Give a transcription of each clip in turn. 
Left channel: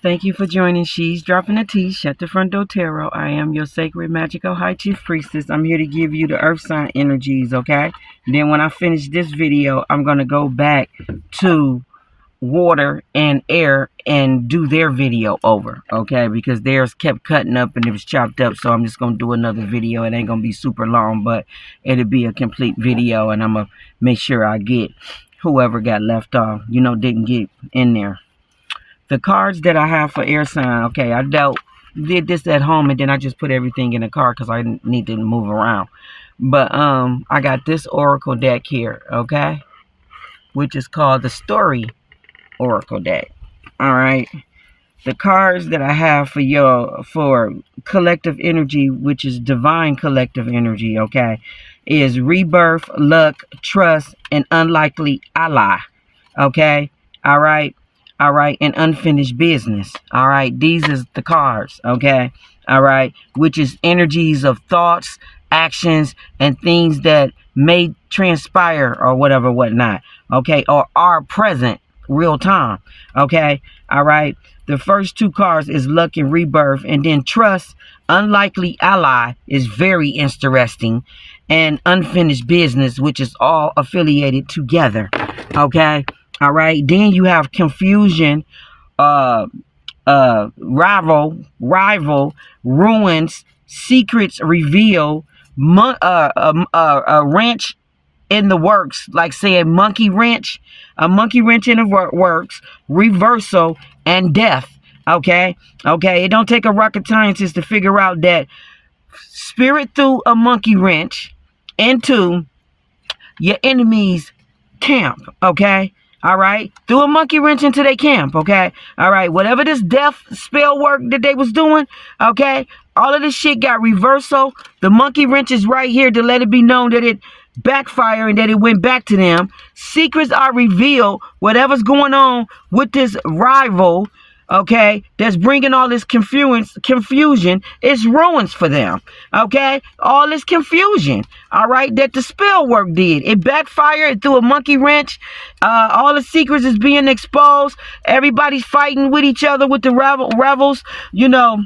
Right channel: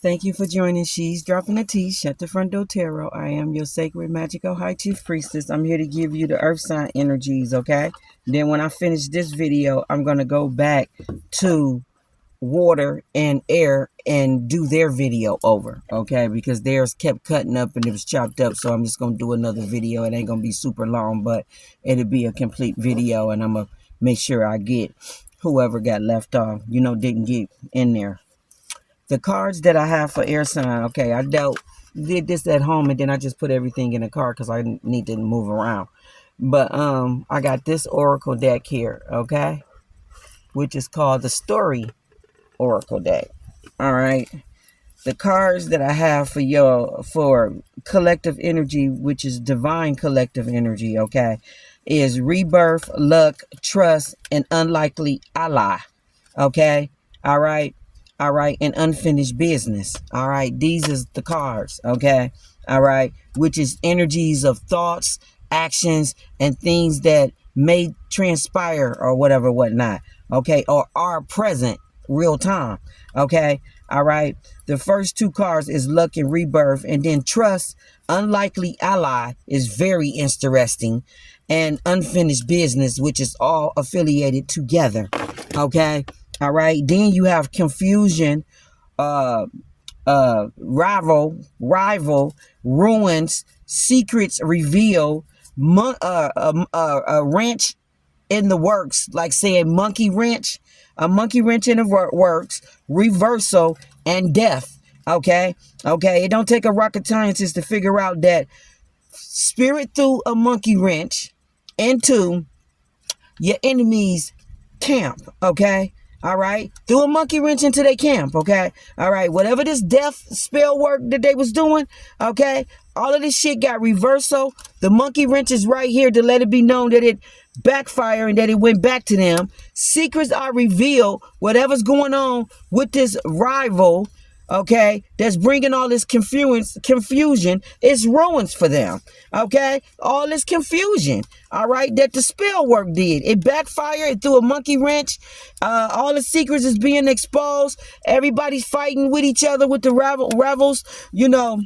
Thank you for joining She's Dropping the Tea, Shut the Front Door Tarot. I am your sacred, magical, high chief priestess. I'm here to give you the earth sign energies, okay? Then when I finish this video, I'm going to go back to water and air and do their video over, okay? Because theirs kept cutting up and it was chopped up, so I'm just going to do another video. It ain't going to be super long, but it'll be a complete video, and I'm going to make sure I get whoever got left off, didn't get in there. The cards that I have for air sign, okay, I did this at home, and then I just put everything in the card because I need to move around. But I got this oracle deck here, okay, which is called the Story Oracle deck. All right, the cards that I have for collective energy, which is divine collective energy, okay, is rebirth, luck, trust, and unlikely ally. Okay, all right. All right, and unfinished business. All right, these is the cards, okay? All right, which is energies of thoughts, actions, and things that may transpire or whatever, whatnot, okay? Or are present real time, okay? All right, the first two cards is luck and rebirth, and then trust, unlikely ally is very interesting, and unfinished business, which is all affiliated together, okay? All right, then you have confusion, rival, ruins, secrets revealed, a wrench in the works, like saying monkey wrench, a monkey wrench in the works, reversal, and death. Okay, it don't take a rocket scientist to figure out that spirit threw a monkey wrench into your enemy's camp. Okay. All right, threw a monkey wrench into their camp, okay? All right, whatever this death spell work that they was doing, okay? All of this shit got reversal. The monkey wrench is right here to let it be known that it backfired and that it went back to them. Secrets are revealed. Whatever's going on with this rival, okay, that's bringing all this confusion is ruins for them, okay? All this confusion, all right, that the spell work did. It backfired through a monkey wrench. All the secrets is being exposed. Everybody's fighting with each other with the revels, All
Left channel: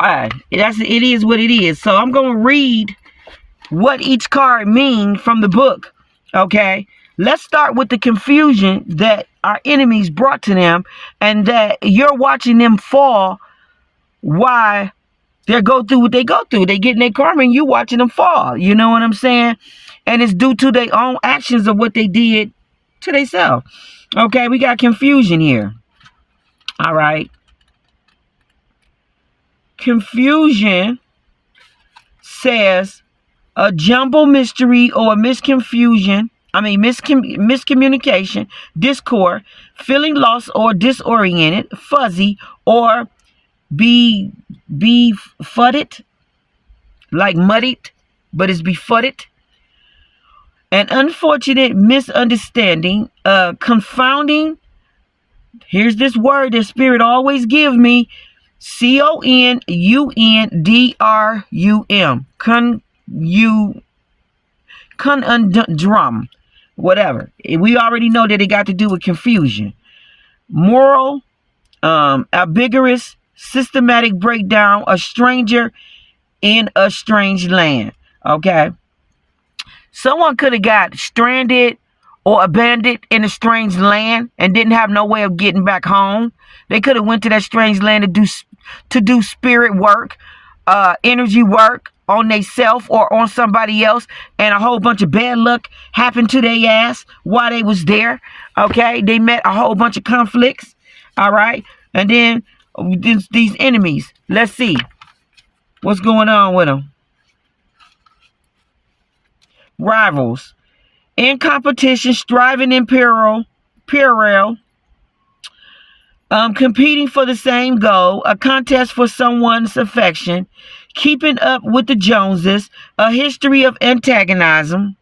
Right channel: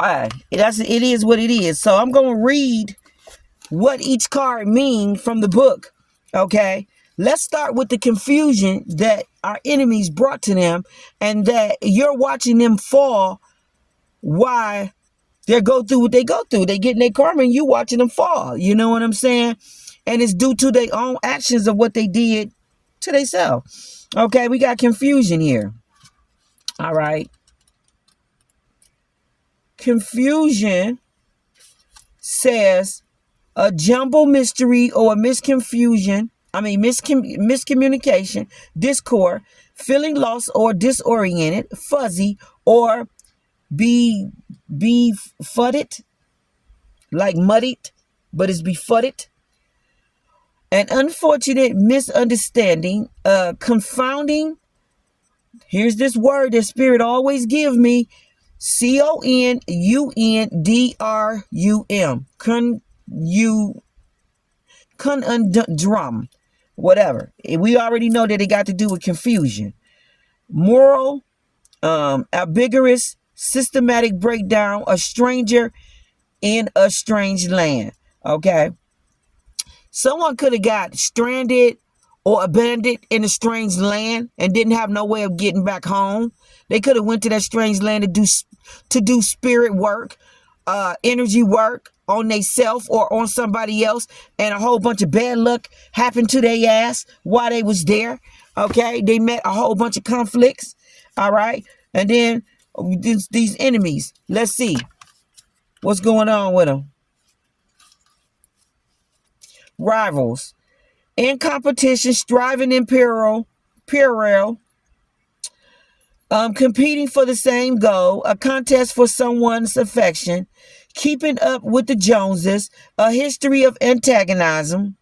right, it is what it is. So I'm going to read what each card means from the book, okay? Let's start with the confusion that our enemies brought to them, and that you're watching them fall. Why they go through what they go through. They get in their karma, and you watching them fall. You know what I'm saying? And it's due to their own actions of what they did to themselves. Okay, we got confusion here. All right. Confusion says a jumble mystery or a miscommunication, discord, feeling lost or disoriented, fuzzy, or befuddled, like muddied, but it's befuddled. An unfortunate misunderstanding, confounding. Here's this word that Spirit always give me, conundrum. Conundrum. Whatever. We already know that it got to do with confusion. Moral, ambiguous, systematic breakdown, a stranger in a strange land. Okay. Someone could have got stranded or abandoned in a strange land and didn't have no way of getting back home. They could have went to that strange land to do spirit work, energy work on themselves or on somebody else, and a whole bunch of bad luck happened to their ass while they was there. Okay, they met a whole bunch of conflicts. All right, and then these enemies. Let's see what's going on with them. Rivals, in competition, striving in parallel, competing for the same goal, a contest for someone's affection, keeping up with the Joneses, a history of antagonism,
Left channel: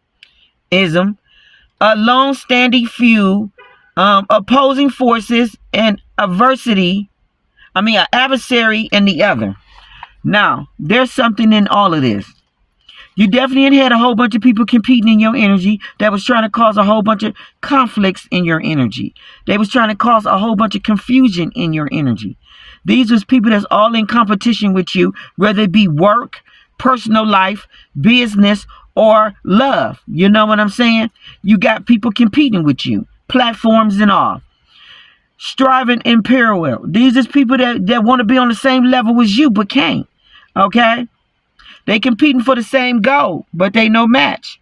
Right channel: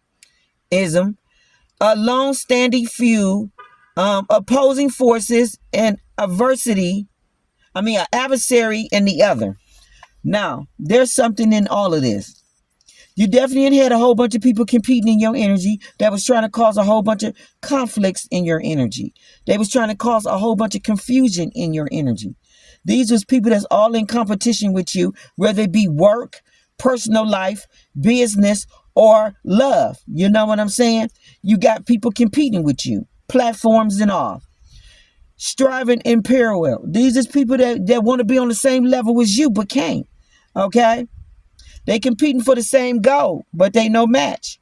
a long-standing feud, opposing forces, and adversary in the other. Now, there's something in all of this. You definitely had a whole bunch of people competing in your energy that was trying to cause a whole bunch of conflicts in your energy. They was trying to cause a whole bunch of confusion in your energy. These was people that's all in competition with you, whether it be work, personal life, business, or love. You know what I'm saying? You got people competing with you, platforms and all. Striving in parallel. These is people that want to be on the same level as you but can't. Okay? They competing for the same goal, but they no match.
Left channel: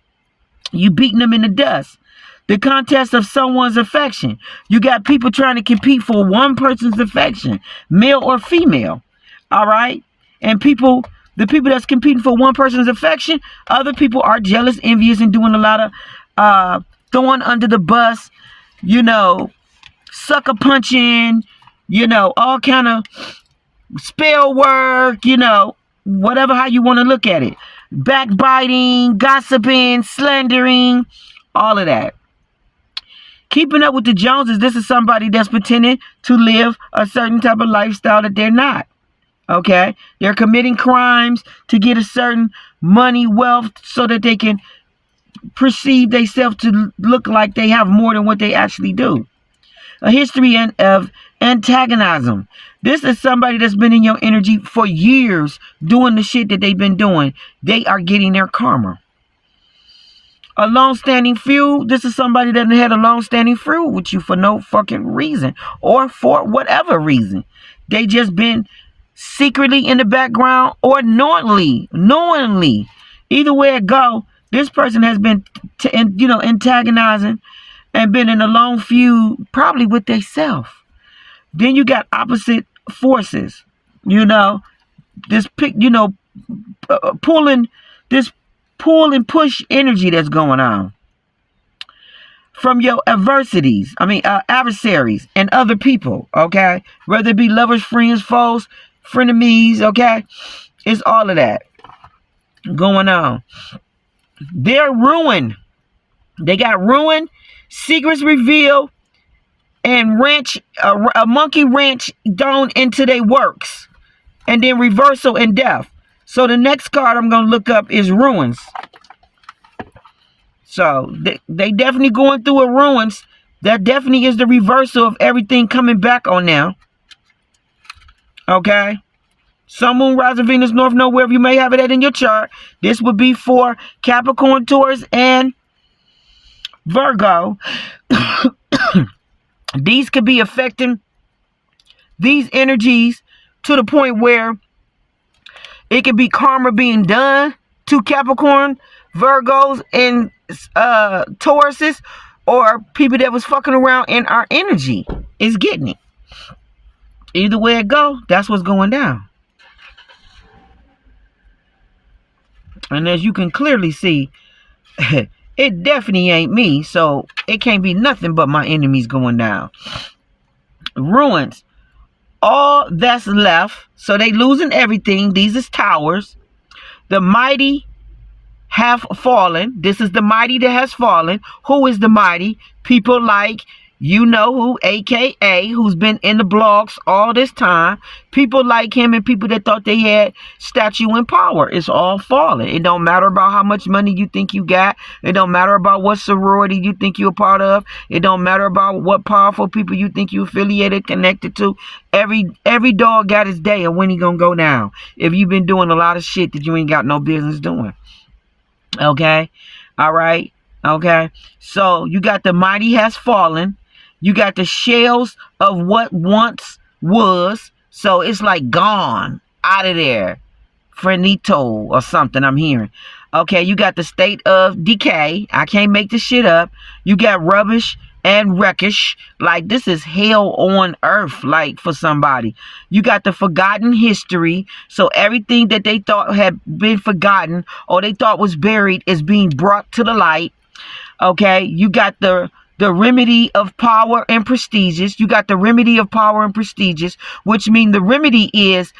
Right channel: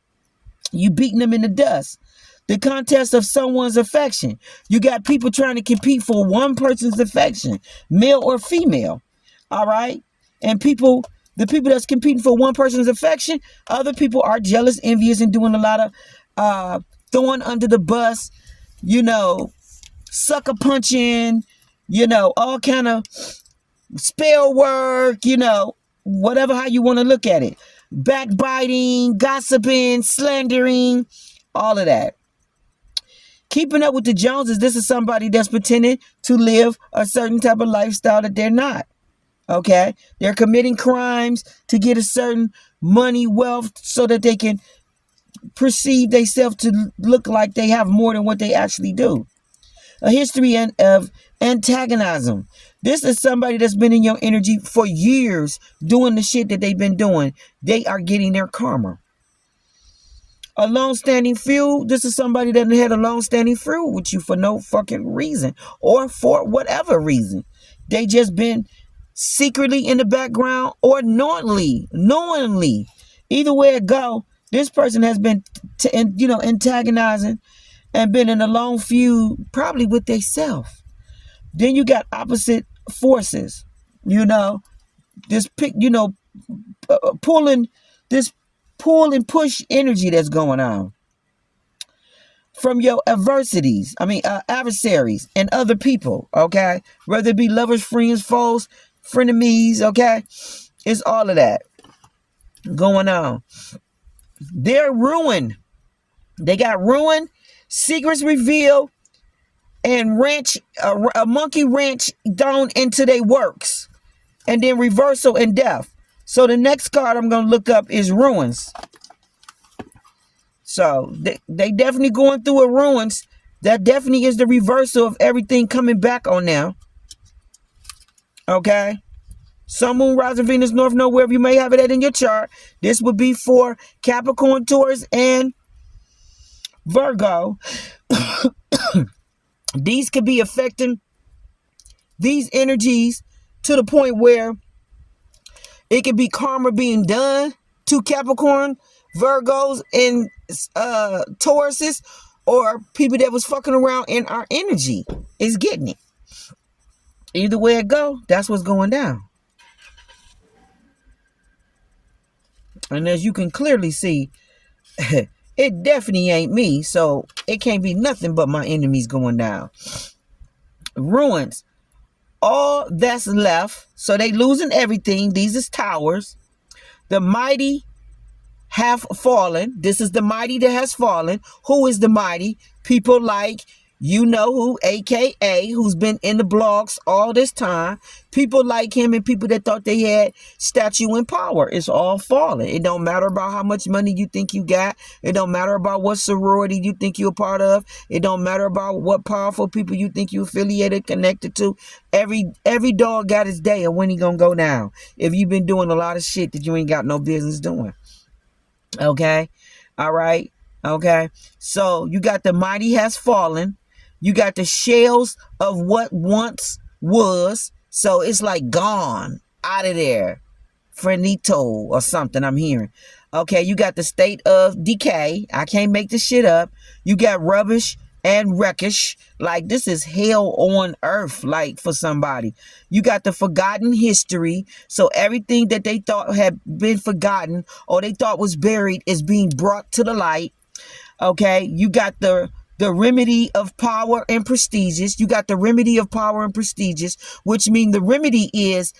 You beating them in the dust. The contest of someone's affection. You got people trying to compete for one person's affection, male or female. All right? And the people that's competing for one person's affection, other people are jealous, envious, and doing a lot of throwing under the bus, sucker punching, all kind of spell work, whatever how you want to look at it. Backbiting, gossiping, slandering, all of that. Keeping up with the Joneses, this is somebody that's pretending to live a certain type of lifestyle that they're not. Okay? They're committing crimes to get a certain money, wealth, so that they can perceive themselves to look like they have more than what they actually do. A history of antagonism. This is somebody that's been in your energy for years doing the shit that they've been doing. They are getting their karma. A long-standing feud. This is somebody that had a long-standing feud with you for no fucking reason or for whatever reason. They just been secretly in the background or knowingly. Either way it go, this person has been, antagonizing and been in a long feud, probably with themselves. Then you got opposite forces, pulling this pull and push energy that's going on from your adversities, adversaries and other people, okay? Whether it be lovers, friends, foes, frenemies, okay? It's all of that going on. They're ruined. They got ruined, secrets revealed, and a monkey wrench thrown into their works, and then reversal and death. So the next card I'm going to look up is ruins. So they definitely going through a ruins. That definitely is the reversal of everything coming back on now. Okay? Sun, Moon, Rising, Venus, North Node, wherever you may have it at in your chart. This would be for Capricorn, Taurus, and Virgo. These could be affecting these energies to the point where it could be karma being done to Capricorn, Virgos, and Tauruses, or people that was fucking around in our energy is getting it. Either way it go, that's what's going down. And as you can clearly see, it definitely ain't me, so it can't be nothing but my enemies going down. Ruins. All that's left, so they losing everything. These is towers. The mighty have fallen. This is the mighty that has fallen. Who is the mighty? People like who, aka, who's been in the blogs all this time. People like him and people that thought they had statue and power. It's all falling. It don't matter about how much money you think you got. It don't matter about what sorority you think you're a part of. It don't matter about what powerful people you think you affiliated, connected to. Every dog got his day of when he gonna go down. If you've been doing a lot of shit that you ain't got no business doing. Okay? All right? Okay? So you got the mighty has fallen. You got the shells of what once was. So it's like gone, out of there. Finito or something I'm hearing. Okay, you got the state of decay. I can't make this shit up. You got rubbish and wreckage. Like, this is hell on earth, like, for somebody. You got the forgotten history. So everything that they thought had been forgotten or they thought was buried is being brought to the light. Okay, you got the remedy of power and prestigious. You got the remedy of power and prestigious, which means the remedy is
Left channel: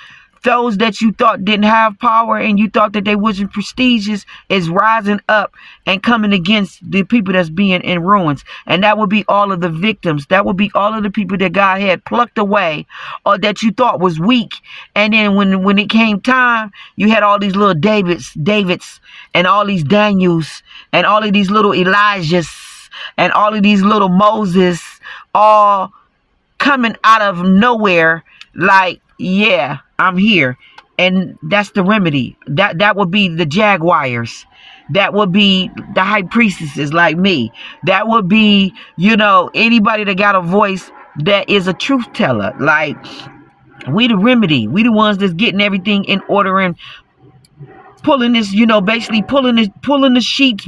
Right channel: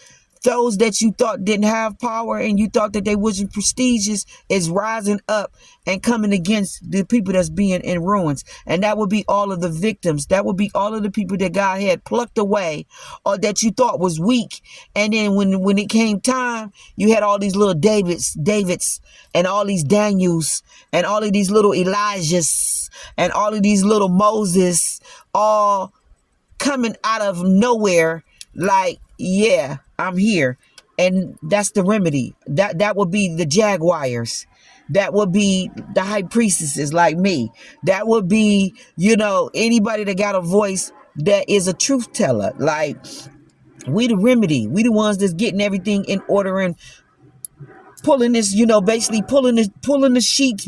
those that you thought didn't have power and you thought that they wasn't prestigious is rising up and coming against the people that's being in ruins. And that would be all of the victims. That would be all of the people that God had plucked away or that you thought was weak. And then when it came time, you had all these little Davids and all these Daniels and all of these little Elijahs and all of these little Moses all coming out of nowhere like, yeah, I'm here. And that's the remedy. That would be the Jaguars. That would be the high priestesses like me. That would be, anybody that got a voice that is a truth teller. Like, we the remedy. We the ones that's getting everything in order and pulling this, basically pulling the sheets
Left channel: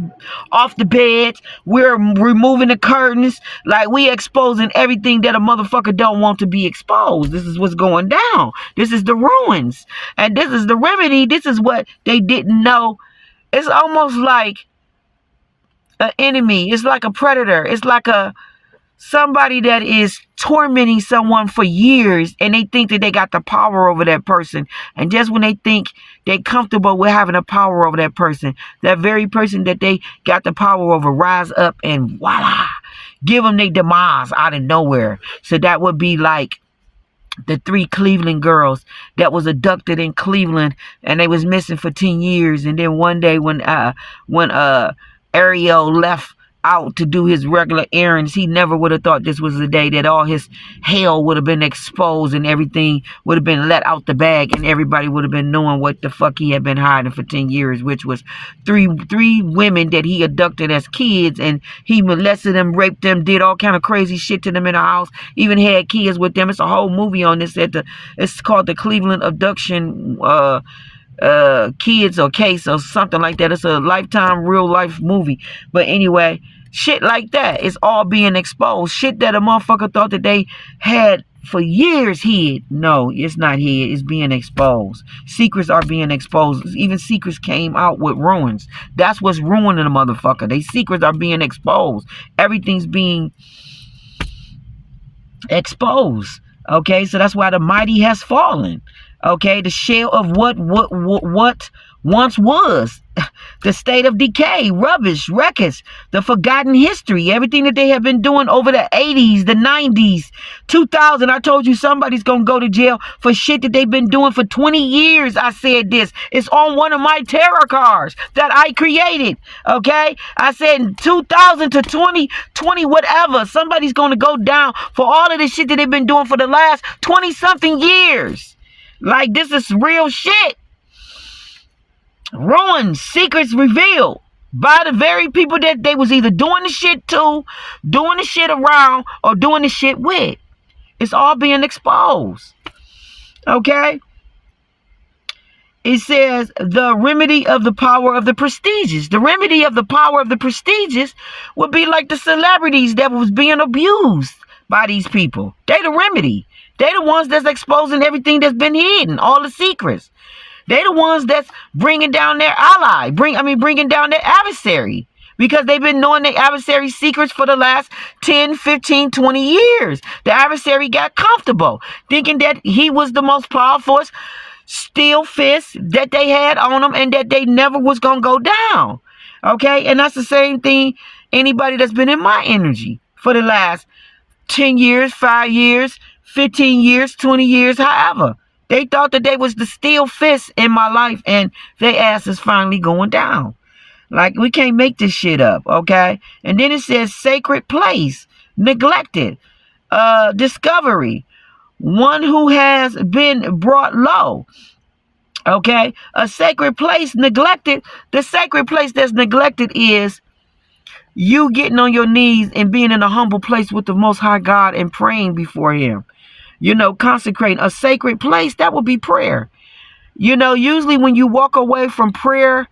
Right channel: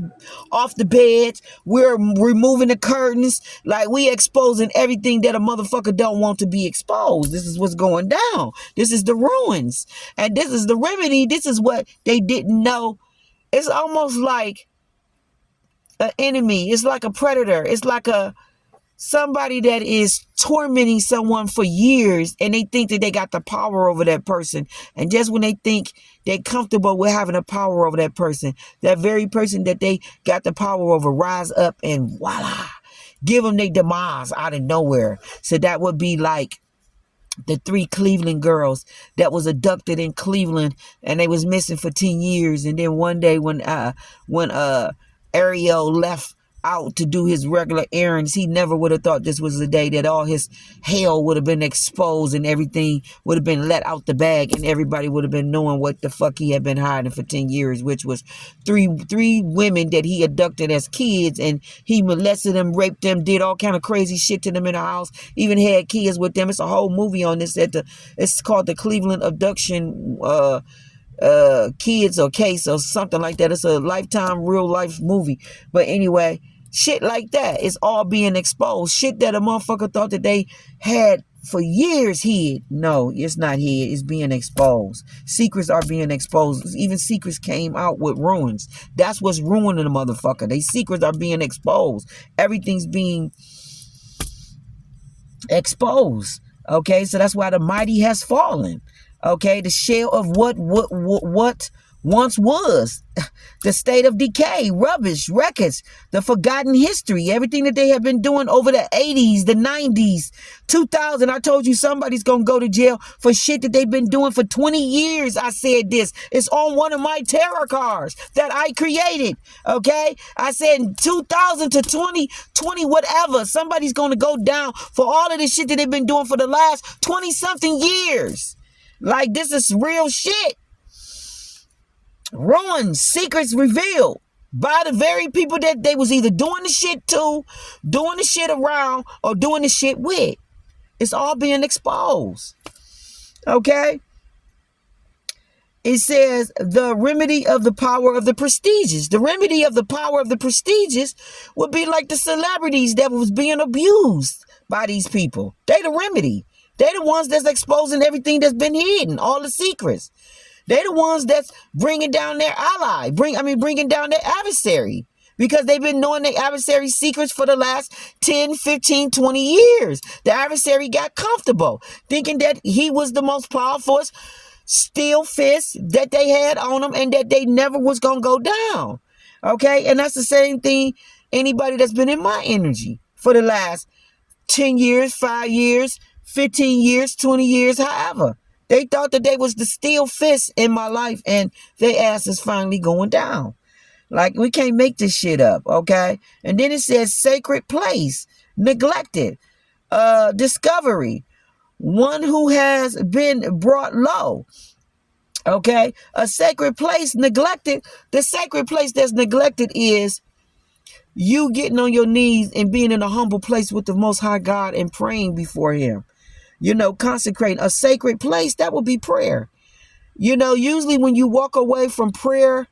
off the bed. We're removing the curtains. Like, we exposing everything that a motherfucker don't want to be exposed. This is what's going down. This is the ruins. And this is the remedy. This is what they didn't know. It's almost like an enemy. It's like a predator. It's like somebody that is tormenting someone for years and they think that they got the power over that person. And just when they think they're comfortable with having the power over that person, that very person that they got the power over rise up and voila, give them their demise out of nowhere. So that would be like the 3 Cleveland girls that was abducted in Cleveland and they was missing for 10 years. And then one day when Ariel left out to do his regular errands, he never would have thought this was the day that all his hell would have been exposed and everything would have been let out the bag and everybody would have been knowing what the fuck he had been hiding for 10 years, which was three women that he abducted as kids, and he molested them, raped them, did all kind of crazy shit to them in the house, even had kids with them. It's a whole movie on this. It's called the Cleveland Abduction Kids or Case or something like that. It's a Lifetime real life movie. But anyway, shit like that is all being exposed. Shit that a motherfucker thought that they had for years hid. No, it's not hid. It's being exposed. Secrets are being exposed. Even secrets came out with ruins. That's what's ruining a motherfucker. They secrets are being exposed. Everything's being exposed. Okay, so that's why the mighty has fallen. Okay, the shell of what once was, the state of decay, rubbish, wreckage, the forgotten history, everything that they have been doing over the 80s, the 90s, 2000. I told you somebody's going to go to jail for shit that they've been doing for 20 years. I said this. It's on one of my tarot cards that I created. Okay, I said 2000 to 2020, whatever. Somebody's going to go down for all of this shit that they've been doing for the last 20 something years. Like, this is real shit. Ruins, secrets revealed by the very people that they was either doing the shit to, doing the shit around, or doing the shit with. It's all being exposed. Okay? It says the remedy of the power of the prestigious. The remedy of the power of the prestigious would be like the celebrities that was being abused by these people. They the remedy. They the ones that's exposing everything that's been hidden, all the secrets. They the ones that's bringing down their ally, bringing down their adversary, because they've been knowing their adversary's secrets for the last 10, 15, 20 years. The adversary got comfortable, thinking that he was the most powerful steel fist that they had on them and that they never was going to go down. Okay? And that's the same thing anybody that's been in my energy for the last 10 years, 5 years, 15 years, 20 years, however. They thought that they was the steel fist in my life, and their ass is finally going down. Like, we can't make this shit up, okay? And then it says sacred place, neglected, discovery, one who has been brought low. Okay? A sacred place neglected. The sacred place that's neglected is you getting on your knees and being in a humble place with the Most High God and praying before Him. Consecrating a sacred place, that would be prayer. Usually when you walk away from prayer,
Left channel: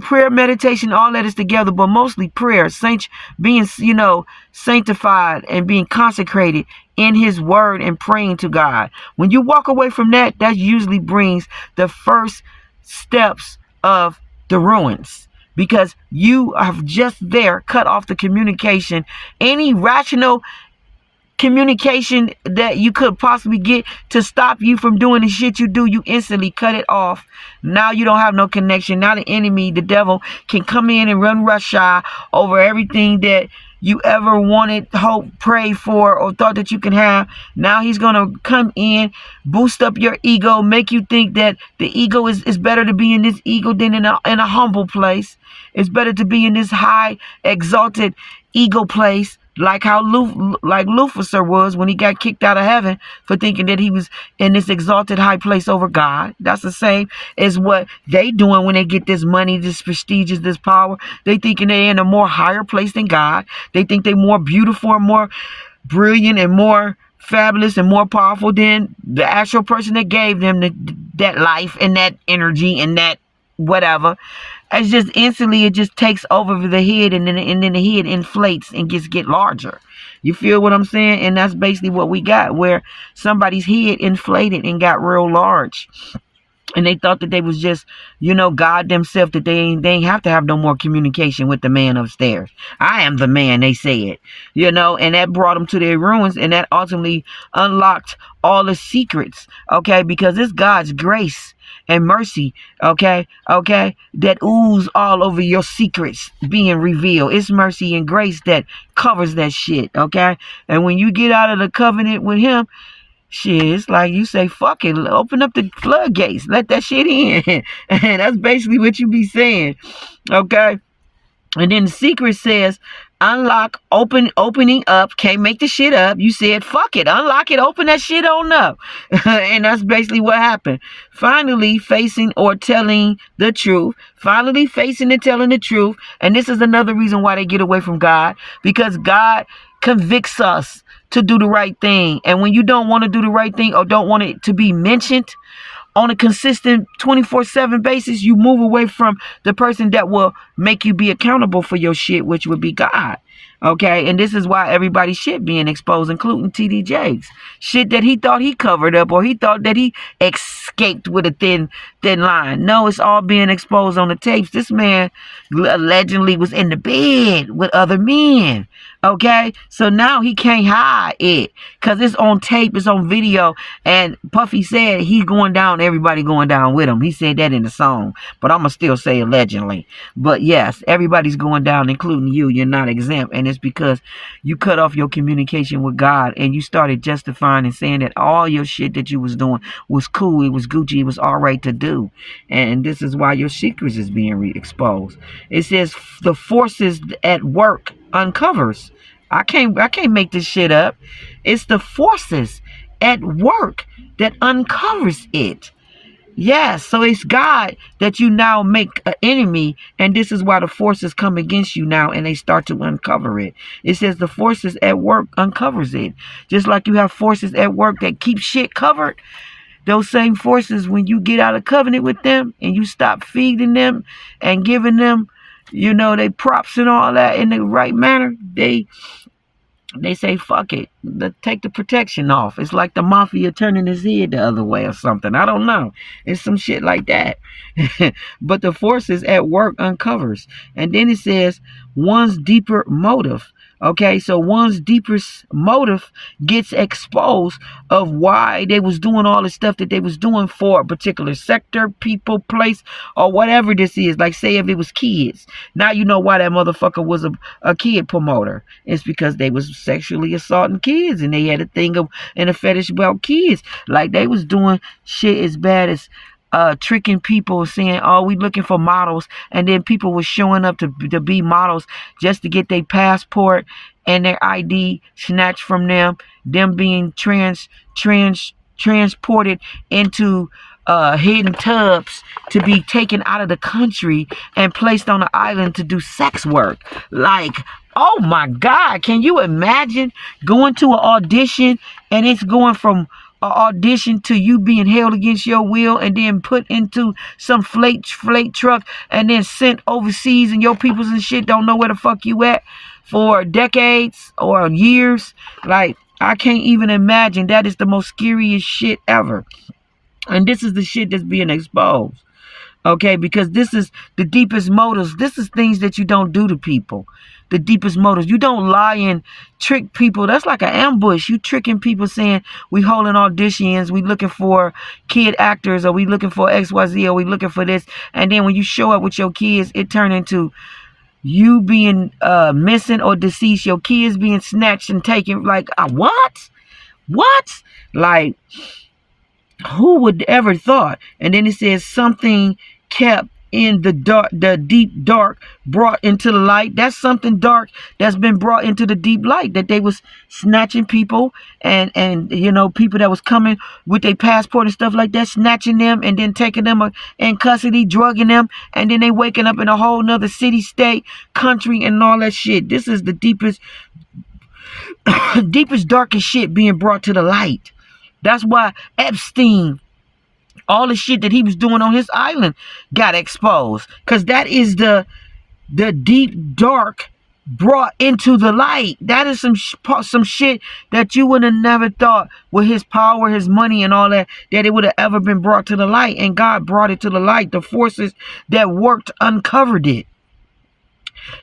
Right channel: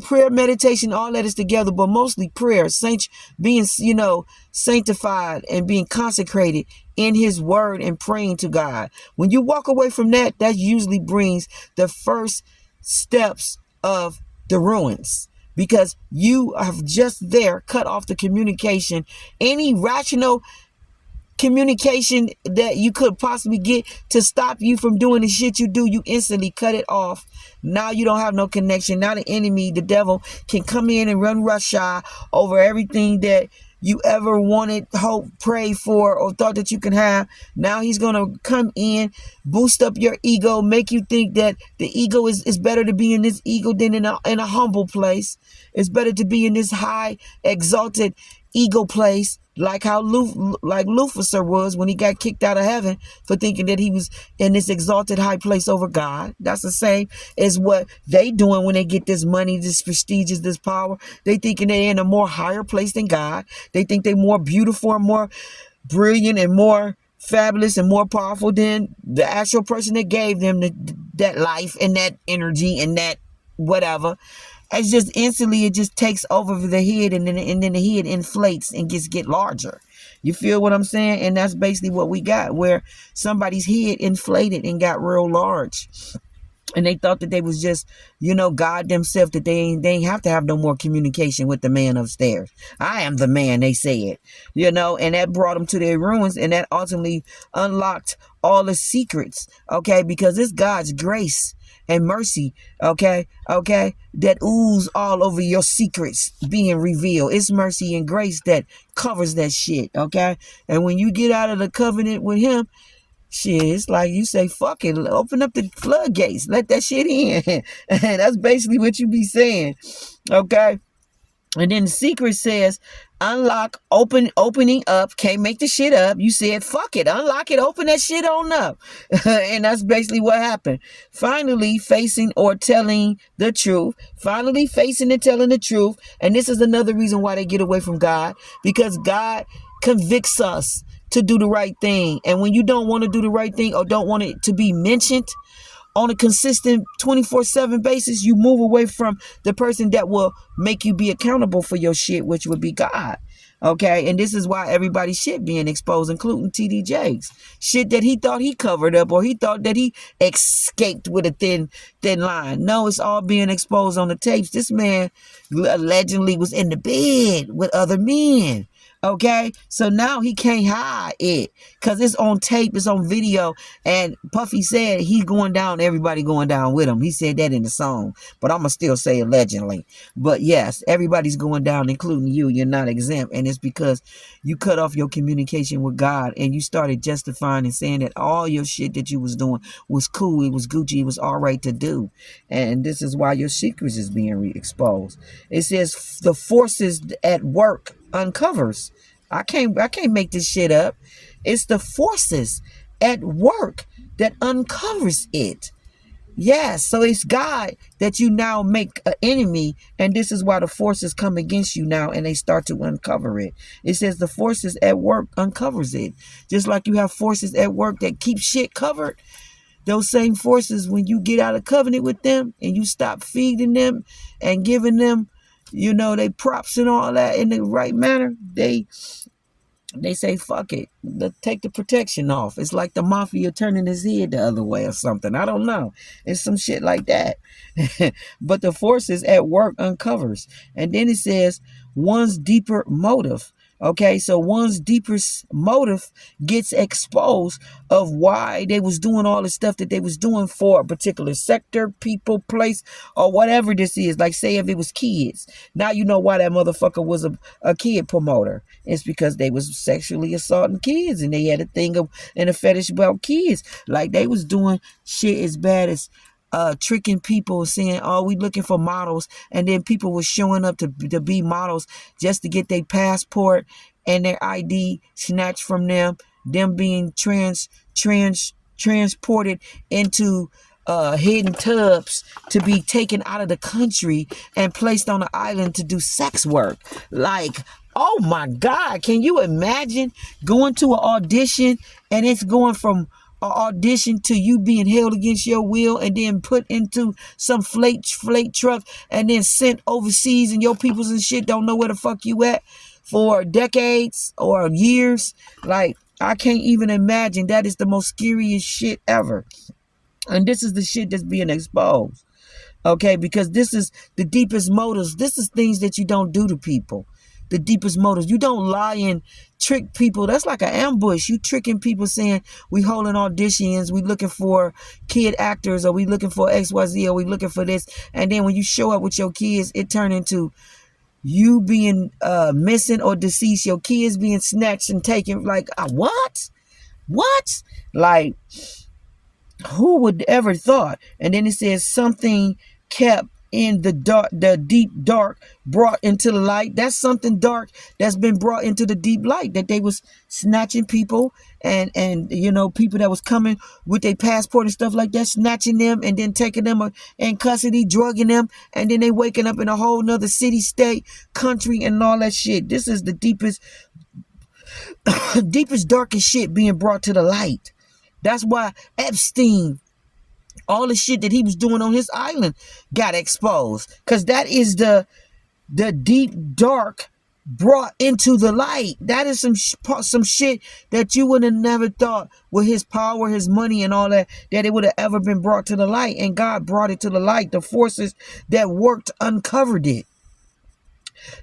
prayer, meditation, all that is together, but mostly prayer, being, sanctified and being consecrated in His word and praying to God. When you walk away from that, that usually brings the first steps of the ruins, because you have just cut off the communication, any rational communication that you could possibly get to stop you from doing the shit you do, you instantly cut it off. Now you don't have no connection. Now the enemy, the devil, can come in and run roughshod over everything that you ever wanted, hope, pray for, or thought that you can have. Now he's going to come in, boost up your ego, make you think that the ego is better to be in this ego than in a humble place. It's better to be in this high, exalted ego place, like how Lucifer was when he got kicked out of heaven for thinking that he was in this exalted high place over God. That's the same as what they doing when they get this money, this prestige, this power. They thinking they're in a more higher place than God. They think they're more beautiful and more brilliant and more fabulous and more powerful than the actual person that gave them that life and that energy and that whatever. It's just instantly, it just takes over the head, and then the head inflates and get larger. You feel what I'm saying? And that's basically what we got, where somebody's head inflated and got real large. And they thought that they was just, God themselves, that they ain't have to have no more communication with the man upstairs. I am the man, they said, and that brought them to their ruins, and that ultimately unlocked all the secrets, okay, because it's God's grace and mercy, okay, that ooze all over your secrets being revealed. It's mercy and grace that covers that shit, okay, and when you get out of the covenant with him, shit, it's like you say, fuck it, open up the floodgates, let that shit in. And that's basically what you be saying, okay? And then the secret says, unlock, opening up, can't make the shit up. You said, fuck it, unlock it, open that shit on up. And that's basically what happened. Finally facing or telling the truth. Finally facing and telling the truth. And this is another reason why they get away from God, because God convicts us to do the right thing. And when you don't want to do the right thing or don't want it to be mentioned on a consistent 24/7 basis, you move away from the person that will make you be accountable for your shit, which would be God. Okay, and this is why everybody's shit being exposed, including TD Jakes. Shit that he thought he covered up, or he thought that he escaped with a thin line. No, it's all being exposed on the tapes. This man allegedly was in the bed with other men. Okay, so now he can't hide it because it's on tape, it's on video. And Puffy said he's going down, everybody going down with him. He said that in the song, but I'm going to still say allegedly. But yes, everybody's going down, including you. You're not exempt. And it's because you cut off your communication with God and you started justifying and saying that all your shit that you was doing was cool, it was Gucci, it was all right to do. And this is why your secrets is being exposed. It says the forces at work uncovers. I can't make this shit up. It's the forces at work that uncovers it. Yes, so it's God that you now make an enemy, and this is why the forces come against you now, and they start to uncover it. It says the forces at work uncovers it. Just like you have forces at work that keep shit covered, those same forces, when you get out of covenant with them and you stop feeding them and giving them, they props and all that in the right manner, they say, fuck it, take the protection off. It's like the mafia turning his head the other way or something. I don't know. It's some shit like that. But the forces at work uncovers. And then it says one's deeper motive. Okay, so one's deepest motive gets exposed of why they was doing all the stuff that they was doing for a particular sector, people, place, or whatever this is. Like, say if it was kids. Now you know why that motherfucker was a kid promoter. It's because they was sexually assaulting kids, and they had a thing and a fetish about kids. Like, they was doing shit as bad as tricking people, saying, oh, we looking for models, and then people were showing up to be models just to get their passport and their ID snatched from them being transported into hidden tubs to be taken out of the country and placed on an island to do sex work. Like, oh my God, can you imagine going to an audition and it's going from audition to you being held against your will and then put into some flake truck and then sent overseas, and your peoples and shit don't know where the fuck you at for decades or years? Like, I can't even imagine. That is the most scariest shit ever. And this is the shit that's being exposed. Okay, because this is the deepest motives. This is things that you don't do to people. The deepest motives. You don't lie and trick people. That's like an ambush. You tricking people saying we holding auditions, we looking for kid actors, or we looking for XYZ, or we looking for this. And then when you show up with your kids, it turn into you being missing or deceased, your kids being snatched and taken. Like, what? What? Like, who would ever thought? And then it says something kept in the dark, the deep dark, brought into the light. That's something dark that's been brought into the deep light, that they was snatching people and you know, people that was coming with their passport and stuff like that, snatching them and then taking them in custody, drugging them, and then they waking up in a whole nother city, state, country, and all that shit. This is the deepest deepest, darkest shit being brought to the light. That's why Epstein, all the shit that he was doing on his island got exposed. Because that is the deep dark brought into the light. That is some shit that you would have never thought with his power, his money, and all that it would have ever been brought to the light. And God brought it to the light. The forces that worked uncovered it.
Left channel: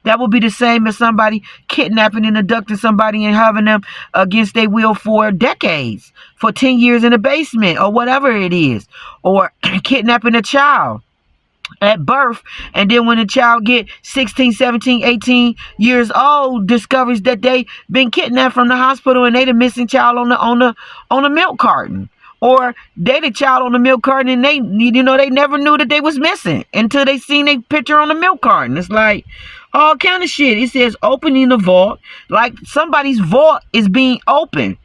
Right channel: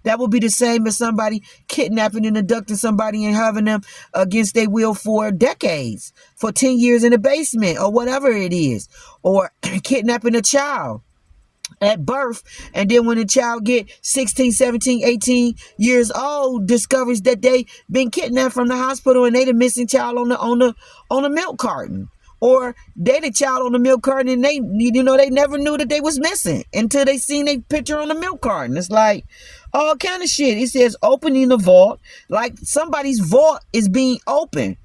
That would be the same as somebody kidnapping and abducting somebody and having them against their will for decades, for 10 years in a basement or whatever it is, or kidnapping a child at birth, and then when the child get 16, 17, 18 years old, discovers that they been kidnapped from the hospital and they the missing child on the milk carton. Or they the child on the milk carton and they, you know, they never knew that they was missing until they seen their picture on the milk carton. It's like all kind of shit. It says opening the vault, like somebody's vault is being opened.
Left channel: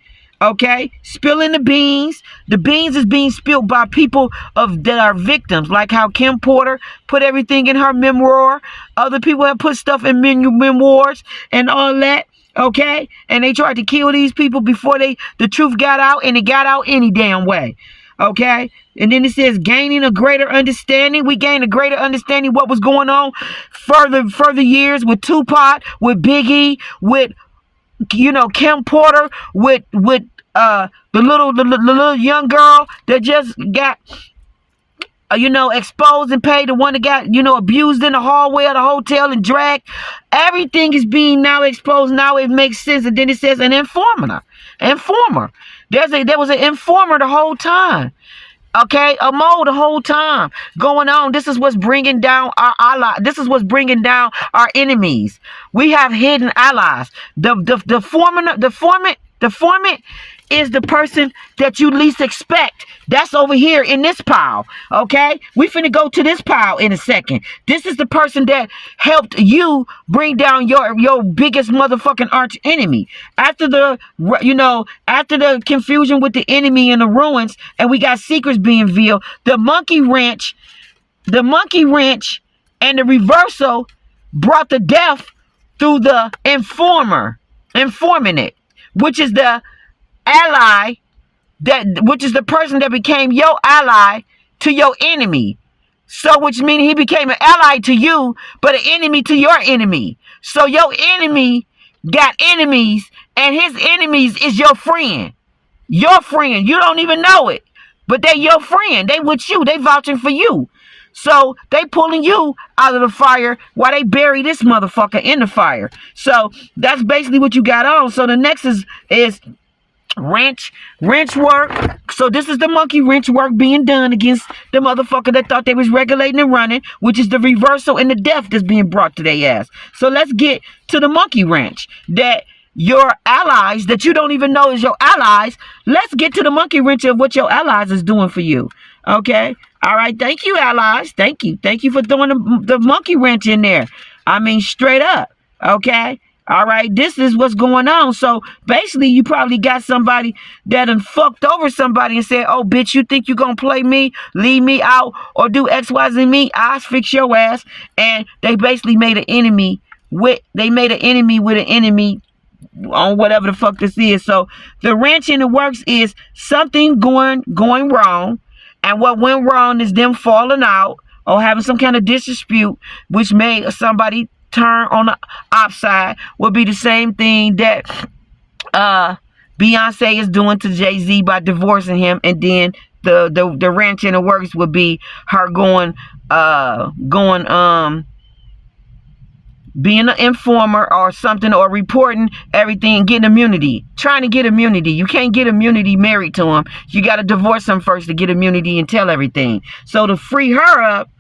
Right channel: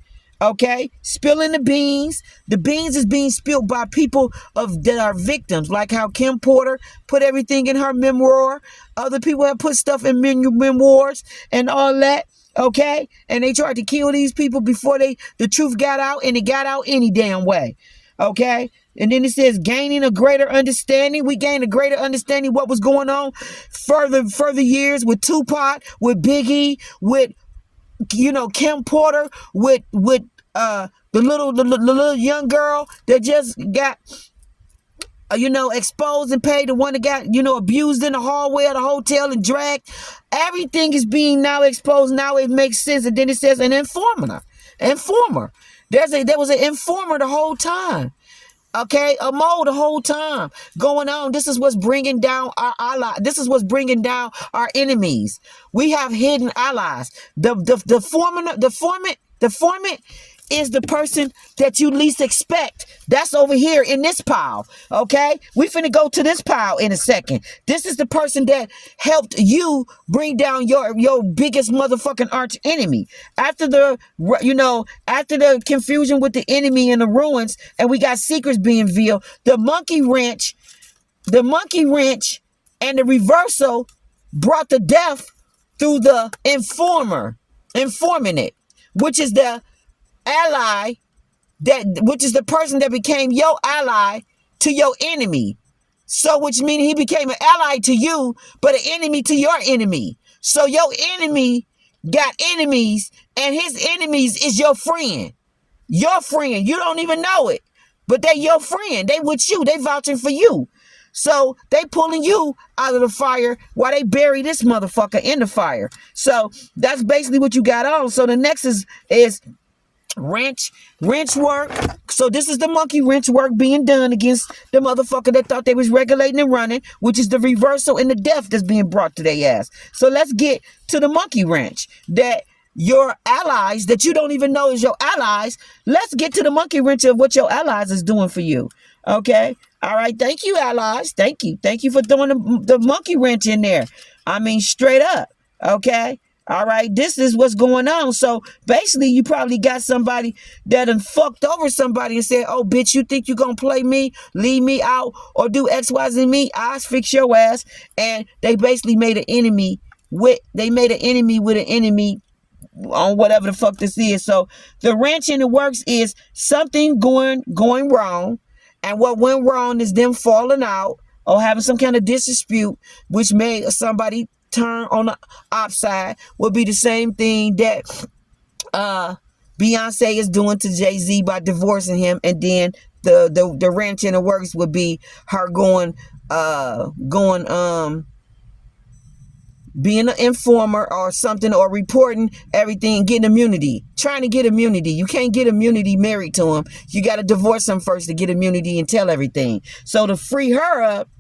Okay, spilling the beans. The beans is being spilled by people that are victims, like how Kim Porter put everything in her memoir. Other people have put stuff in memoirs and all that. Okay, and they tried to kill these people before the truth got out, and it got out any damn way. Okay, and then it says gaining a greater understanding. We gained a greater understanding what was going on further years with Tupac, with Biggie, with, you know, Kim Porter, with the little young girl that just got you know, exposed and paid, the one that got, you know, abused in the hallway of the hotel and dragged. Everything is being now exposed. Now it makes sense. And then it says an informer. There was an informer the whole time. Okay, a mole the whole time going on. This is what's bringing down our allies. This is what's bringing down our enemies. We have hidden allies. The foreman is the person that you least expect. That's over here in this pile. Okay, we finna go to this pile in a second. This is the person that helped you bring down your biggest motherfucking arch enemy. After the confusion with the enemy and the ruins, and we got secrets being revealed, the monkey wrench and the reversal brought the death through the informant, which is the ally, which is the person that became your ally to your enemy. So which means he became an ally to you, but an enemy to your enemy. So your enemy got enemies, and his enemies is your friend. Your friend. You don't even know it, but they your friend. They with you. They vouching for you. So they pulling you out of the fire while they bury this motherfucker in the fire. So that's basically what you got on. So the next is wrench work. So this is the monkey wrench work being done against the motherfucker that thought they was regulating and running, which is the reversal and the death that's being brought to their ass. So let's get to the monkey wrench, that your allies that you don't even know is your allies. Let's get to the monkey wrench of what your allies is doing for you. Okay, all right, thank you, allies. Thank you for throwing the monkey wrench in there. I mean, straight up. Okay, all right, this is what's going on. So basically, you probably got somebody that done fucked over somebody and said, oh, bitch, you think you gonna play me, leave me out, or do X, Y, Z me? I fix your ass. And they basically made an enemy with an enemy on whatever the fuck this is. So the wrench in the works is something going wrong. And what went wrong is them falling out or having some kind of dispute, which made somebody turn on the upside. Would be the same thing that Beyonce is doing to Jay-Z by divorcing him, and then the wrench in the works would be her being an informer or something, or reporting everything, getting immunity, trying to get immunity. You can't get immunity married to him. You got to divorce him first to get immunity and tell everything. So to free her up,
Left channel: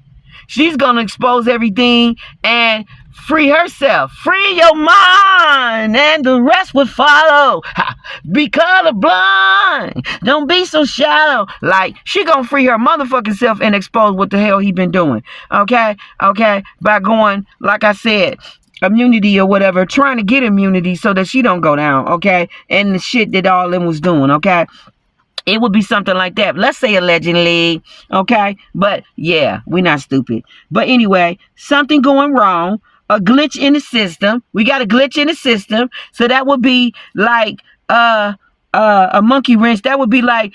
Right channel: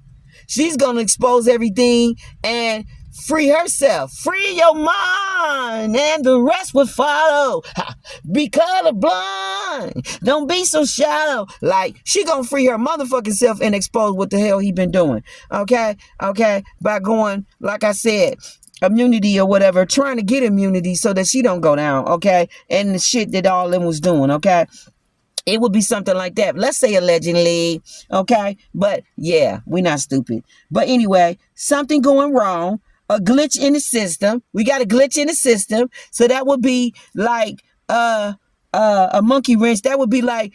she's going to expose everything and free herself. Free your mind and the rest will follow. Be colorblind. Don't be so shallow. Like, she going to free her motherfucking self and expose what the hell he been doing. Okay? By going, like I said, immunity or whatever, trying to get immunity so that she don't go down. Okay? And the shit that all them was doing. Okay? It would be something like that. Let's say allegedly, okay? But yeah, we're not stupid. But anyway, something going wrong, a glitch in the system. We got a glitch in the system. So that would be like a monkey wrench. That would be like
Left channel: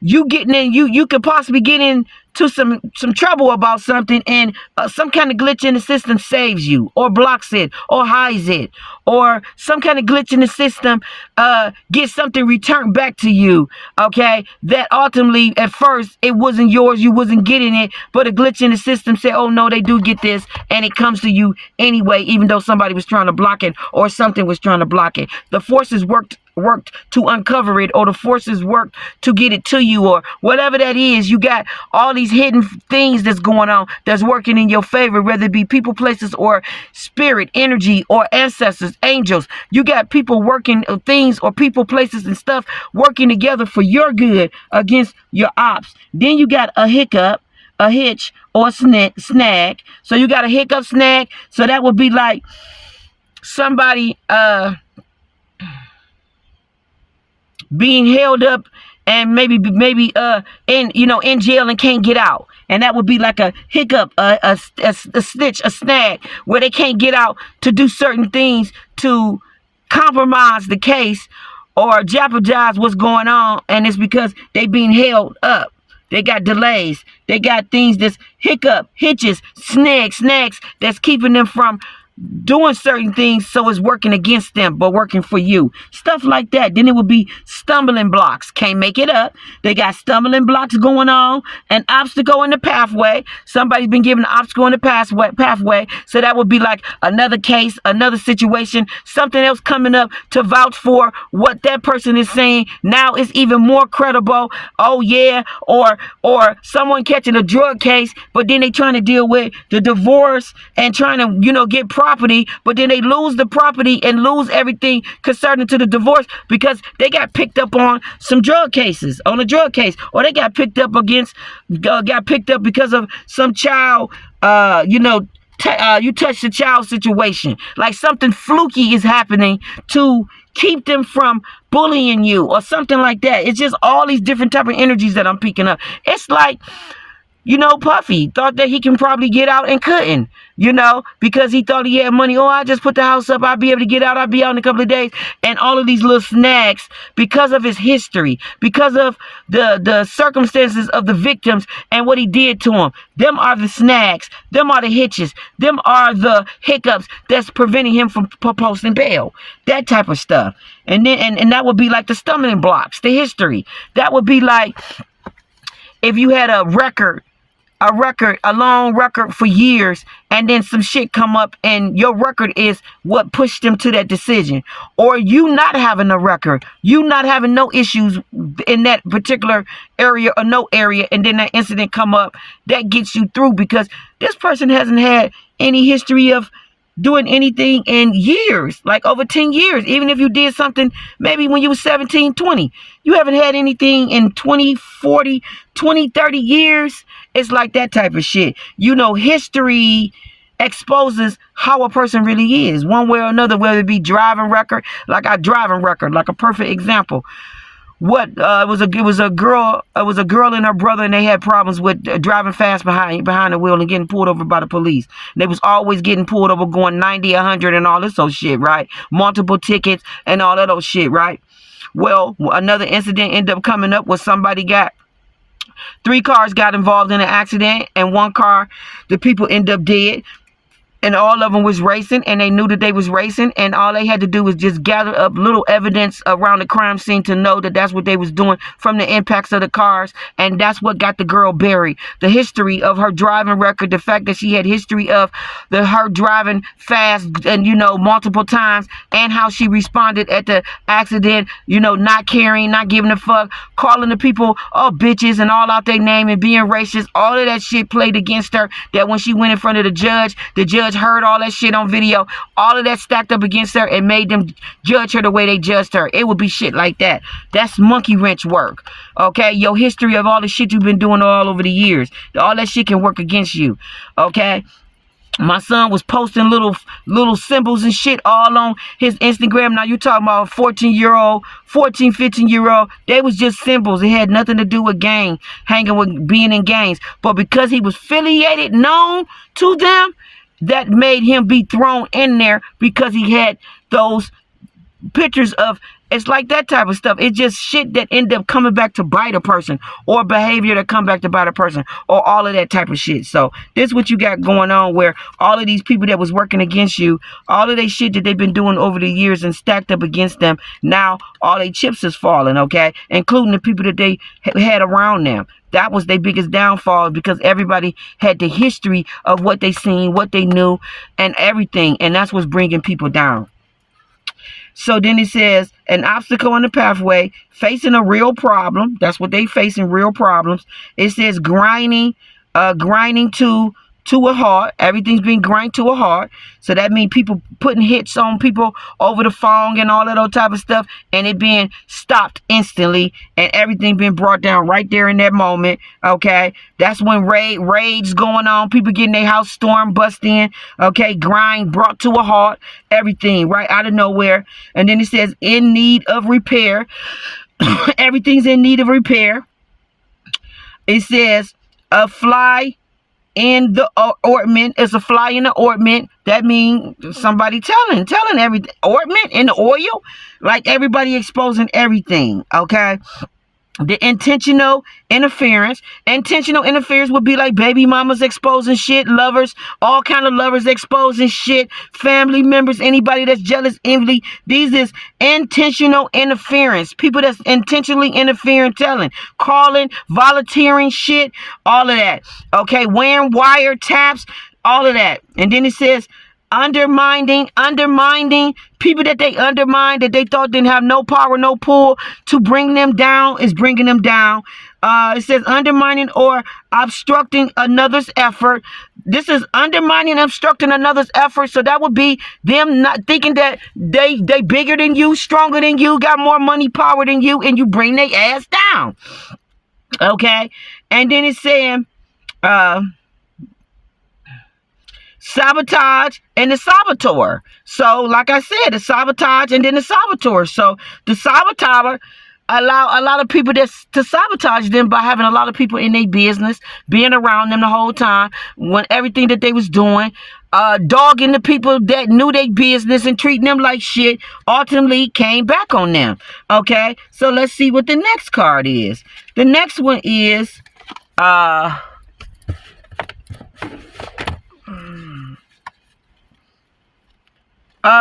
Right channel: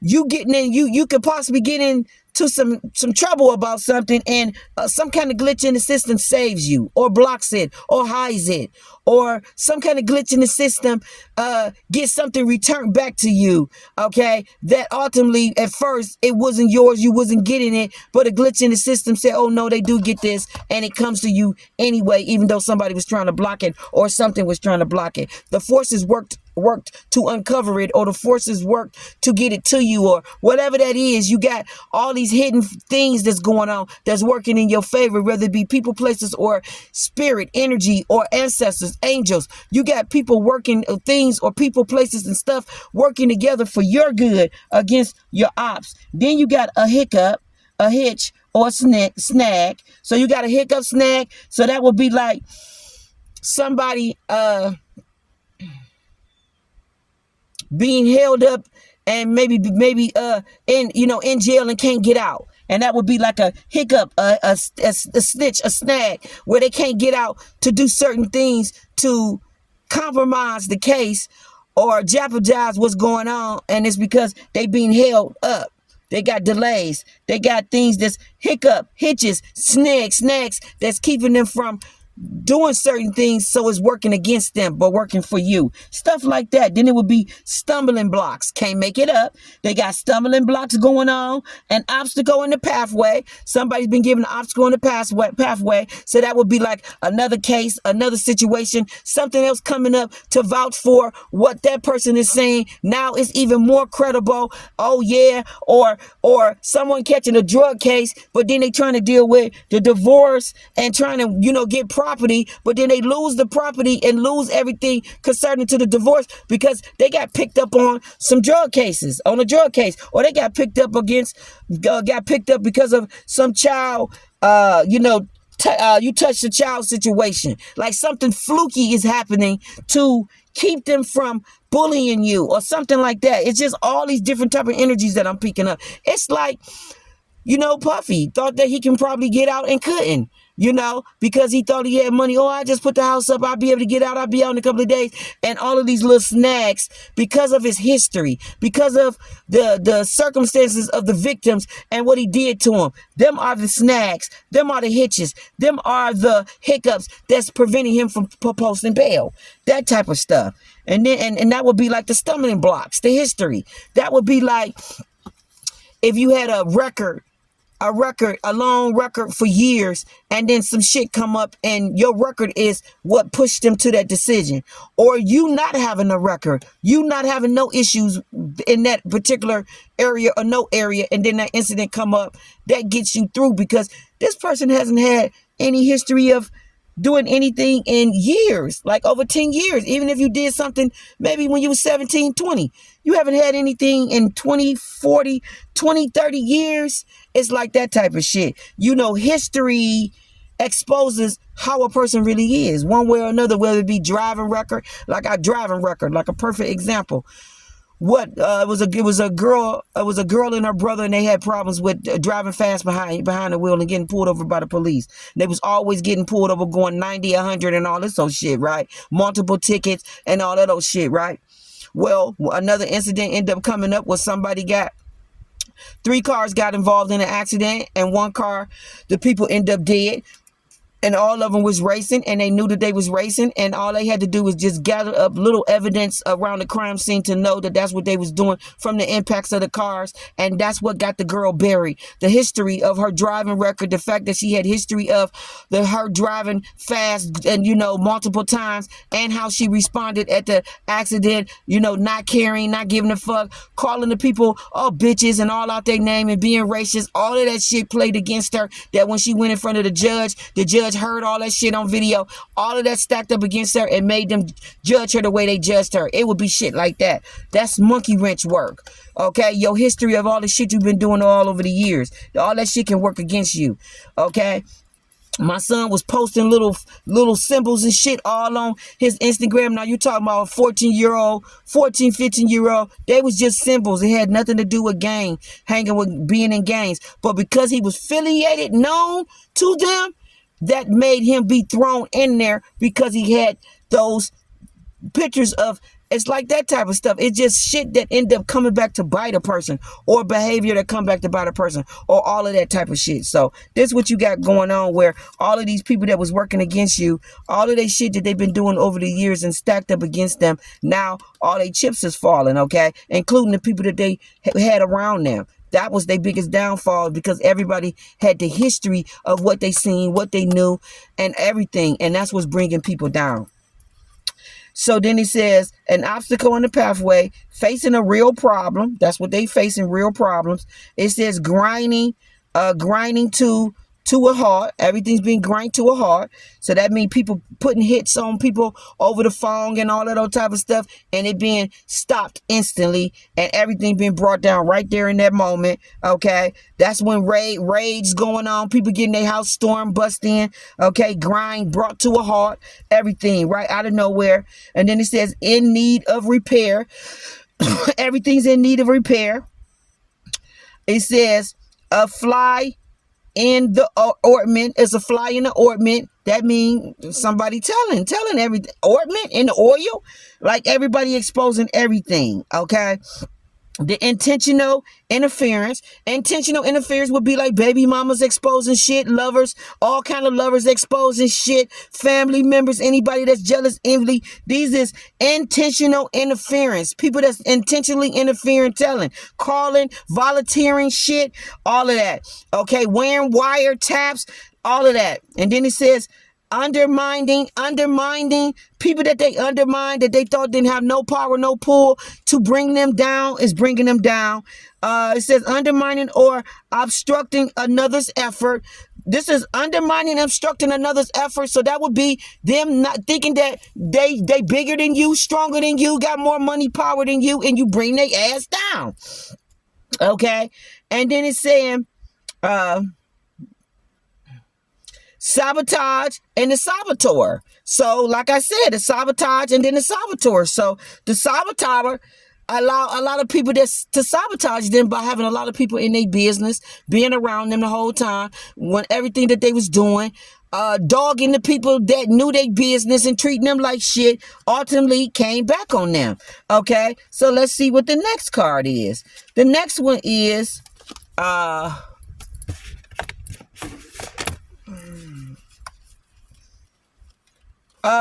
you getting in, you could possibly get into some trouble about something, and some kind of glitch in the system saves you, or blocks it, or hides it, or some kind of glitch in the system gets something returned back to you, okay? That ultimately, at first, it wasn't yours, you wasn't getting it, but a glitch in the system said, oh no, they do get this, and it comes to you anyway, even though somebody was trying to block it, or something was trying to block it. The forces worked to uncover it, or the forces worked to get it to you, or whatever that is. You got all these hidden things that's going on that's working in your favor, whether it be people, places, or spirit, energy, or ancestors, angels. You got people working, things or people, places, and stuff working together for your good against your ops. Then you got a hiccup, a hitch, or a snag. So you got a hiccup, snag. So that would be like somebody being held up and maybe in jail and can't get out. And that would be like a hiccup, a snitch, a snag, where they can't get out to do certain things to compromise the case or jeopardize what's going on. And it's because they being held up. They got delays. They got things that's hiccup, hitches, snags that's keeping them from doing certain things, so it's working against them but working for you, stuff like that. Then it would be stumbling blocks. Can't make it up. They got stumbling blocks going on, an obstacle in the pathway. Somebody's been given an obstacle in the pathway, so that would be like another case, another situation, something else coming up to vouch for what that person is saying. Now it's even more credible. Oh yeah. Or someone catching a drug case, but then they trying to deal with the divorce and trying to get property, but then they lose the property and lose everything concerning to the divorce because they got picked up on some drug cases, on a drug case, or they got picked up because of some child, you touched the child situation. Like something fluky is happening to keep them from bullying you or something like that. It's just all these different type of energies that I'm picking up. It's like, Puffy thought that he can probably get out and couldn't, because he thought he had money. Oh, I just put the house up. I'll be able to get out. I'll be out in a couple of days. And all of these little snags because of his history, because of the circumstances of the victims and what he did to them. Them are the snags. Them are the hitches. Them are the hiccups that's preventing him from posting bail. That type of stuff. And then, and that would be like the stumbling blocks, the history. That would be like if you had a long record for years, and then some shit come up and your record is what pushed them to that decision. Or you not having a record, you not having no issues in that particular area or no area, and then that incident come up, that gets you through because this person hasn't had any history of doing anything in years, like over 10 years. Even if you did something maybe when you were 17, 20, you haven't had anything in 20, 40, 20, 30 years. It's like that type of shit. History exposes how a person really is, one way or another, whether it be driving record, like a perfect example. It was a girl and her brother, and they had problems with driving fast behind the wheel and getting pulled over by the police. They was always getting pulled over going 90, 100 and all this old shit, right? Multiple tickets and all that old shit, right? Well, another incident ended up coming up where three cars got involved in an accident, and one car, the people end up dead. and all of them was racing, and they knew that they was racing, and all they had to do was just gather up little evidence around the crime scene to know that that's what they was doing from the impacts of the cars, and that's what got the girl buried. The history of her driving record, the fact that she had history of her driving fast and, you know, multiple times, and how she responded at the accident, you know, not caring, not giving a fuck, calling the people bitches and all out their name and being racist. All of that shit played against her, that when she went in front of the judge heard all that shit on video. All of that stacked up against her and made them judge her the way they judged her. It would be shit like that. That's monkey wrench work. Okay? Your history of all the shit you've been doing all over the years. All that shit can work against you. Okay? My son was posting little symbols and shit all on his Instagram. Now you talking about 14-year-old, 14, 15-year-old. They was just symbols. It had nothing to do with gang, hanging with being in gangs. But because he was affiliated, known to them, that made him be thrown in there because he had those pictures of, it's like that type of stuff. It's just shit that end up coming back to bite a person, or behavior that come back to bite a person, or all of that type of shit. So this is what you got going on, where all of these people that was working against you, all of their shit that they've been doing over the years and stacked up against them, now all their chips is falling, okay? Including the people that they had around them. That was their biggest downfall, because everybody had the history of what they seen, what they knew, and everything. And that's what's bringing people down. So then it says, an obstacle in the pathway, facing a real problem. That's what they facing, real problems. It says grinding to a halt. Everything's being grind to a halt. So that means people putting hits on people over the phone and all of that type of stuff, and it being stopped instantly, and everything being brought down right there in that moment. Okay, that's when raids going on, people getting their house stormed, bust in. Okay, grind brought to a halt, everything right out of nowhere. And then it says in need of repair. Everything's in need of repair. It says a fly in the ointment. Is a fly in the ointment. That means somebody telling everything. Ointment in the oil, like everybody exposing everything. Okay. The intentional interference would be like baby mamas exposing shit, lovers, all kind of lovers exposing shit, family members, anybody that's jealous, envy. These is intentional interference. People that's intentionally interfering, telling, calling, volunteering shit, all of that. Okay, wearing wiretaps, all of that. And then it says undermining people that they undermined, that they thought didn't have no power, no pull to bring them down, is bringing them down. It says undermining or obstructing another's effort. This is undermining and obstructing another's effort. So that would be them not thinking that they bigger than you, stronger than you, got more money, power than you, and you bring their ass down. Okay, and then it's saying sabotage and the saboteur. So, like I said, the sabotage and then the saboteur. So, the saboteur allow a lot of people to sabotage them by having a lot of people in their business, being around them the whole time, when everything that they was doing, dogging the people that knew their business and treating them like shit, ultimately came back on them. Okay, so let's see what the next card is. The next one is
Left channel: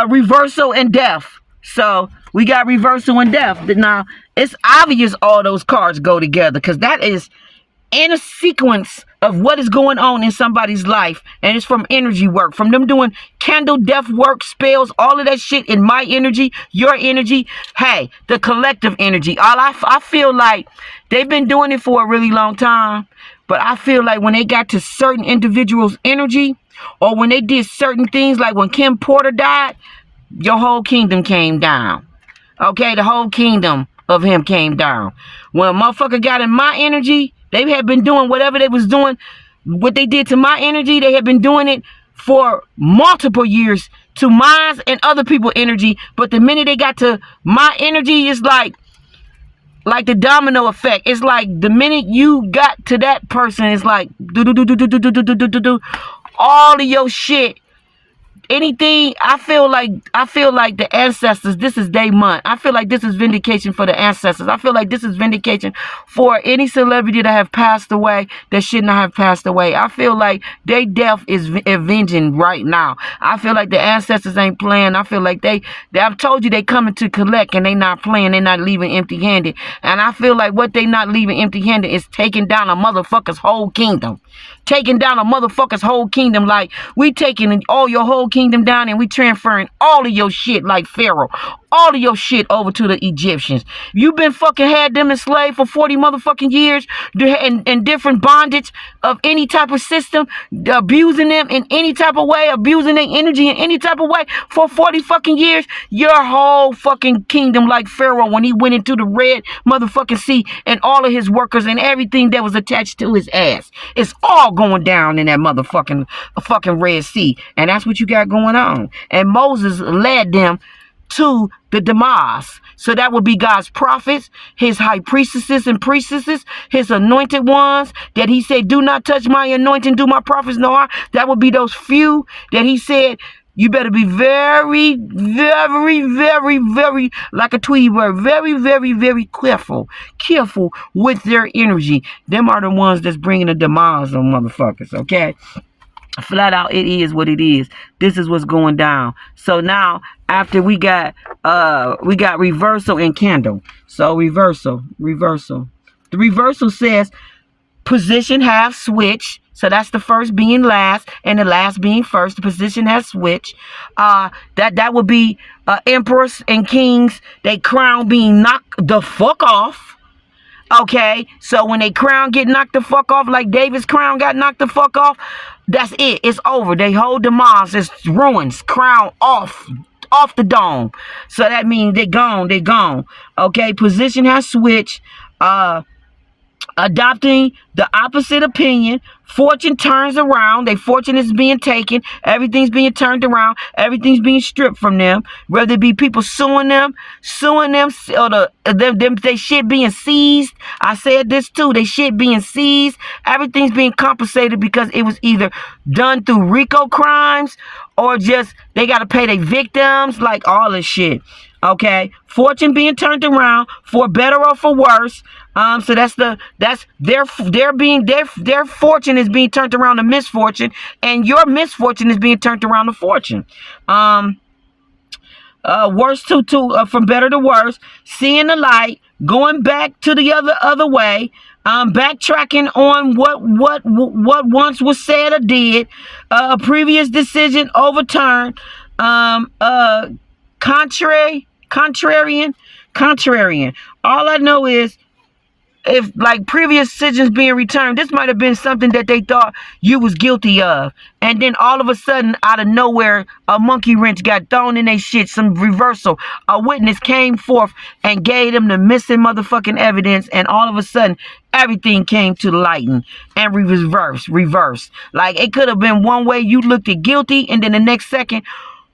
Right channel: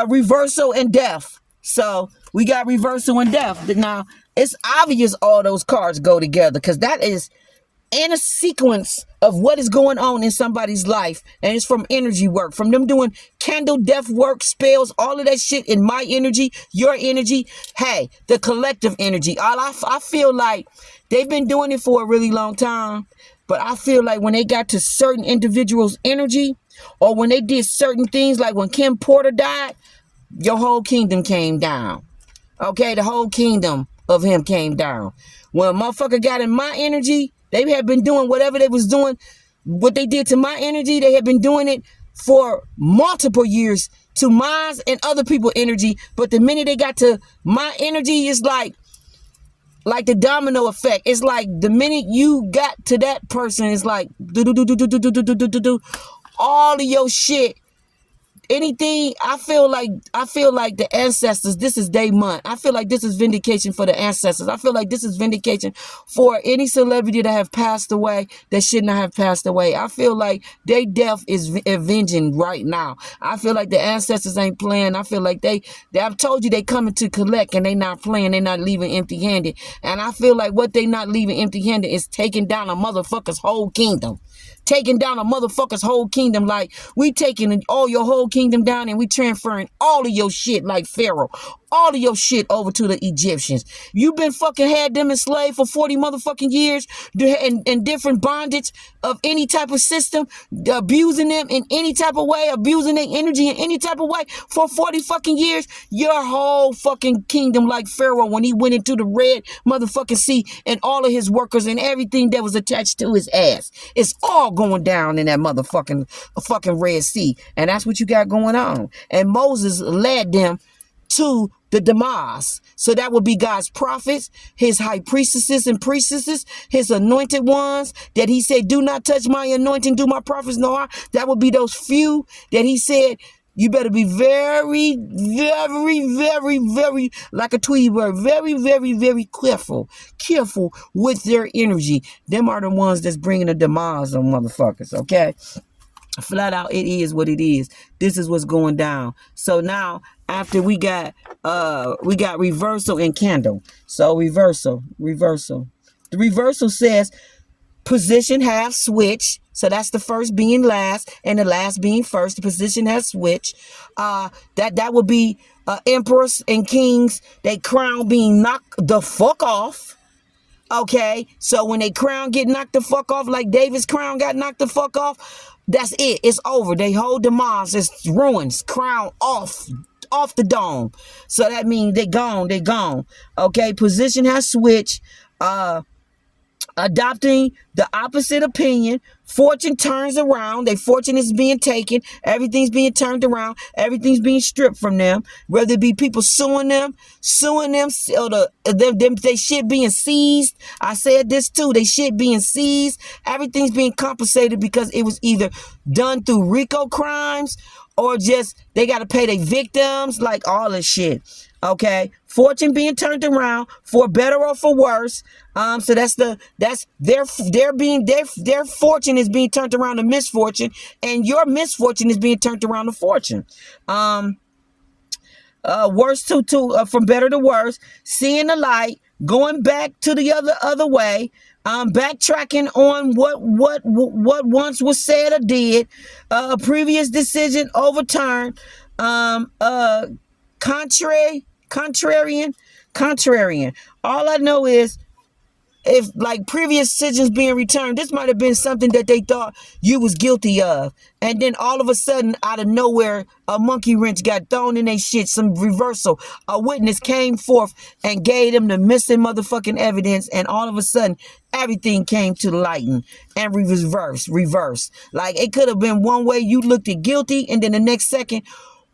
reversal and death. So we got reversal and death. Now it's obvious all those cards go together, because that is in a sequence of what is going on in somebody's life, and it's from energy work, from them doing candle death work, spells, all of that shit in my energy, your energy, hey, the collective energy. I feel like they've been doing it for a really long time, but I feel like when they got to certain individuals' energy, or when they did certain things, like when Kim Porter died, your whole kingdom came down. Okay, the whole kingdom of him came down. When a motherfucker got in my energy, they had been doing whatever they was doing, what they did to my energy, they had been doing it for multiple years to mine and other people's energy. But the minute they got to my energy, it's like the domino effect. It's like the minute you got to that person, it's like all of your shit anything, I feel like the ancestors, this is day month. I feel like this is vindication for the ancestors. I feel like this is vindication for any celebrity that have passed away that should not have passed away. I feel like their death is avenging right now. I feel like the ancestors ain't playing. I feel like I've told you they coming to collect, and they not playing. They not leaving empty-handed. And I feel like what they not leaving empty-handed is taking down a motherfucker's whole kingdom. Taking down a motherfucker's whole kingdom. Like, we taking all your whole kingdom down, and we transferring all of your shit like Pharaoh. All of your shit over to the Egyptians. You been fucking had them enslaved for 40 motherfucking years in different bondage of any type of system, abusing them in any type of way, abusing their energy in any type of way for 40 fucking years. Your whole fucking kingdom, like Pharaoh when he went into the red motherfucking sea, and all of his workers and everything that was attached to his ass. It's all going down in that motherfucking fucking Red Sea. And that's what you got going on. And Moses led them to the demise. So that would be God's prophets, his high priestesses and priestesses, his anointed ones that he said, do not touch my anointing, do my prophets no harm. That would be those few that he said, you better be very, very, very, very, like a Tweety bird, very, very, very careful with their energy. Them are the ones that's bringing the demise on motherfuckers, okay? Flat out, it is what it is. This is what's going down. So now, after we got reversal and candle. So reversal. The reversal says position have switched. So that's the first being last and the last being first. The position has switched. That would be emperors and kings. They crown being knocked the fuck off. Okay, so when they crown get knocked the fuck off, like David's crown got knocked the fuck off, that's it. It's over. They hold demise. It's ruins. Crown off the dome. So that means they're gone. Okay, position has switched. Adopting the opposite opinion. Fortune turns around. Their fortune is being taken. Everything's being turned around. Everything's being stripped from them. Whether it be people suing them, or they shit being seized. I said this too. They shit being seized. Everything's being compensated because it was either done through RICO crimes or just they got to pay their victims, like all this shit. Okay, fortune being turned around for better or for worse. So that's their fortune is being turned around to misfortune, and your misfortune is being turned around to fortune. Worse to from better to worse, seeing the light, going back to the other way, backtracking on what once was said or did, a previous decision overturned, contrarian. All I know is, if like previous decisions being returned, this might have been something that they thought you was guilty of, and then all of a sudden, out of nowhere, a monkey wrench got thrown in their shit. Some reversal. A witness came forth and gave them the missing motherfucking evidence, and all of a sudden, everything came to light and reverse. Like, it could have been one way, you looked at guilty, and then the next second,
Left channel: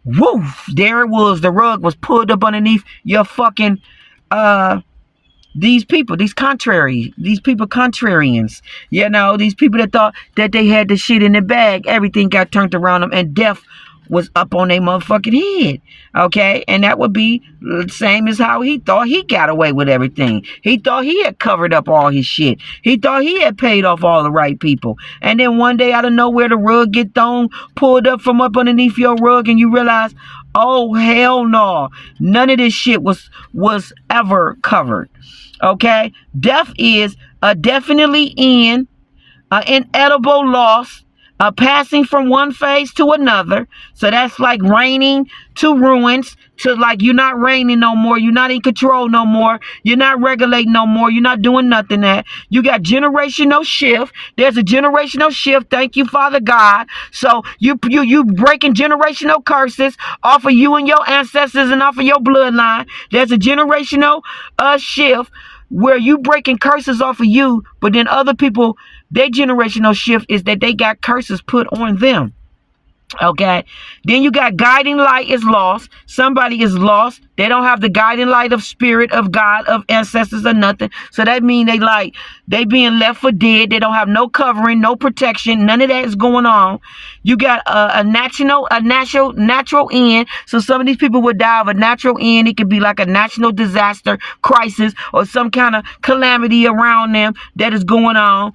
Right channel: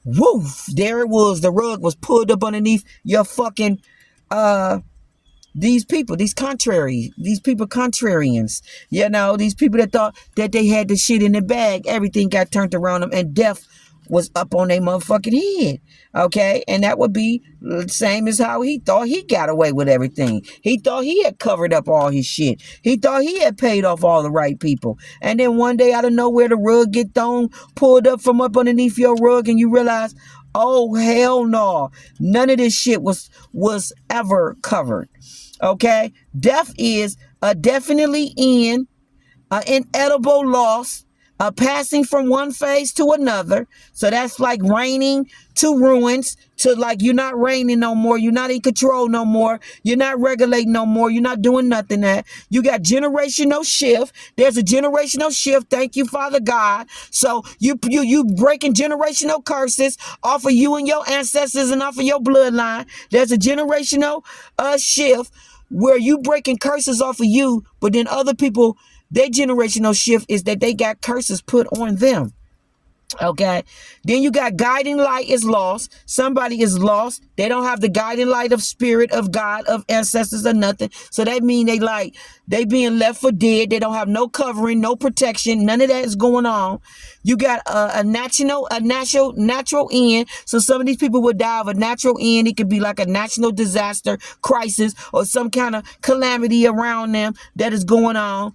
woof, there it was. The rug was pulled up underneath your fucking these people contrarians, you know, these people that thought that they had the shit in the bag. Everything got turned around them, and death was up on their motherfucking head. Okay, and that would be the same as how he thought he got away with everything. He thought he had covered up all his shit. He thought he had paid off all the right people. And then one day, out of nowhere, the rug get thrown, pulled up from up underneath your rug, and you realize, oh hell no, none of this shit was ever covered. Okay, death is a definitely inedible loss, passing from one phase to another. So that's like reigning to ruins, to like you're not reigning no more, you're not in control no more, you're not regulating no more, you're not doing nothing. That you got generational shift. There's a generational shift. Thank you, Father God. So you breaking generational curses off of you and your ancestors and off of your bloodline. There's a generational shift where you breaking curses off of you, but then other people, their generational shift is that they got curses put on them. Okay. Then you got guiding light is lost. Somebody is lost. They don't have the guiding light of spirit, of God, of ancestors, or nothing. So that means they being left for dead. They don't have no covering, no protection. None of that is going on. You got a natural end. So some of these people would die of a natural end. It could be like a national disaster, crisis, or some kind of calamity around them that is going on.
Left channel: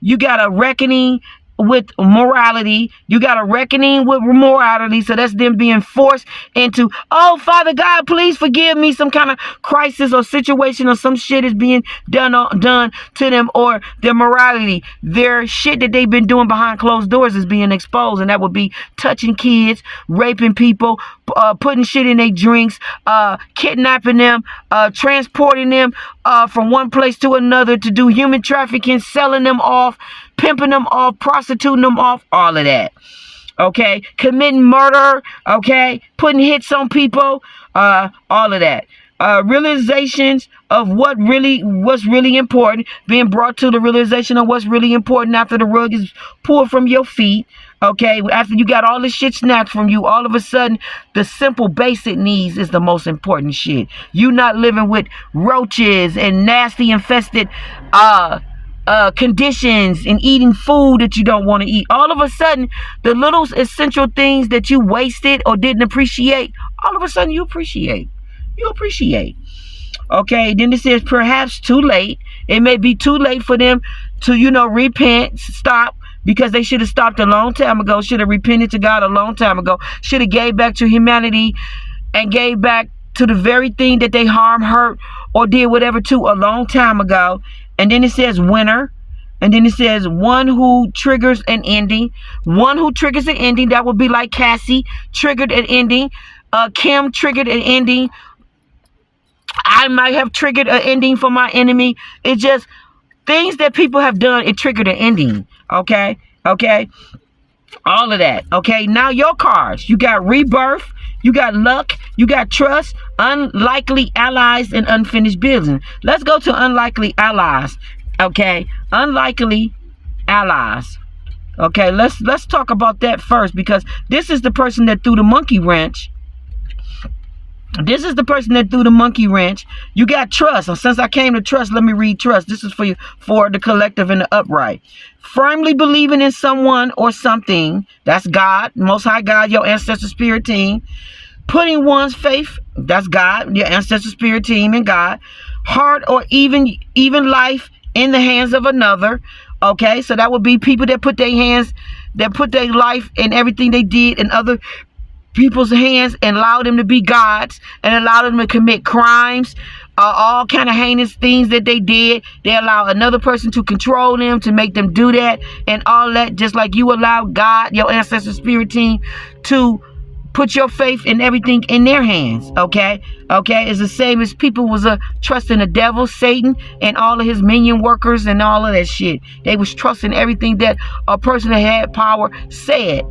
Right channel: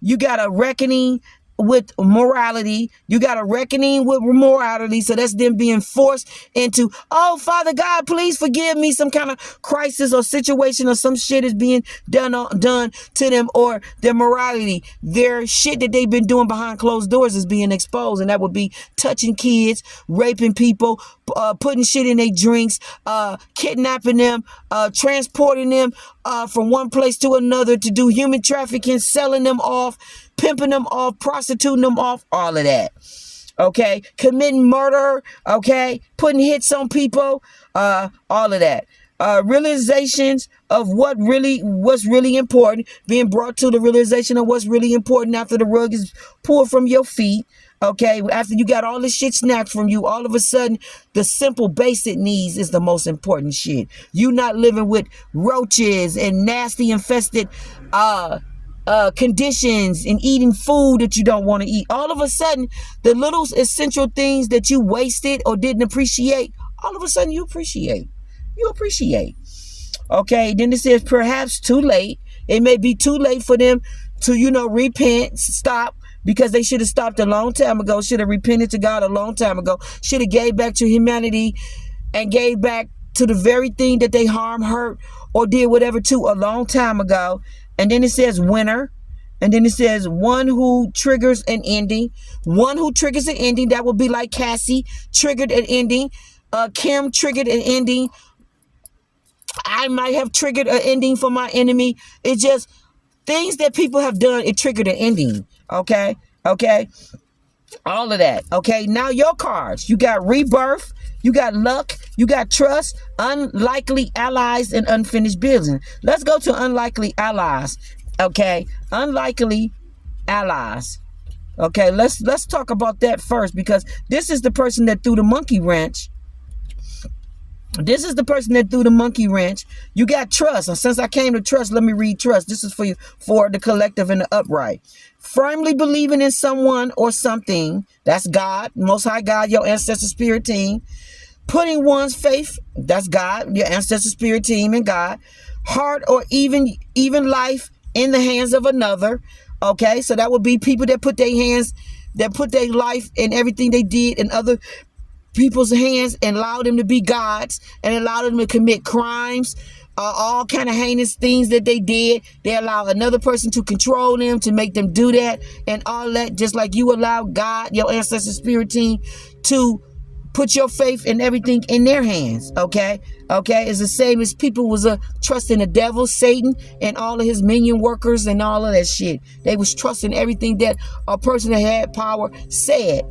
You got a reckoning with morality. You got a reckoning with morality. So that's them being forced into, oh, Father God, please forgive me. Some kind of crisis or situation or some shit is being done to them, or their morality, their shit that they've been doing behind closed doors is being exposed. And that would be touching kids, raping people, putting shit in their drinks, kidnapping them, transporting them from one place to another to do human trafficking, selling them off, pimping them off, prostituting them off, all of that. Okay, committing murder, okay, putting hits on people, all of that. Realizations of what's really important, being brought to the realization of what's really important after the rug is pulled from your feet. Okay, after you got all this shit snatched from you, all of a sudden, the simple basic needs is the most important shit. You not living with roaches and nasty infested conditions and eating food that you don't want to eat. All of a sudden, the little essential things that you wasted or didn't appreciate, all of a sudden you appreciate. Okay, then it says perhaps too late. It may be too late for them to, repent, stop, because they should have stopped a long time ago, should have repented to God a long time ago, should have gave back to humanity and gave back to the very thing that they harmed, hurt, or did whatever to a long time ago. And then it says winner. And then it says one who triggers an ending. One who triggers an ending. That would be like Cassie triggered an ending. Kim triggered an ending. I might have triggered an ending for my enemy. It's just things that people have done. It triggered an ending. Okay. All of that. Okay. Now your cards. You got rebirth. You got luck. You got trust. Unlikely allies and unfinished business. Let's go to unlikely allies. Okay. Unlikely allies. Okay. Let's talk about that first, because this is the person that threw the monkey wrench. This is the person that threw the monkey wrench. You got trust. And since I came to trust, let me read trust. This is for the collective and the upright. Firmly believing in someone or something. That's God, Most High God, your ancestor spirit team. Putting one's faith, that's God, your ancestor spirit team, and God. Heart or even life in the hands of another. Okay, so that would be people that put their life and everything they did in other people's hands and allow them to be gods and allow them to commit crimes, all kind of heinous things that they did. They allow another person to control them, to make them do that and all that, just like you allow God, your ancestor spirit team, to put your faith and everything in their hands. Okay, it's the same as people was trusting the devil, Satan, and all of his minion workers and all of that shit. They was trusting everything that a person that had power said.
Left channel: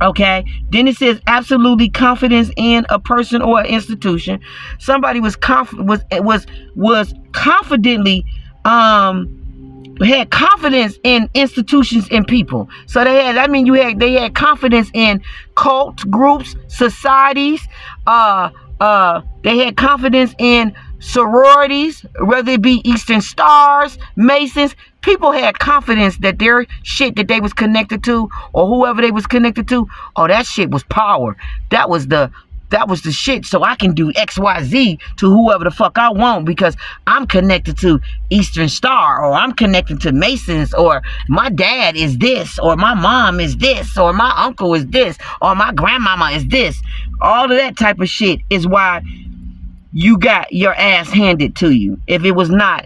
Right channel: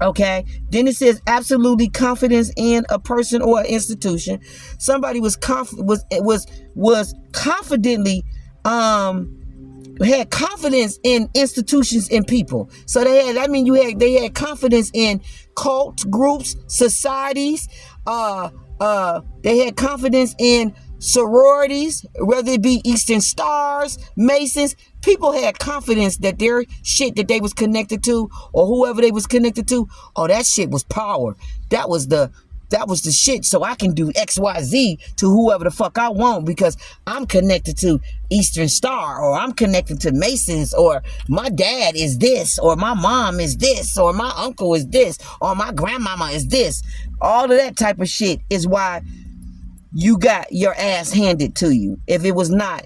Okay, then it says absolutely confidence in a person or an institution. Somebody was confidently had confidence in institutions and people. So they had confidence in cult groups, societies. They had confidence in sororities, whether it be Eastern Stars, Masons. People had confidence that their shit that they was connected to, or whoever they was connected to, oh, that shit was power. That was the shit. So I can do XYZ to whoever the fuck I want because I'm connected to Eastern Star, or I'm connected to Masons, or my dad is this, or my mom is this, or my uncle is this, or my grandmama is this. All of that type of shit is why you got your ass handed to you if it was not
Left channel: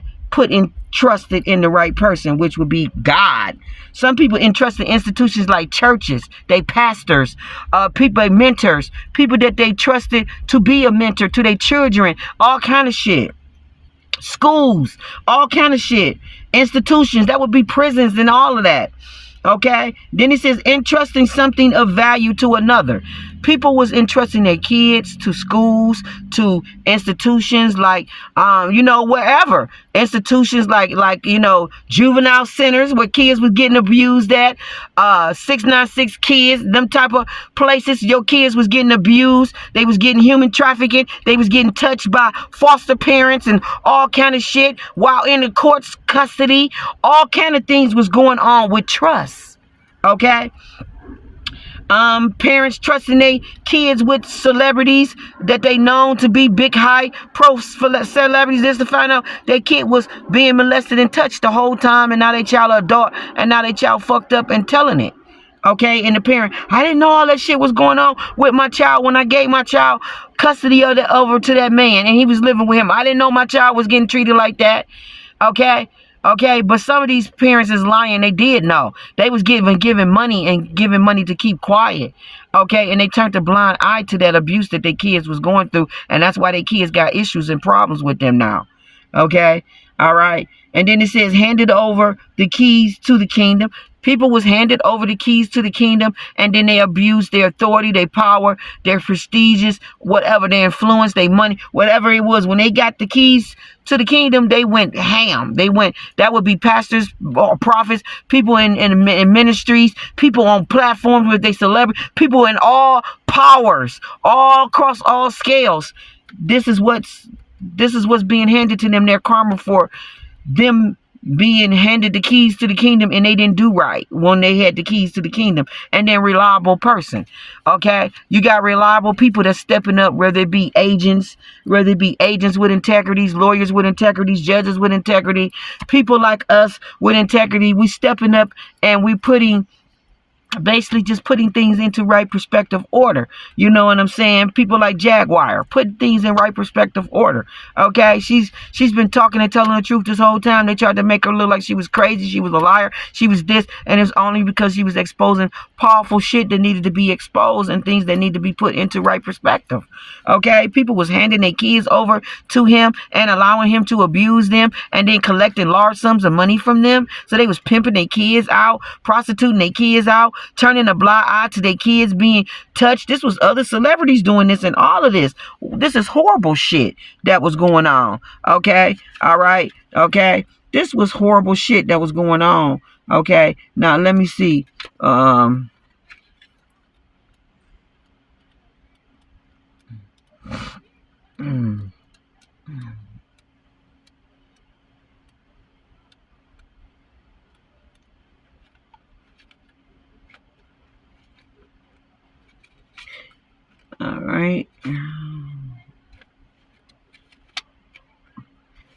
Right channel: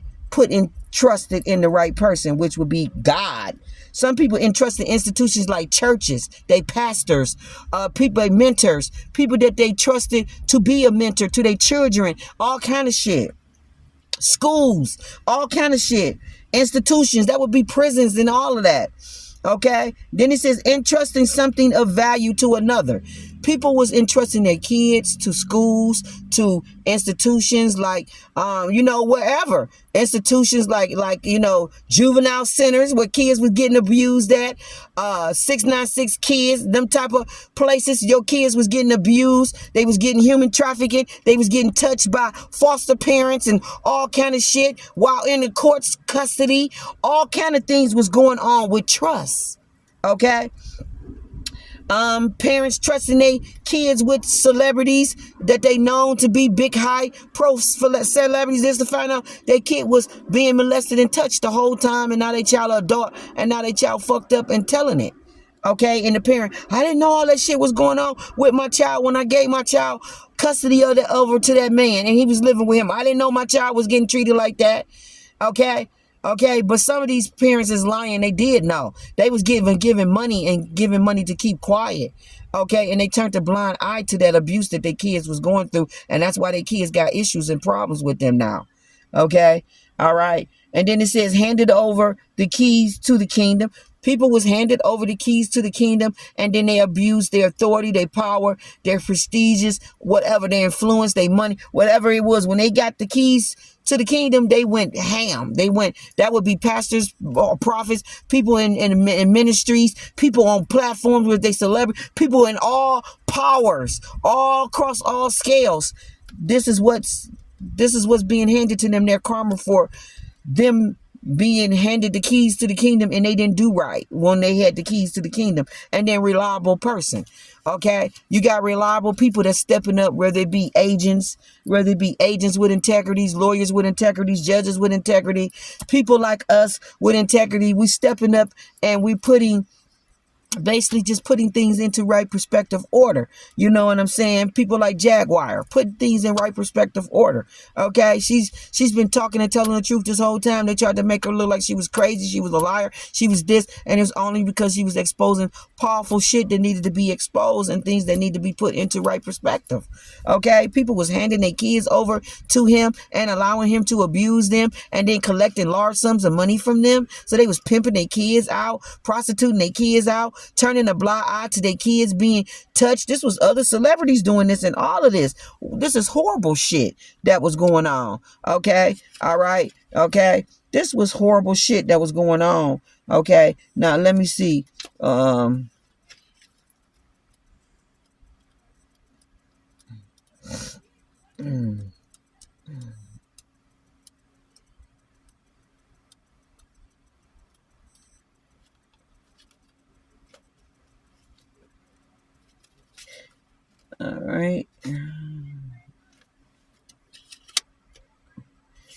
trusted in the right person, which would be God. Some people entrusted institutions like churches, they pastors, people, mentors, people that they trusted to be a mentor to their children, all kind of shit. Schools, all kind of shit. Institutions, that would be prisons and all of that. Okay, then he says entrusting something of value to another. People was entrusting their kids to schools, to institutions like, wherever. Institutions like, juvenile centers where kids was getting abused at, 696 kids, them type of places your kids was getting abused. They was getting human trafficking. They was getting touched by foster parents and all kind of shit while in the court's custody. All kind of things was going on with trust. Okay? Parents trusting their kids with celebrities that they known to be big high pro celebrities, just to find out their kid was being molested and touched the whole time, and now they child an adult, and now they child fucked up and telling it. Okay, and the parent, I didn't know all that shit was going on with my child when I gave my child custody of it over to that man, and he was living with him. I didn't know my child was getting treated like that. Okay, but some of these parents is lying. They did know. They was giving money to keep quiet. Okay, and they turned a blind eye to that abuse that their kids was going through, and that's why their kids got issues and problems with them now. Okay, all right. And then it says, handed over the keys to the kingdom. People was handed over the keys to the kingdom, and then they abused their authority, their power, their prestigious, whatever, their influence, their money, whatever it was. When they got the keys to the kingdom, they went ham. That would be pastors, prophets, people in ministries, people on platforms with their celebrity, people in all powers, all across all scales. This is what's being handed to them. Their karma for them being handed the keys to the kingdom, and they didn't do right when they had the keys to the kingdom. And then reliable person. Okay, you got reliable people that's stepping up, whether it be agents with integrities, lawyers with integrities, judges with integrity, people like us with integrity. We stepping up, and we basically just putting things into right perspective order. You know what I'm saying? People like Jaguar put things in right perspective order. Okay, she's been talking and telling the truth this whole time. They tried to make her look like she was crazy, she was a liar, she was this, and it's only because she was exposing powerful shit that needed to be exposed and things that need to be put into right perspective. Okay, people was handing their kids over to him and allowing him to abuse them, and then collecting large sums of money from them. So they was pimping their kids out, prostituting their kids out, turning a blind eye to their kids being touched. This was other celebrities doing this, and all of this. This is horrible shit that was going on. Okay? All right? Okay? This was horrible shit that was going on. Okay? Now, let me see. All right.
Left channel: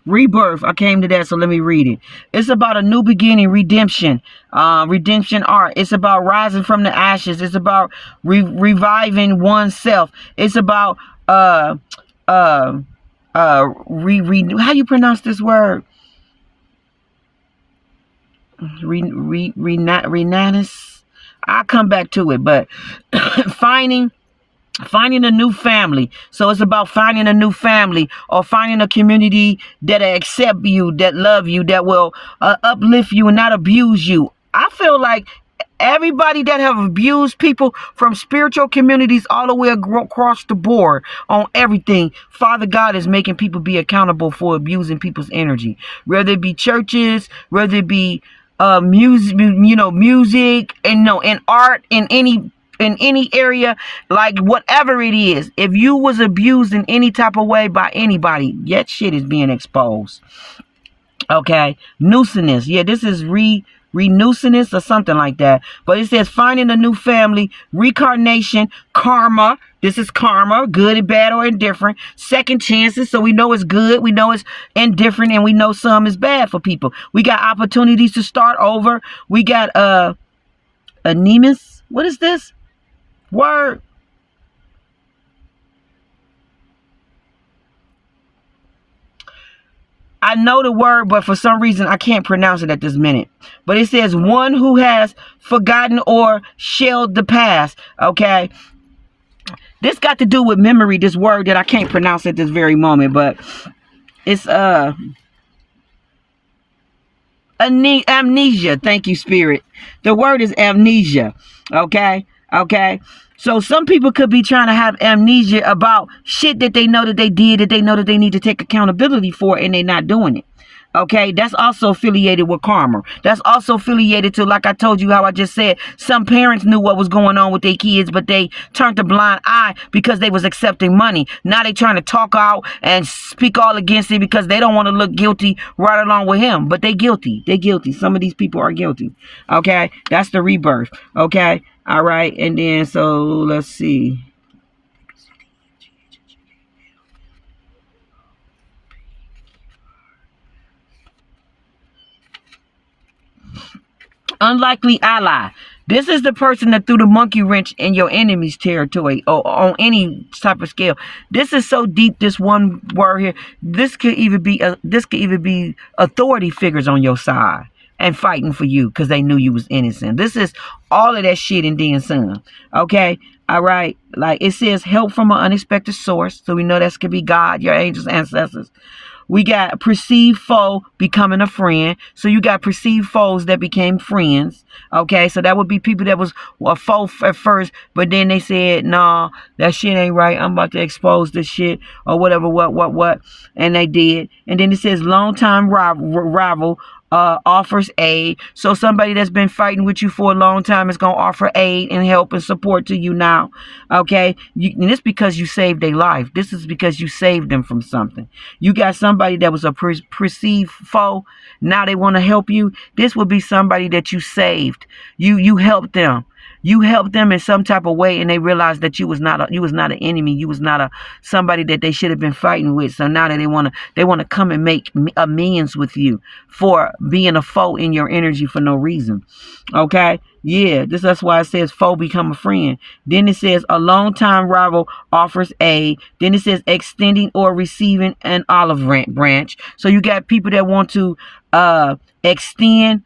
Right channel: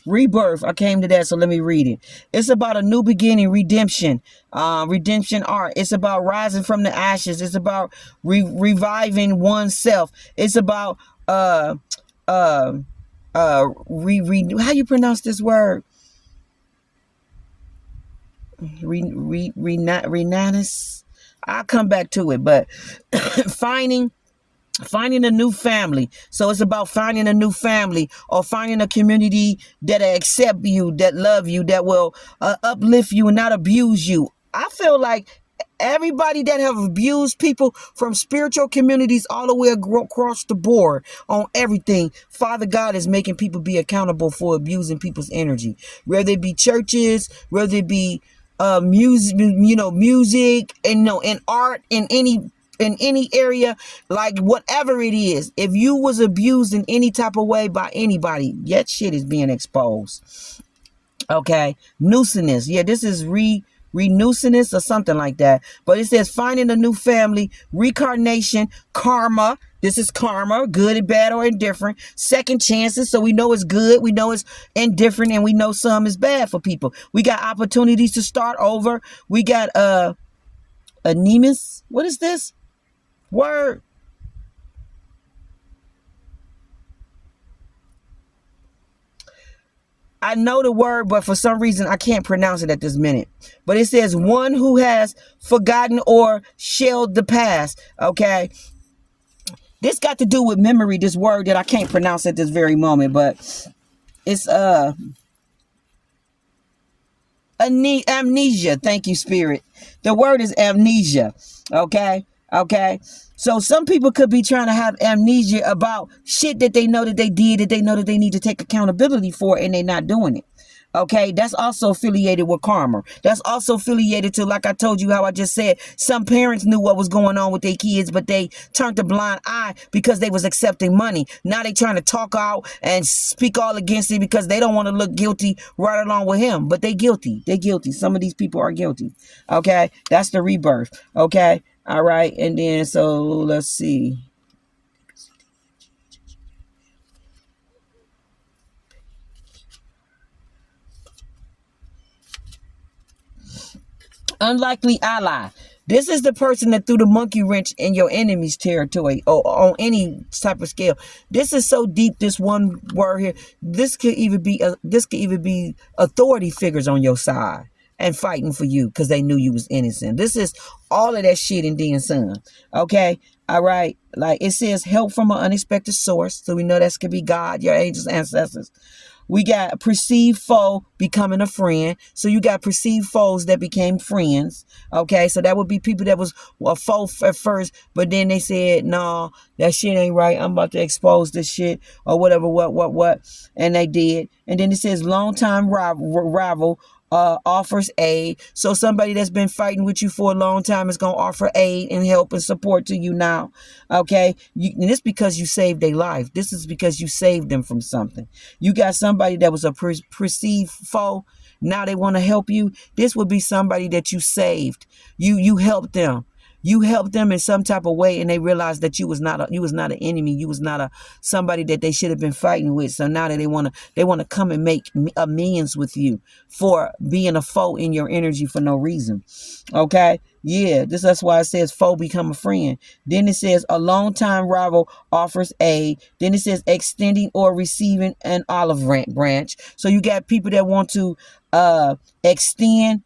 Rebirth. I came to that, so let me read it. It's about a new beginning, redemption, redemption art. It's about rising from the ashes. It's about reviving oneself. It's about how you pronounce this word? Renatus. I'll come back to it, but finding a new family. So it's about finding a new family, or finding a community that accept you, that love you, that will uplift you and not abuse you. I feel like everybody that have abused people, from spiritual communities all the way across the board on everything, Father God is making people be accountable for abusing people's energy. Whether it be churches, whether it be music, and and art, in any area, like whatever it is. If you was abused in any type of way by anybody, that shit is being exposed. Okay, nuisance. Yeah, this is renuisance or something like that. But it says finding a new family, reincarnation, karma. This is karma, good and bad or indifferent. Second chances, so we know it's good, we know it's indifferent, and we know some is bad for people. We got opportunities to start over. We got anemus. What is this word? I know the word, but for some reason I can't pronounce it at this minute. But it says one who has forgotten or shelled the past. Okay. This got to do with memory, this word that I can't pronounce at this very moment, but it's amnesia. Thank you, Spirit. The word is amnesia. Okay. Okay? So some people could be trying to have amnesia about shit that they know that they did, that they know that they need to take accountability for, and they're not doing it. Okay, that's also affiliated with karma. That's also affiliated to, like I told you, how I just said, some parents knew what was going on with their kids, but they turned a blind eye because they was accepting money. Now they trying to talk out and speak all against it because they don't want to look guilty right along with him. But they guilty. They guilty. Some of these people are guilty. Okay, that's the rebirth. Okay, all right, and then so let's see. Unlikely ally. This is the person that threw the monkey wrench in your enemy's territory or on any type of scale. This is so deep, this one word here. This could even be authority figures on your side and fighting for you because they knew you was innocent. This is all of that shit and then some. Okay? All right? Like it says, help from an unexpected source. So we know that could be God, your angels, ancestors. We got a perceived foe becoming a friend. So you got perceived foes that became friends. Okay, so that would be people that was a foe at first, but then they said, nah, that shit ain't right. I'm about to expose this shit or whatever, what. And they did. And then it says long-time rival offers aid. So somebody that's been fighting with you for a long time is going to offer aid and help and support to you now. Okay? And this because you saved their life. This is because you saved them from something. You got somebody that was a perceived foe. Now they want to help you. This would be somebody that you saved. You helped them. You helped them in some type of way, and they realized that you was not an enemy. You was not somebody that they should have been fighting with. So now that they want to come and make amends with you for being a foe in your energy for no reason. Okay, yeah, that's why it says foe become a friend. Then it says a longtime rival offers aid. Then it says extending or receiving an olive branch. So you got people that want to extend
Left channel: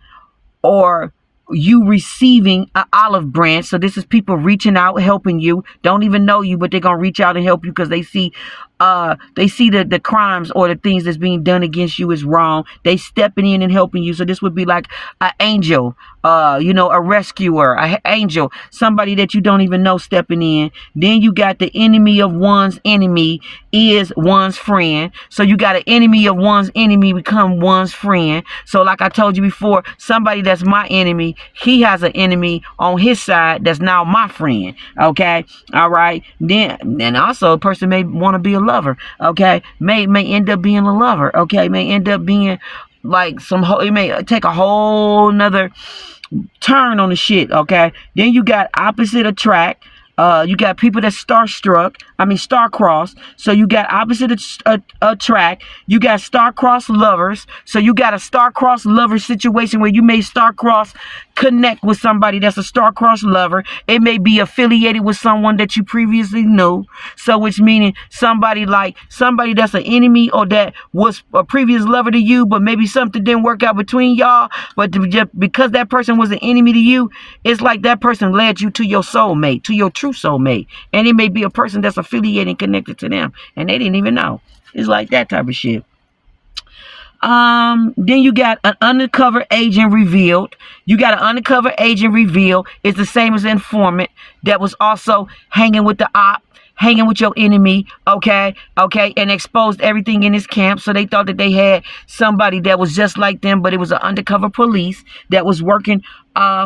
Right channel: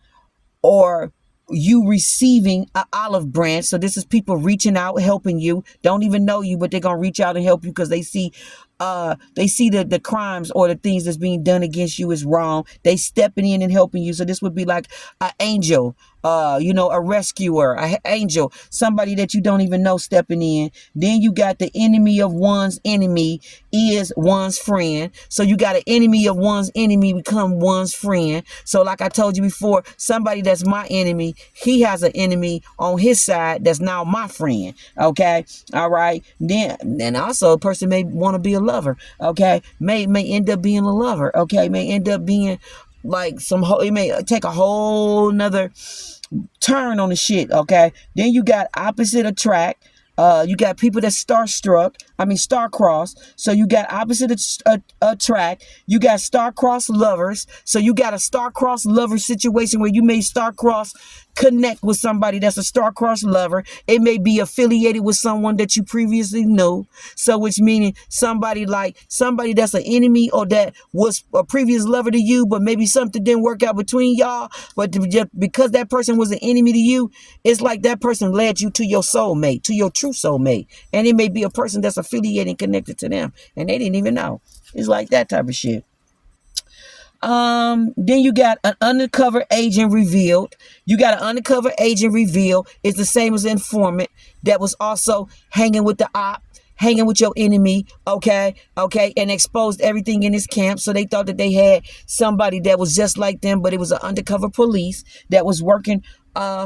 or you receiving an olive branch. So this is people reaching out, helping you, don't even know you, but they're going to reach out and help you because they see the crimes or the things that's being done against you is wrong. They stepping in and helping you. So this would be like an angel, a rescuer, an angel, somebody that you don't even know stepping in. Then you got the enemy of one's enemy is one's friend. So you got an enemy of one's enemy become one's friend. So like I told you before, somebody that's my enemy, he has an enemy on his side that's now my friend. Okay, all right. Then also a person may want to be a lover. Okay, may end up being a lover. Okay, may end up being like it may take a whole nother turn on the shit. Okay, then you got opposite attract. You got people that star-crossed. So you got opposite attract. You got star-crossed lovers. So you got a star-crossed lover situation where you may star-cross connect with somebody that's a star-crossed lover. It may be affiliated with someone that you previously knew. So which meaning somebody that's an enemy or that was a previous lover to you, but maybe something didn't work out between y'all. But just because that person was an enemy to you, it's like that person led you to your soulmate, to your true soulmate. And it may be a person that's affiliated and connected to them, and they didn't even know. It's like that type of shit. Then you got an undercover agent revealed. You got an undercover agent revealed. It's the same as informant that was also hanging with the op, hanging with your enemy, okay, and exposed everything in his camp. So they thought that they had somebody that was just like them, but it was an undercover police that was working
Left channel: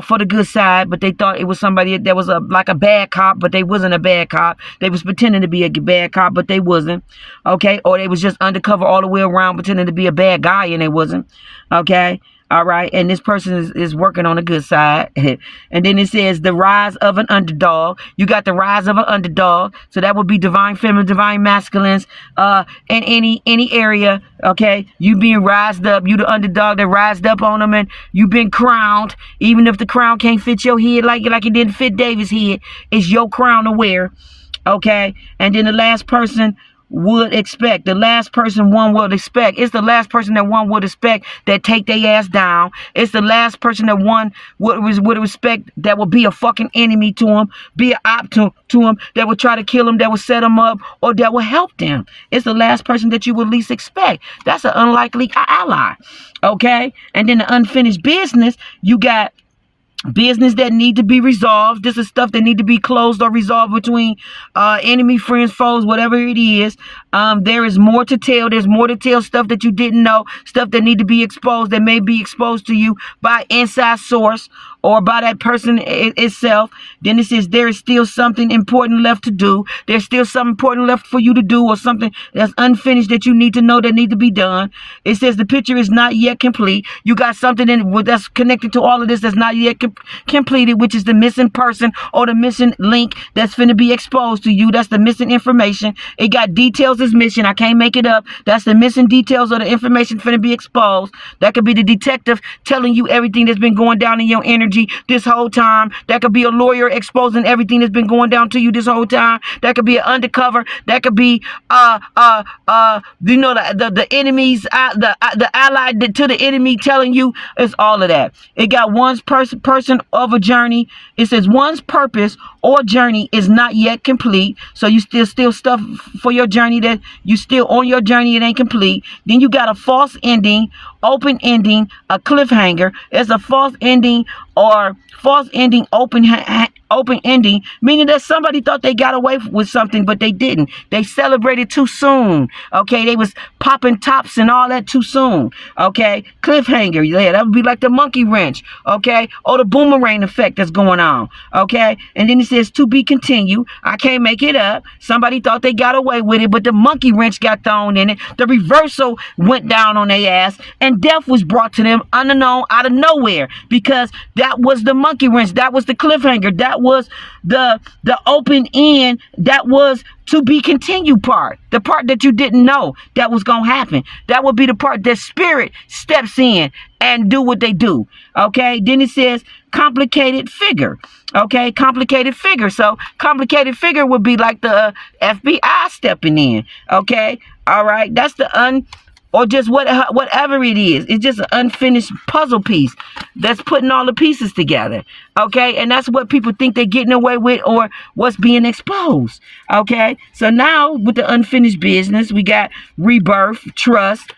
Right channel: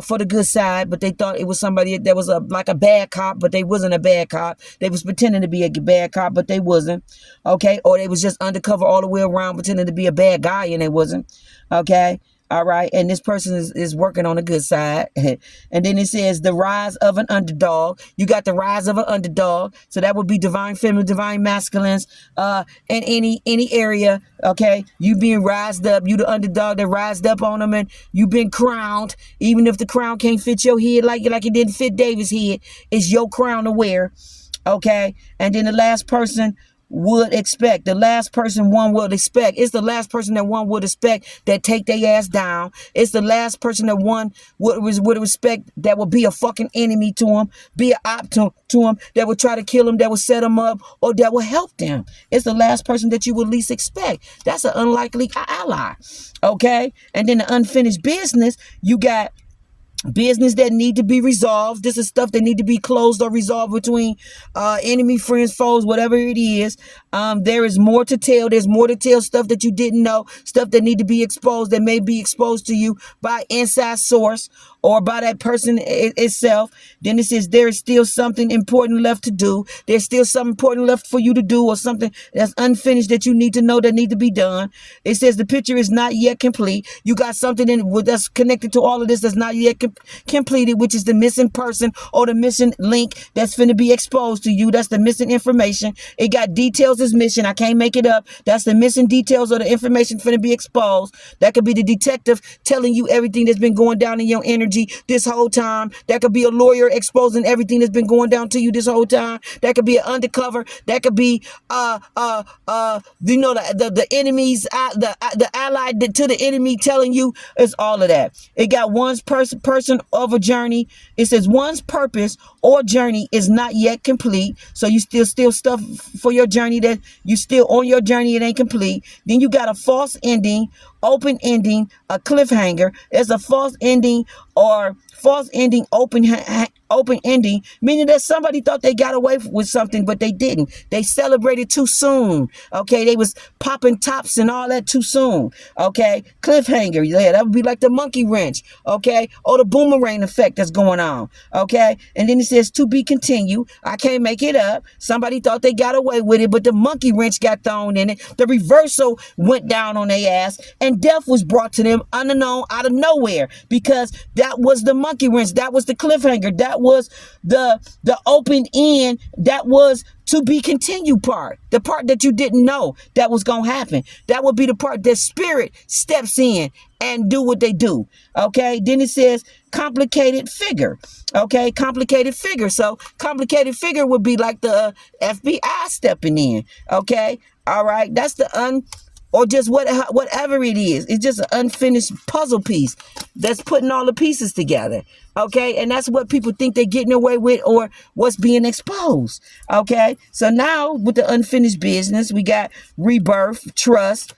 for the good side, but they thought it was somebody that was like a bad cop, but they wasn't a bad cop. They was pretending to be a bad cop, but they wasn't, okay, or they was just undercover all the way around pretending to be a bad guy, and they wasn't, okay. All right, and this person is working on the good side. And then it says the rise of an underdog. You got the rise of an underdog. So that would be divine feminine, divine masculines in any area. Okay, you being rised up. You the underdog that rised up on them, and you been crowned. Even if the crown can't fit your head like it didn't fit David's head, it's your crown to wear. Okay, and then the last person would expect. The last person one would expect. It's the last person that one would expect that take their ass down. It's the last person that one would respect that would be a fucking enemy to him, be an op to him, that would try to kill him, that would set him up, or that would help them. It's the last person that you would least expect. That's an unlikely ally. Okay? And then the unfinished business, you got business that need to be resolved. This is stuff that need to be closed or resolved between enemy, friends, foes, whatever it is. There is more to tell. There's more to tell, stuff that you didn't know, stuff that need to be exposed, that may be exposed to you by inside source or by that person itself. Then it says there is still something important left to do. There's still something important left for you to do, or something that's unfinished that you need to know that need to be done. It says the picture is not yet complete. You got something that's connected to all of this that's not yet completed, which is the missing person or the missing link that's finna be exposed to you. That's the missing information. It got details is missing. I can't make it up. That's the missing details of the information finna be exposed. That could be the detective telling you everything that's been going down in your energy this whole time. That could be a lawyer exposing everything that's been going down to you this whole time. That could be an undercover. That could be the enemies, the ally to the enemy telling you. It's all of that. It got one's person of a journey. It says one's purpose or journey is not yet complete. So you still stuff for your journey that you still on your journey. It ain't complete. Then you got a false ending, open ending, a cliffhanger. It's a false ending or false ending, open ending, meaning that somebody thought they got away with something, but they didn't. They celebrated too soon. Okay, they was popping tops and all that too soon. Okay, cliffhanger. Yeah, that would be like the monkey wrench. Okay, or the boomerang effect that's going on. Okay, and then it says to be continued. I can't make it up. Somebody thought they got away with it, but the monkey wrench got thrown in it. The reversal went down on their ass, and death was brought to them unknown, out of nowhere, because that was the monkey wrench. That was the cliffhanger. That was the open end. That was to be continued part. The part that you didn't know that was going to happen. That would be the part that spirit steps in and do what they do. Okay. Then it says complicated figure. Okay. Complicated figure. So complicated figure would be like the FBI stepping in. Okay. All right. That's the or just whatever it is. It's just an unfinished puzzle piece that's putting all the pieces together. Okay, and that's what people think they're getting away with, or what's being exposed. Okay, so now with the unfinished business, we got rebirth, trust,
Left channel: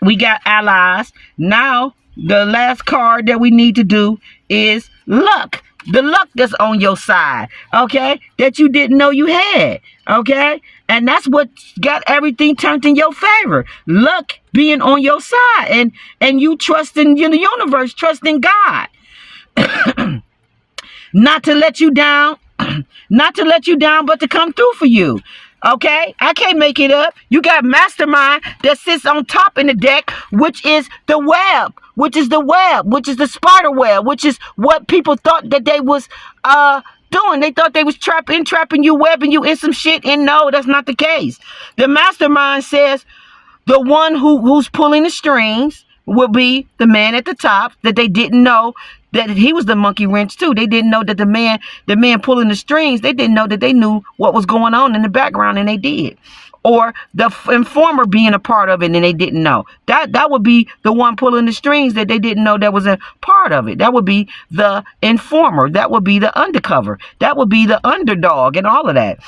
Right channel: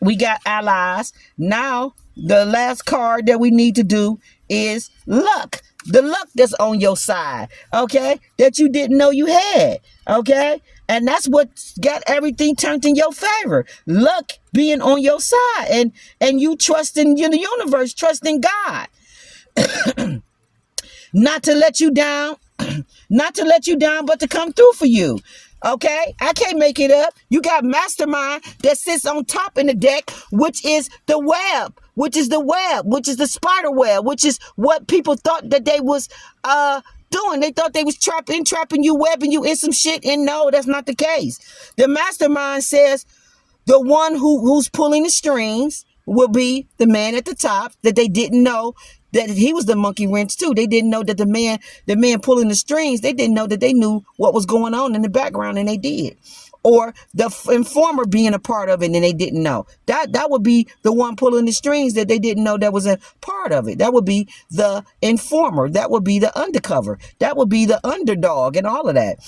we got allies. Now the last card that we need to do is luck. The luck that's on your side, okay, that you didn't know you had, okay? And that's what got everything turned in your favor. Luck being on your side, and you trusting in the universe, trusting God. Not to let you down, but to come through for you. Okay, I can't make it up. You got mastermind that sits on top in the deck, which is the web, which is the spider web, which is what people thought that they was doing. They thought they was trapping you, webbing you in some shit, and no, that's not the case. The mastermind says the one who's pulling the strings will be the man at the top, that they didn't know that he was the monkey wrench too. They didn't know that the man pulling the strings, they didn't know that they knew what was going on in the background, and they did. Or the informer being a part of it, and they didn't know. That would be the one pulling the strings that they didn't know that was a part of it. That would be the informer. That would be the undercover. That would be the underdog and all of that.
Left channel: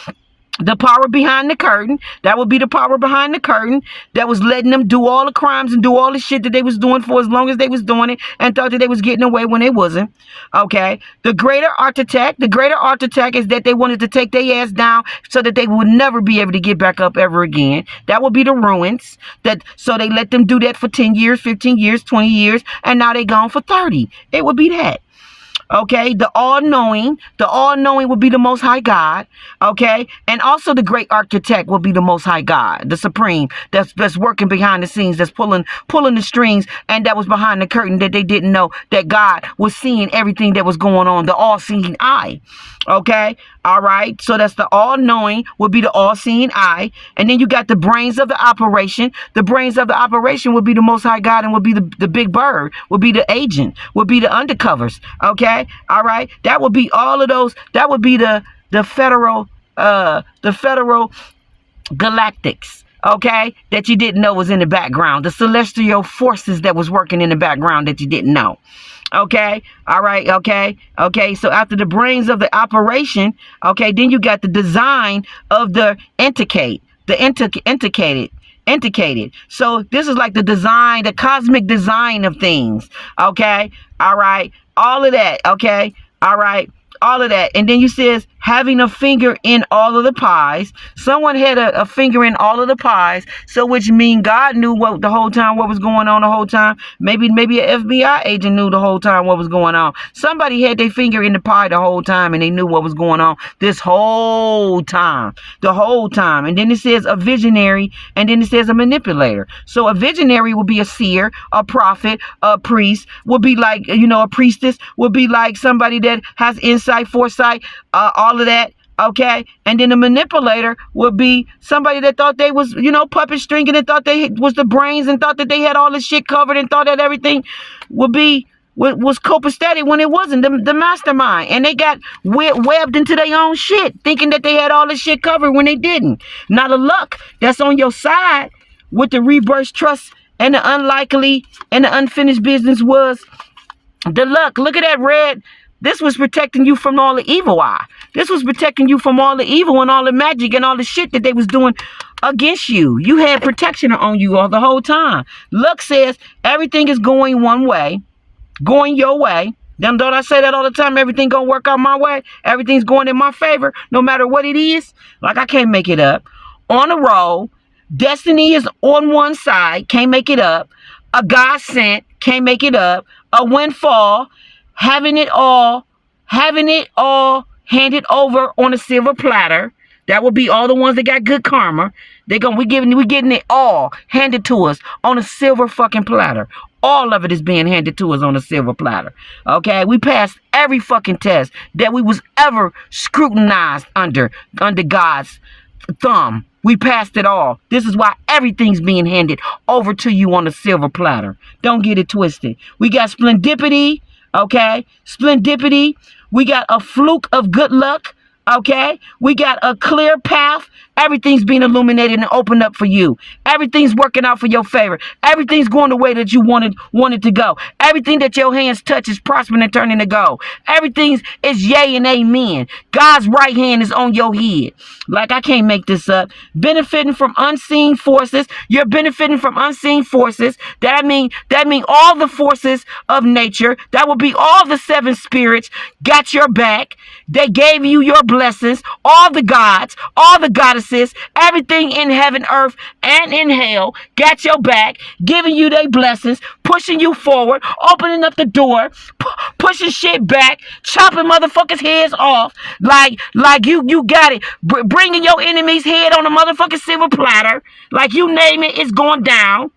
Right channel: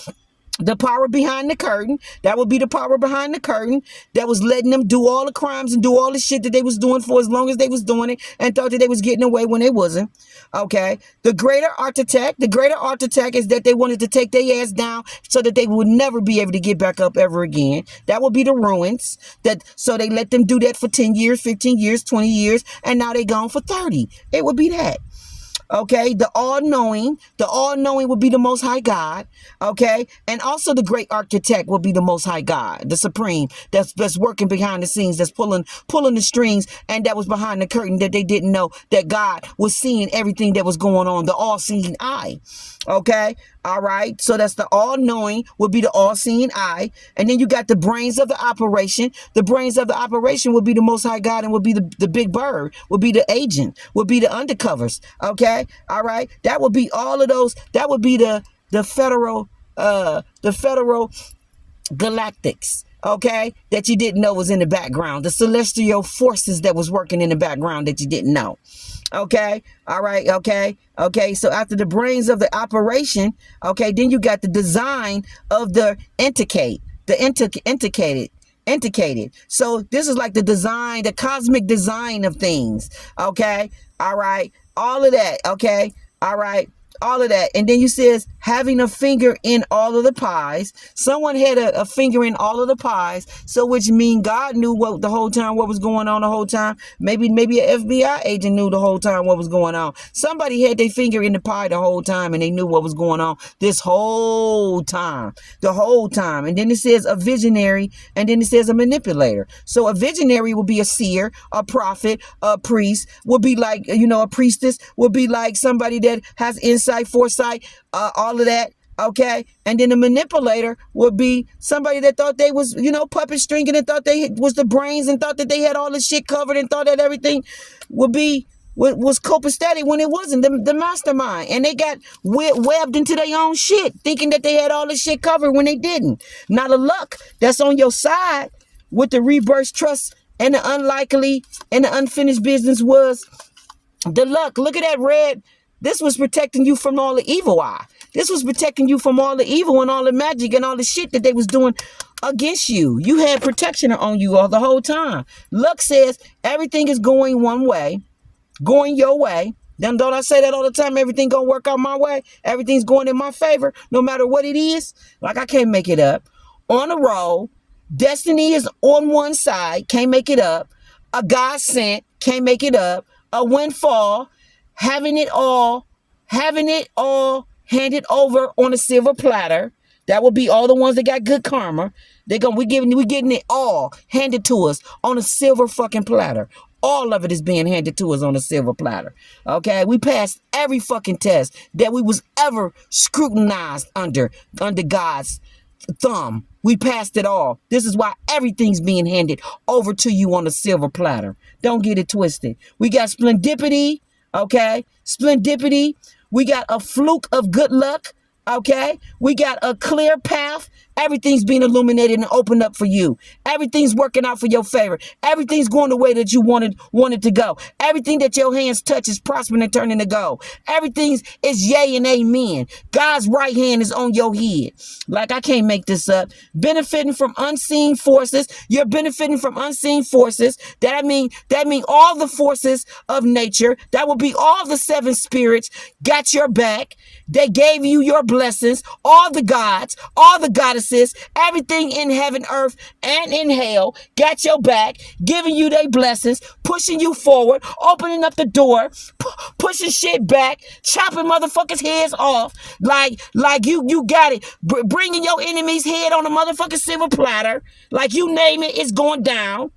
The power behind the curtain, that would be the power behind the curtain that was letting them do all the crimes and do all the shit that they was doing for as long as they was doing it, and thought that they was getting away when they wasn't. Okay. The greater architect is that they wanted to take their ass down so that they would never be able to get back up ever again. That would be the ruins. So they let them do that for 10 years, 15 years, 20 years, and now they gone for 30. It would be that. Okay, the all-knowing will be the Most High God. Okay, and also the great architect will be the Most High God, the Supreme, that's working behind the scenes, that's pulling the strings, and that was behind the curtain that they didn't know that God was seeing everything that was going on, the all-seeing eye. Okay, all right, so that's the all-knowing will be the all-seeing eye, and then you got the brains of the operation. The brains of the operation will be the Most High God, and will be the big bird, will be the agent, will be the undercovers. Okay, all right, that would be all of those. That would be the federal galactics. Okay, that you didn't know was in the background, the celestial forces that was working in the background that you didn't know. Okay, all right, okay, so after the brains of the operation, okay, then you got the design of the indicated. So this is like the design, the cosmic design of things. Okay, all right, All of that, okay? All right. All of that. And then you says having a finger in all of the pies. Someone had a finger in all of the pies. So which means God knew what the whole time, what was going on the whole time. Maybe an FBI agent knew the whole time what was going on. Somebody had their finger in the pie the whole time and they knew what was going on this whole time. The whole time. And then it says a visionary, and then it says a manipulator. So a visionary will be a seer, a prophet, a priest, would be like, a priestess, would be like somebody that has insight, foresight, all of that. Okay. And then the manipulator would be somebody that thought they was, puppet stringing and thought they was the brains and thought that they had all this shit covered and thought that everything was copacetic when it wasn't. The mastermind. And they got webbed into their own shit, thinking that they had all this shit covered when they didn't. Now the luck that's on your side with the reverse trust and the unlikely and the unfinished business was the luck. Look at that red. This was protecting you from all the evil eye. This was protecting you from all the evil and all the magic and all the shit that they was doing against you. You had protection on you all the whole time. Luck says everything is going one way, going your way. Don't I say that all the time? Everything gonna work out my way. Everything's going in my favor, no matter what it is. Like I can't make it up. On a roll, destiny is on one side, can't make it up. A God sent, can't make it up. A windfall. Having it all handed over on a silver platter. That would be all the ones that got good karma. We getting it all handed to us on a silver fucking platter. All of it is being handed to us on a silver platter. Okay, we passed every fucking test that we was ever scrutinized under God's thumb. We passed it all. This is why everything's being handed over to you on a silver platter. Don't get it twisted. We got splendidity. Okay, splendidity. We got a fluke of good luck. Okay, we got a clear path. Everything's being illuminated and opened up for you. Everything's working out for your favor. Everything's going the way that you wanted to go. Everything that your hands touch is prospering and turning to gold. Everything is yay and amen. God's right hand is on your head. Like I can't make this up. Benefiting from unseen forces. You're benefiting from unseen forces. That mean all the forces of nature. That would be all the seven spirits got your back. They gave you your blessings. All the gods, all the goddesses, everything in heaven, earth, and in hell got your back, giving you their blessings, pushing you forward, opening up the door, pushing shit back, chopping motherfuckers' heads off, like you got it, bringing your enemy's head on a motherfucking silver platter, like you name it, it's going down.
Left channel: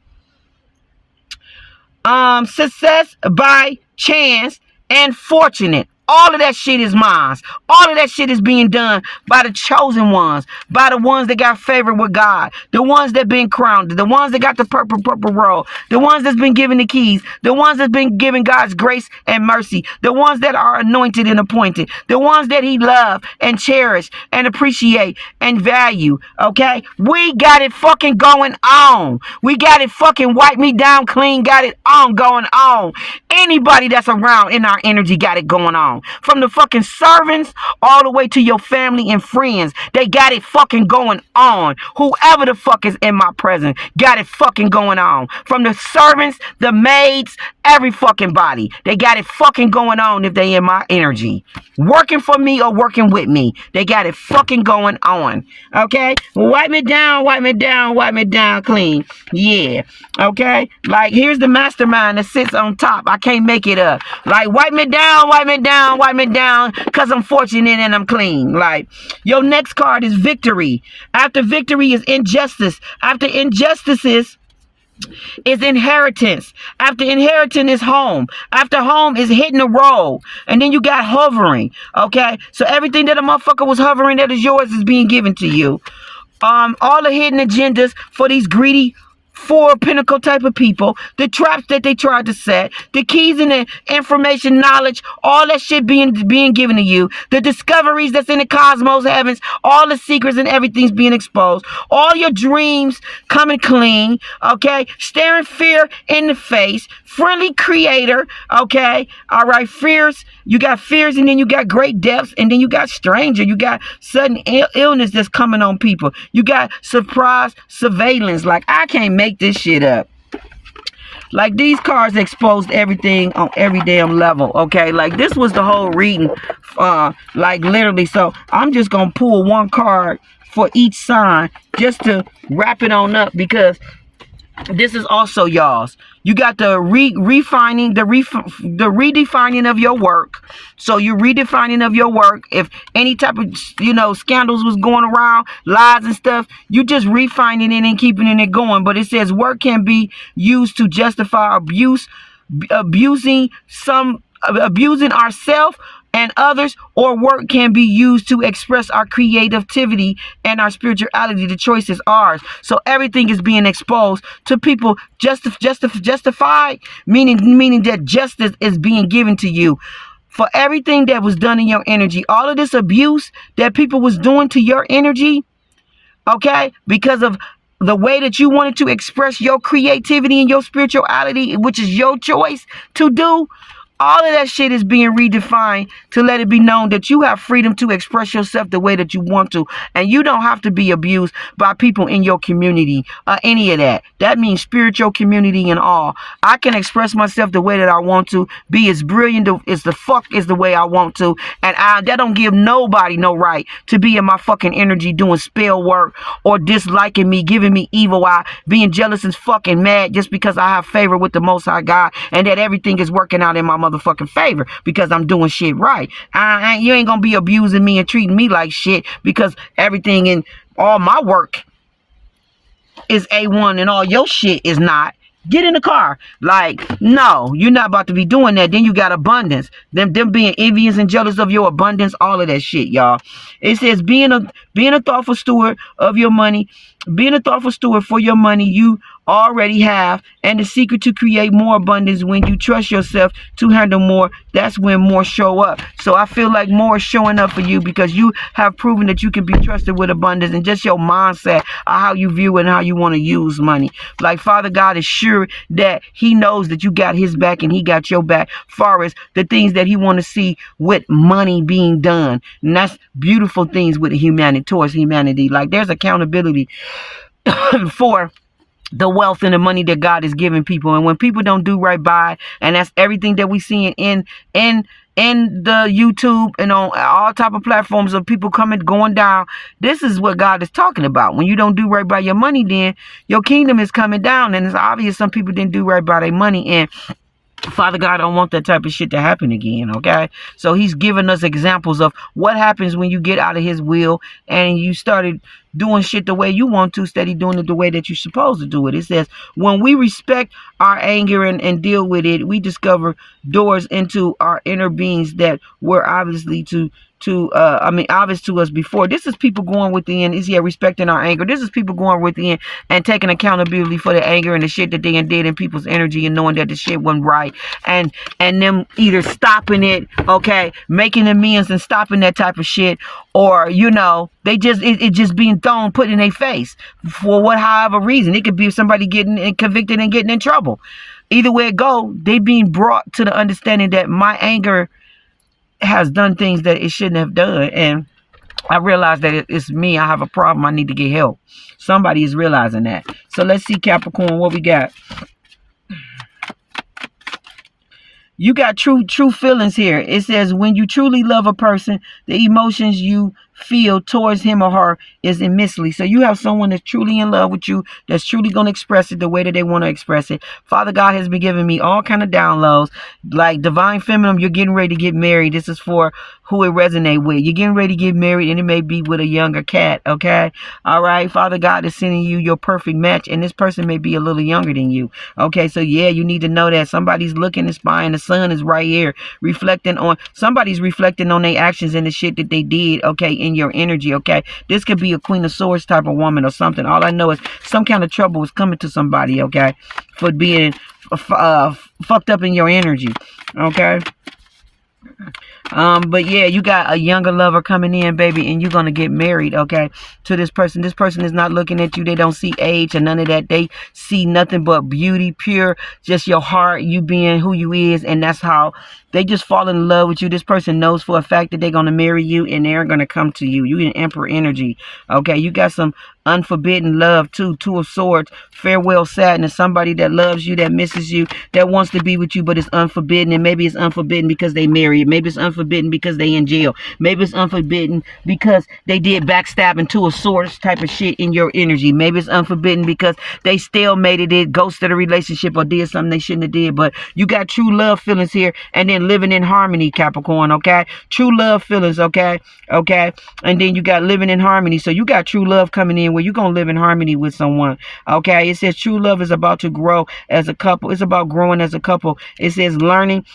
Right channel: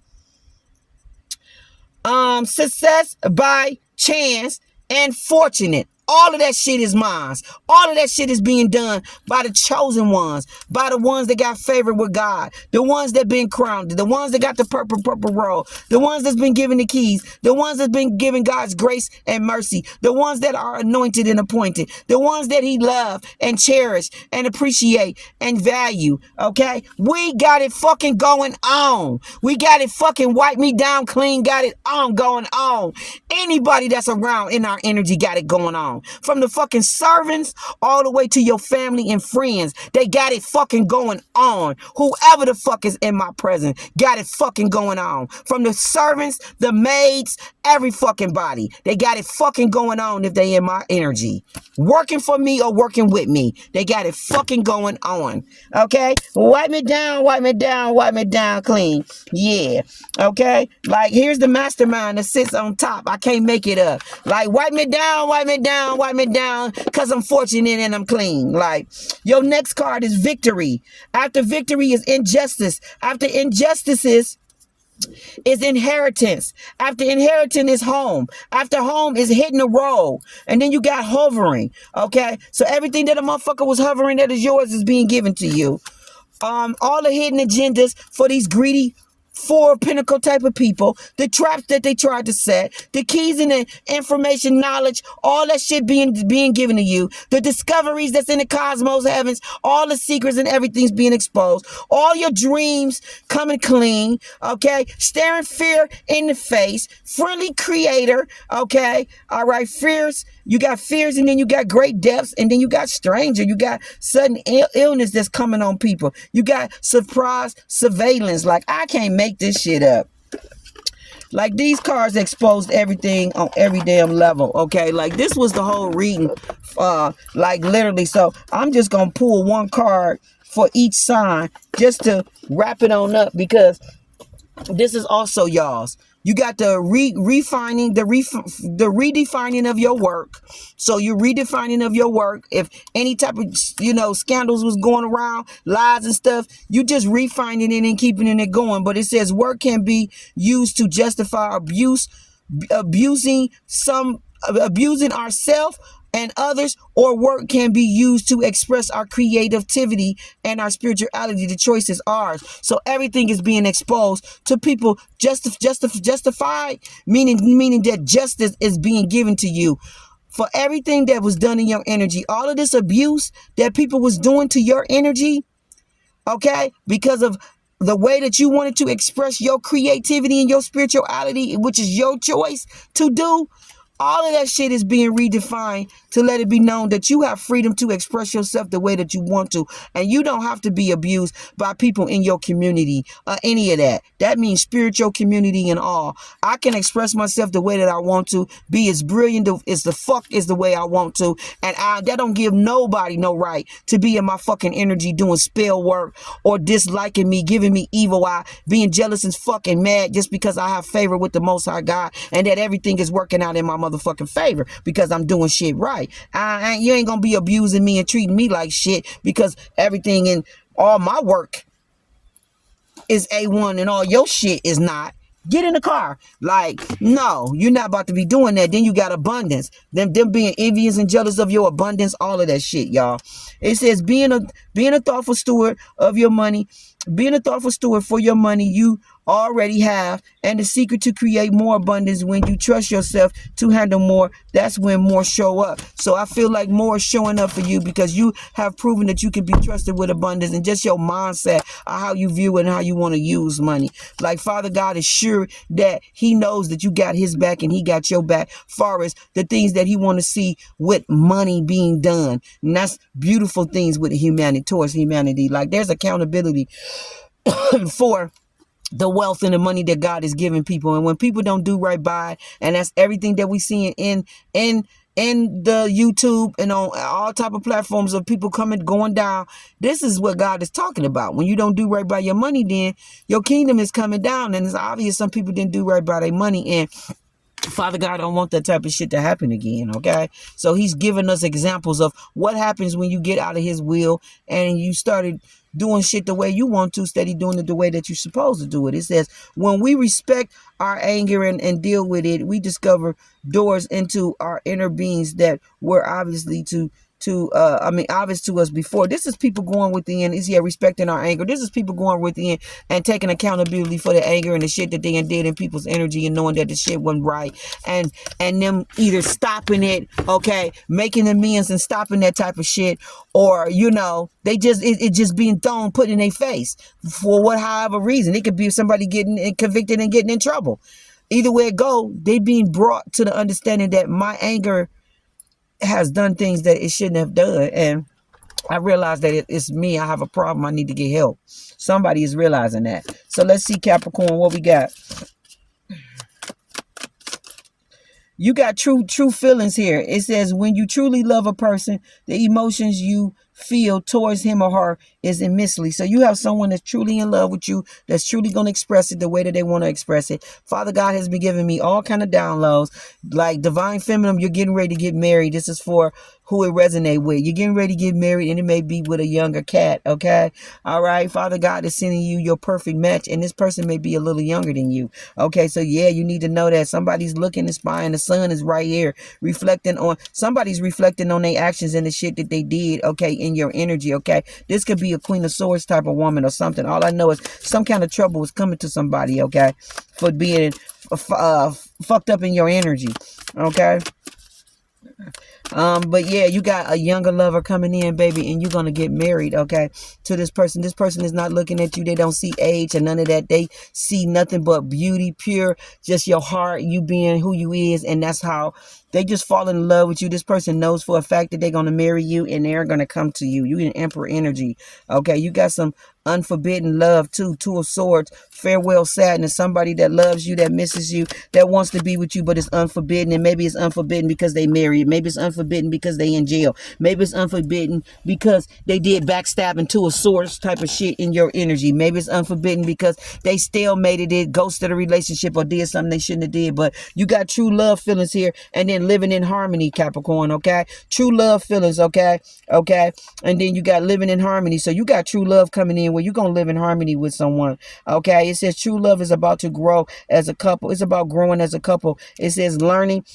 Success by chance and fortunate. All of that shit is mine. All of that shit is being done by the chosen ones, by the ones that got favor with God, the ones that been crowned, the ones that got the purple roll, the ones that's been given the keys, the ones that's been given God's grace and mercy, the ones that are anointed and appointed, the ones that he love and cherish and appreciate and value. Okay? We got it fucking going on. We got it fucking wipe me down clean, got it on going on. Anybody that's around in our energy got it going on. From the fucking servants all the way to your family and friends. They got it fucking going on. Whoever the fuck is in my presence got it fucking going on. From the servants, the maids, every fucking body. They got it fucking going on if they in my energy. Working for me or working with me. They got it fucking going on. Okay? Wipe me down, wipe me down, wipe me down clean. Yeah. Okay? Like, here's the mastermind that sits on top. I can't make it up. Like, wipe me down, wipe me down, because I'm fortunate and I'm clean. Like, your next card is victory. After victory is injustice. After injustices is inheritance. After inheritance is home. After home is hitting the road. And then you got hovering. Okay? So everything that a motherfucker was hovering that is yours is being given to you. All the hidden agendas for these greedy four pinnacle type of people, the traps that they tried to set, the keys and the information, knowledge, all that shit being given to you, the discoveries that's in the cosmos, heavens, all the secrets and everything's being exposed, all your dreams coming clean, okay, staring fear in the face, friendly creator, okay, all right, fears, you got fears and then you got great depths and then you got stranger, you got sudden illness that's coming on people, you got surprise surveillance, like I can't make this shit up. Like, these cards exposed everything on every damn level, okay? Like, this was the whole reading, like, literally. So I'm just gonna pull one card for each sign just to wrap it on up, because this is also y'all's. You got the redefining of your work. So you're redefining of your work. If any type of, scandals was going around, lies and stuff, you just refining it and keeping it going. But it says work can be used to justify abusing ourselves and others, or work can be used to express our creativity and our spirituality. The choice is ours. So everything is being exposed to people, justified, meaning that justice is being given to you for everything that was done in your energy. All of this abuse that people was doing to your energy, okay, because of the way that you wanted to express your creativity and your spirituality, which is your choice to do. All of that shit is being redefined to let it be known that you have freedom to express yourself the way that you want to. And you don't have to be abused by people in your community or any of that. That means spiritual community and all. I can express myself the way that I want to, be as brilliant as the way I want to. And that don't give nobody no right to be in my fucking energy doing spell work or disliking me, giving me evil eye, being jealous and fucking mad just because I have favor with the Most High God and that everything is working out in my motherfucking favor because I'm doing shit right. You ain't gonna be abusing me and treating me like shit because everything in all my work is A1 and all your shit is not. Get in the car. Like, no, you're not about to be doing that. Then you got abundance. Them being envious and jealous of your abundance, all of that shit, y'all. It says being a thoughtful steward of your money, being a thoughtful steward for your money you already have, and the secret to create more abundance when you trust yourself to handle more. That's when more show up. So I feel like more is showing up for you because you have proven that you can be trusted with abundance, and just your mindset of how you view it and how you want to use money. Like, Father God is sure that he knows that you got his back and he got your back far as the things that he want to see with money being done. And that's beautiful things with humanity, towards humanity. Like, there's accountability for the wealth and the money that God is giving people. And when people don't do right by, and that's everything that we see in the YouTube and on all type of platforms of people going down, this is what God is talking about. When you don't do right by your money, then your kingdom is coming down. And it's obvious some people didn't do right by their money, and Father God don't want that type of shit to happen again, okay? So he's giving us examples of what happens when you get out of his will and you started doing shit the way you want to, instead of doing it the way that you're supposed to do it. It says, when we respect our anger and deal with it, we discover doors into our inner beings that were obviously obvious to us before. This is people going within, respecting our anger. This is people going within and taking accountability for the anger and the shit that they did in people's energy, and knowing that the shit wasn't right, and them either stopping it, okay, making amends and stopping that type of shit, or they just it just being put in their face for however reason. It could be somebody getting convicted and getting in trouble. Either way it go, they being brought to the understanding that my anger has done things that it shouldn't have done, and I realize that it's me. I have a problem. I need to get help. Somebody is realizing that. So let's see, Capricorn, what we got. You got true feelings here. It says, when you truly love a person, the emotions you feel towards him or her is immensely. So you have someone that's truly in love with you, that's truly going to express it the way that they want to express it. Father God has been giving me all kind of downloads, like divine feminine. You're getting ready to get married. This is for who it resonate with. You're getting ready to get married, and it may be with a younger cat, okay? All right, Father God is sending you your perfect match, and this person may be a little younger than you, okay? So yeah, you need to know that somebody's looking and spying. The sun is right here, somebody's reflecting on their actions and the shit that they did, okay, in your energy, okay? This could be a Queen of Swords type of woman or something. All I know is some kind of trouble is coming to somebody, okay, for being fucked up in your energy, okay? But yeah, you got a younger lover coming in, baby, and you're gonna get married, okay, to this person. This person is not looking at you. They don't see age or none of that. They see nothing but beauty, pure, just your heart, you being who you is, and that's how they just fall in love with you. This person knows for a fact that they're gonna marry you, and they're gonna come to you. You in Emperor energy, okay? You got some unforbidden love too. Two of Swords, farewell sadness. Somebody that loves you, that misses you, that wants to be with you, but it's unforbidden. And maybe it's unforbidden because they married. Maybe it's unforbidden because they in jail. Maybe it's unforbidden because they did backstabbing, Two of Swords type of shit in your energy. Maybe it's unforbidden because they stalemated it, ghosted a relationship, or did something they shouldn't have did. But you got true love feelings here, and then living in harmony, Capricorn, okay? True love feelings, okay? Okay? And then you got living in harmony. So you got true love coming in where you're going to live in harmony with someone, okay? It says true love is about to grow as a couple. It's about growing as a couple. It says learning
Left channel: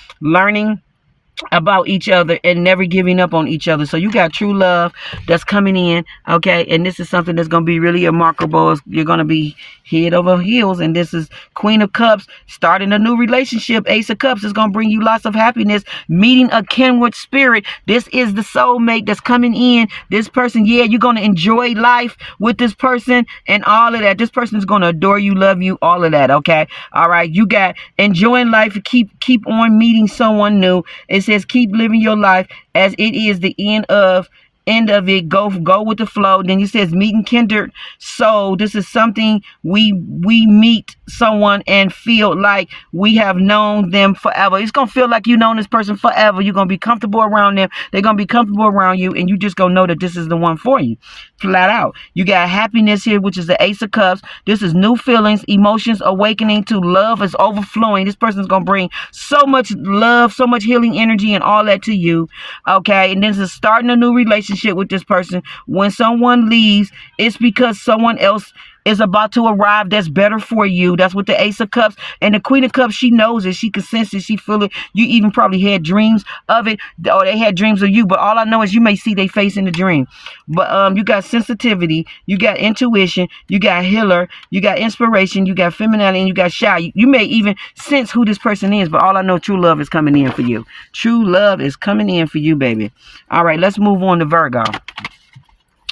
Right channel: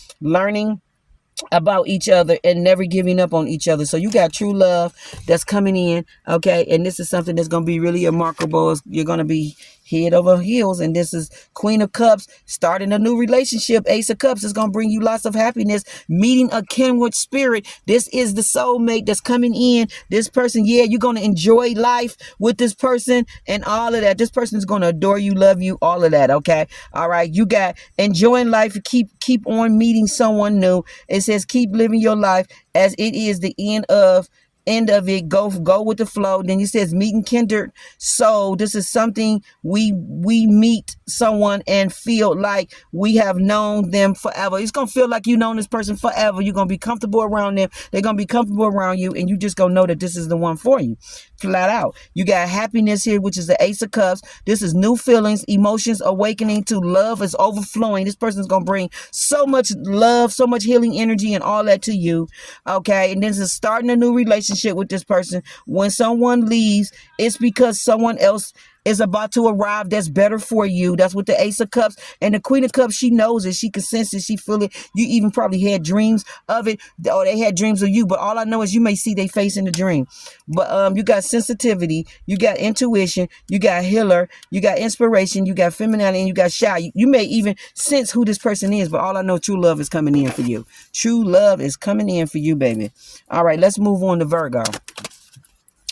about each other and never giving up on each other. So you got true love that's coming in, okay? And this is something that's going to be really remarkable. You're going to be head over heels. And this is Queen of Cups, starting a new relationship. Ace of Cups is going to bring you lots of happiness, meeting a kindred spirit. This is the soulmate that's coming in. This person, yeah, you're going to enjoy life with this person and all of that. This person is going to adore you, love you, all of that, okay? All right, you got enjoying life, keep on meeting someone new. It says keep living your life as it is the end of it. Go with the flow. Then it says meeting kindred. So this is something we meet someone and feel like we have known them forever. It's gonna feel like you known this person forever. You're gonna be comfortable around them. They're gonna be comfortable around you, and you just gonna know that this is the one for you. Flat out. You got happiness here, which is the Ace of Cups. This is new feelings, emotions, awakening to love is overflowing. This person's gonna bring so much love, so much healing energy, and all that to you. Okay, and this is starting a new relationship with this person. When someone leaves, it's because someone else is about to arrive that's better for you. That's what the Ace of Cups and the Queen of Cups, she knows it. She can sense it. She feel it. You even probably had dreams of it, or they had dreams of you. But all I know is you may see their face in the dream. But you got sensitivity, you got intuition, you got healer, you got inspiration, you got femininity, and you got shy. You may even sense who this person is. But all I know, true love is coming in for you. True love is coming in for you, baby. All right, let's move on to Virgo.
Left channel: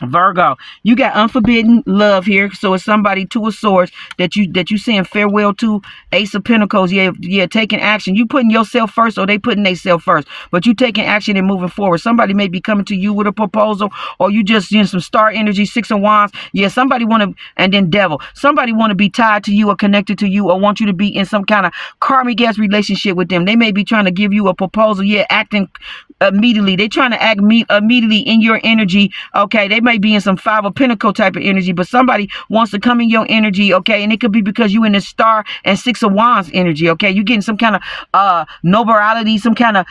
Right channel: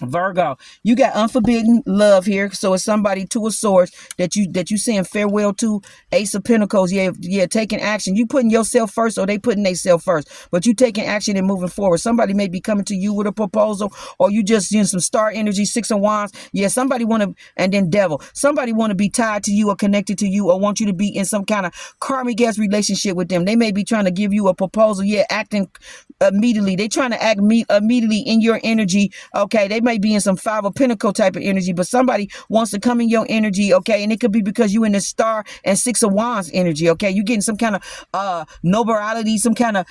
Virgo, you got unforbidden love here. So it's somebody, Two of Swords, that you saying farewell to. Ace of Pentacles, yeah, taking action. You putting yourself first, or they putting themselves first, but you taking action and moving forward. Somebody may be coming to you with a proposal, or you just some star energy. Six of Wands, yeah, somebody want to, and then Devil, somebody want to be tied to you or connected to you, or want you to be in some kind of karmic ass relationship with them. They may be trying to give you a proposal, yeah, acting immediately. They trying to act immediately in your energy, okay? They may be in some Five of Pentacles type of energy, but somebody wants to come in your energy, okay? And it could be because you in the Star and Six of Wands energy, okay? You're getting some kind of nobility, some kind of,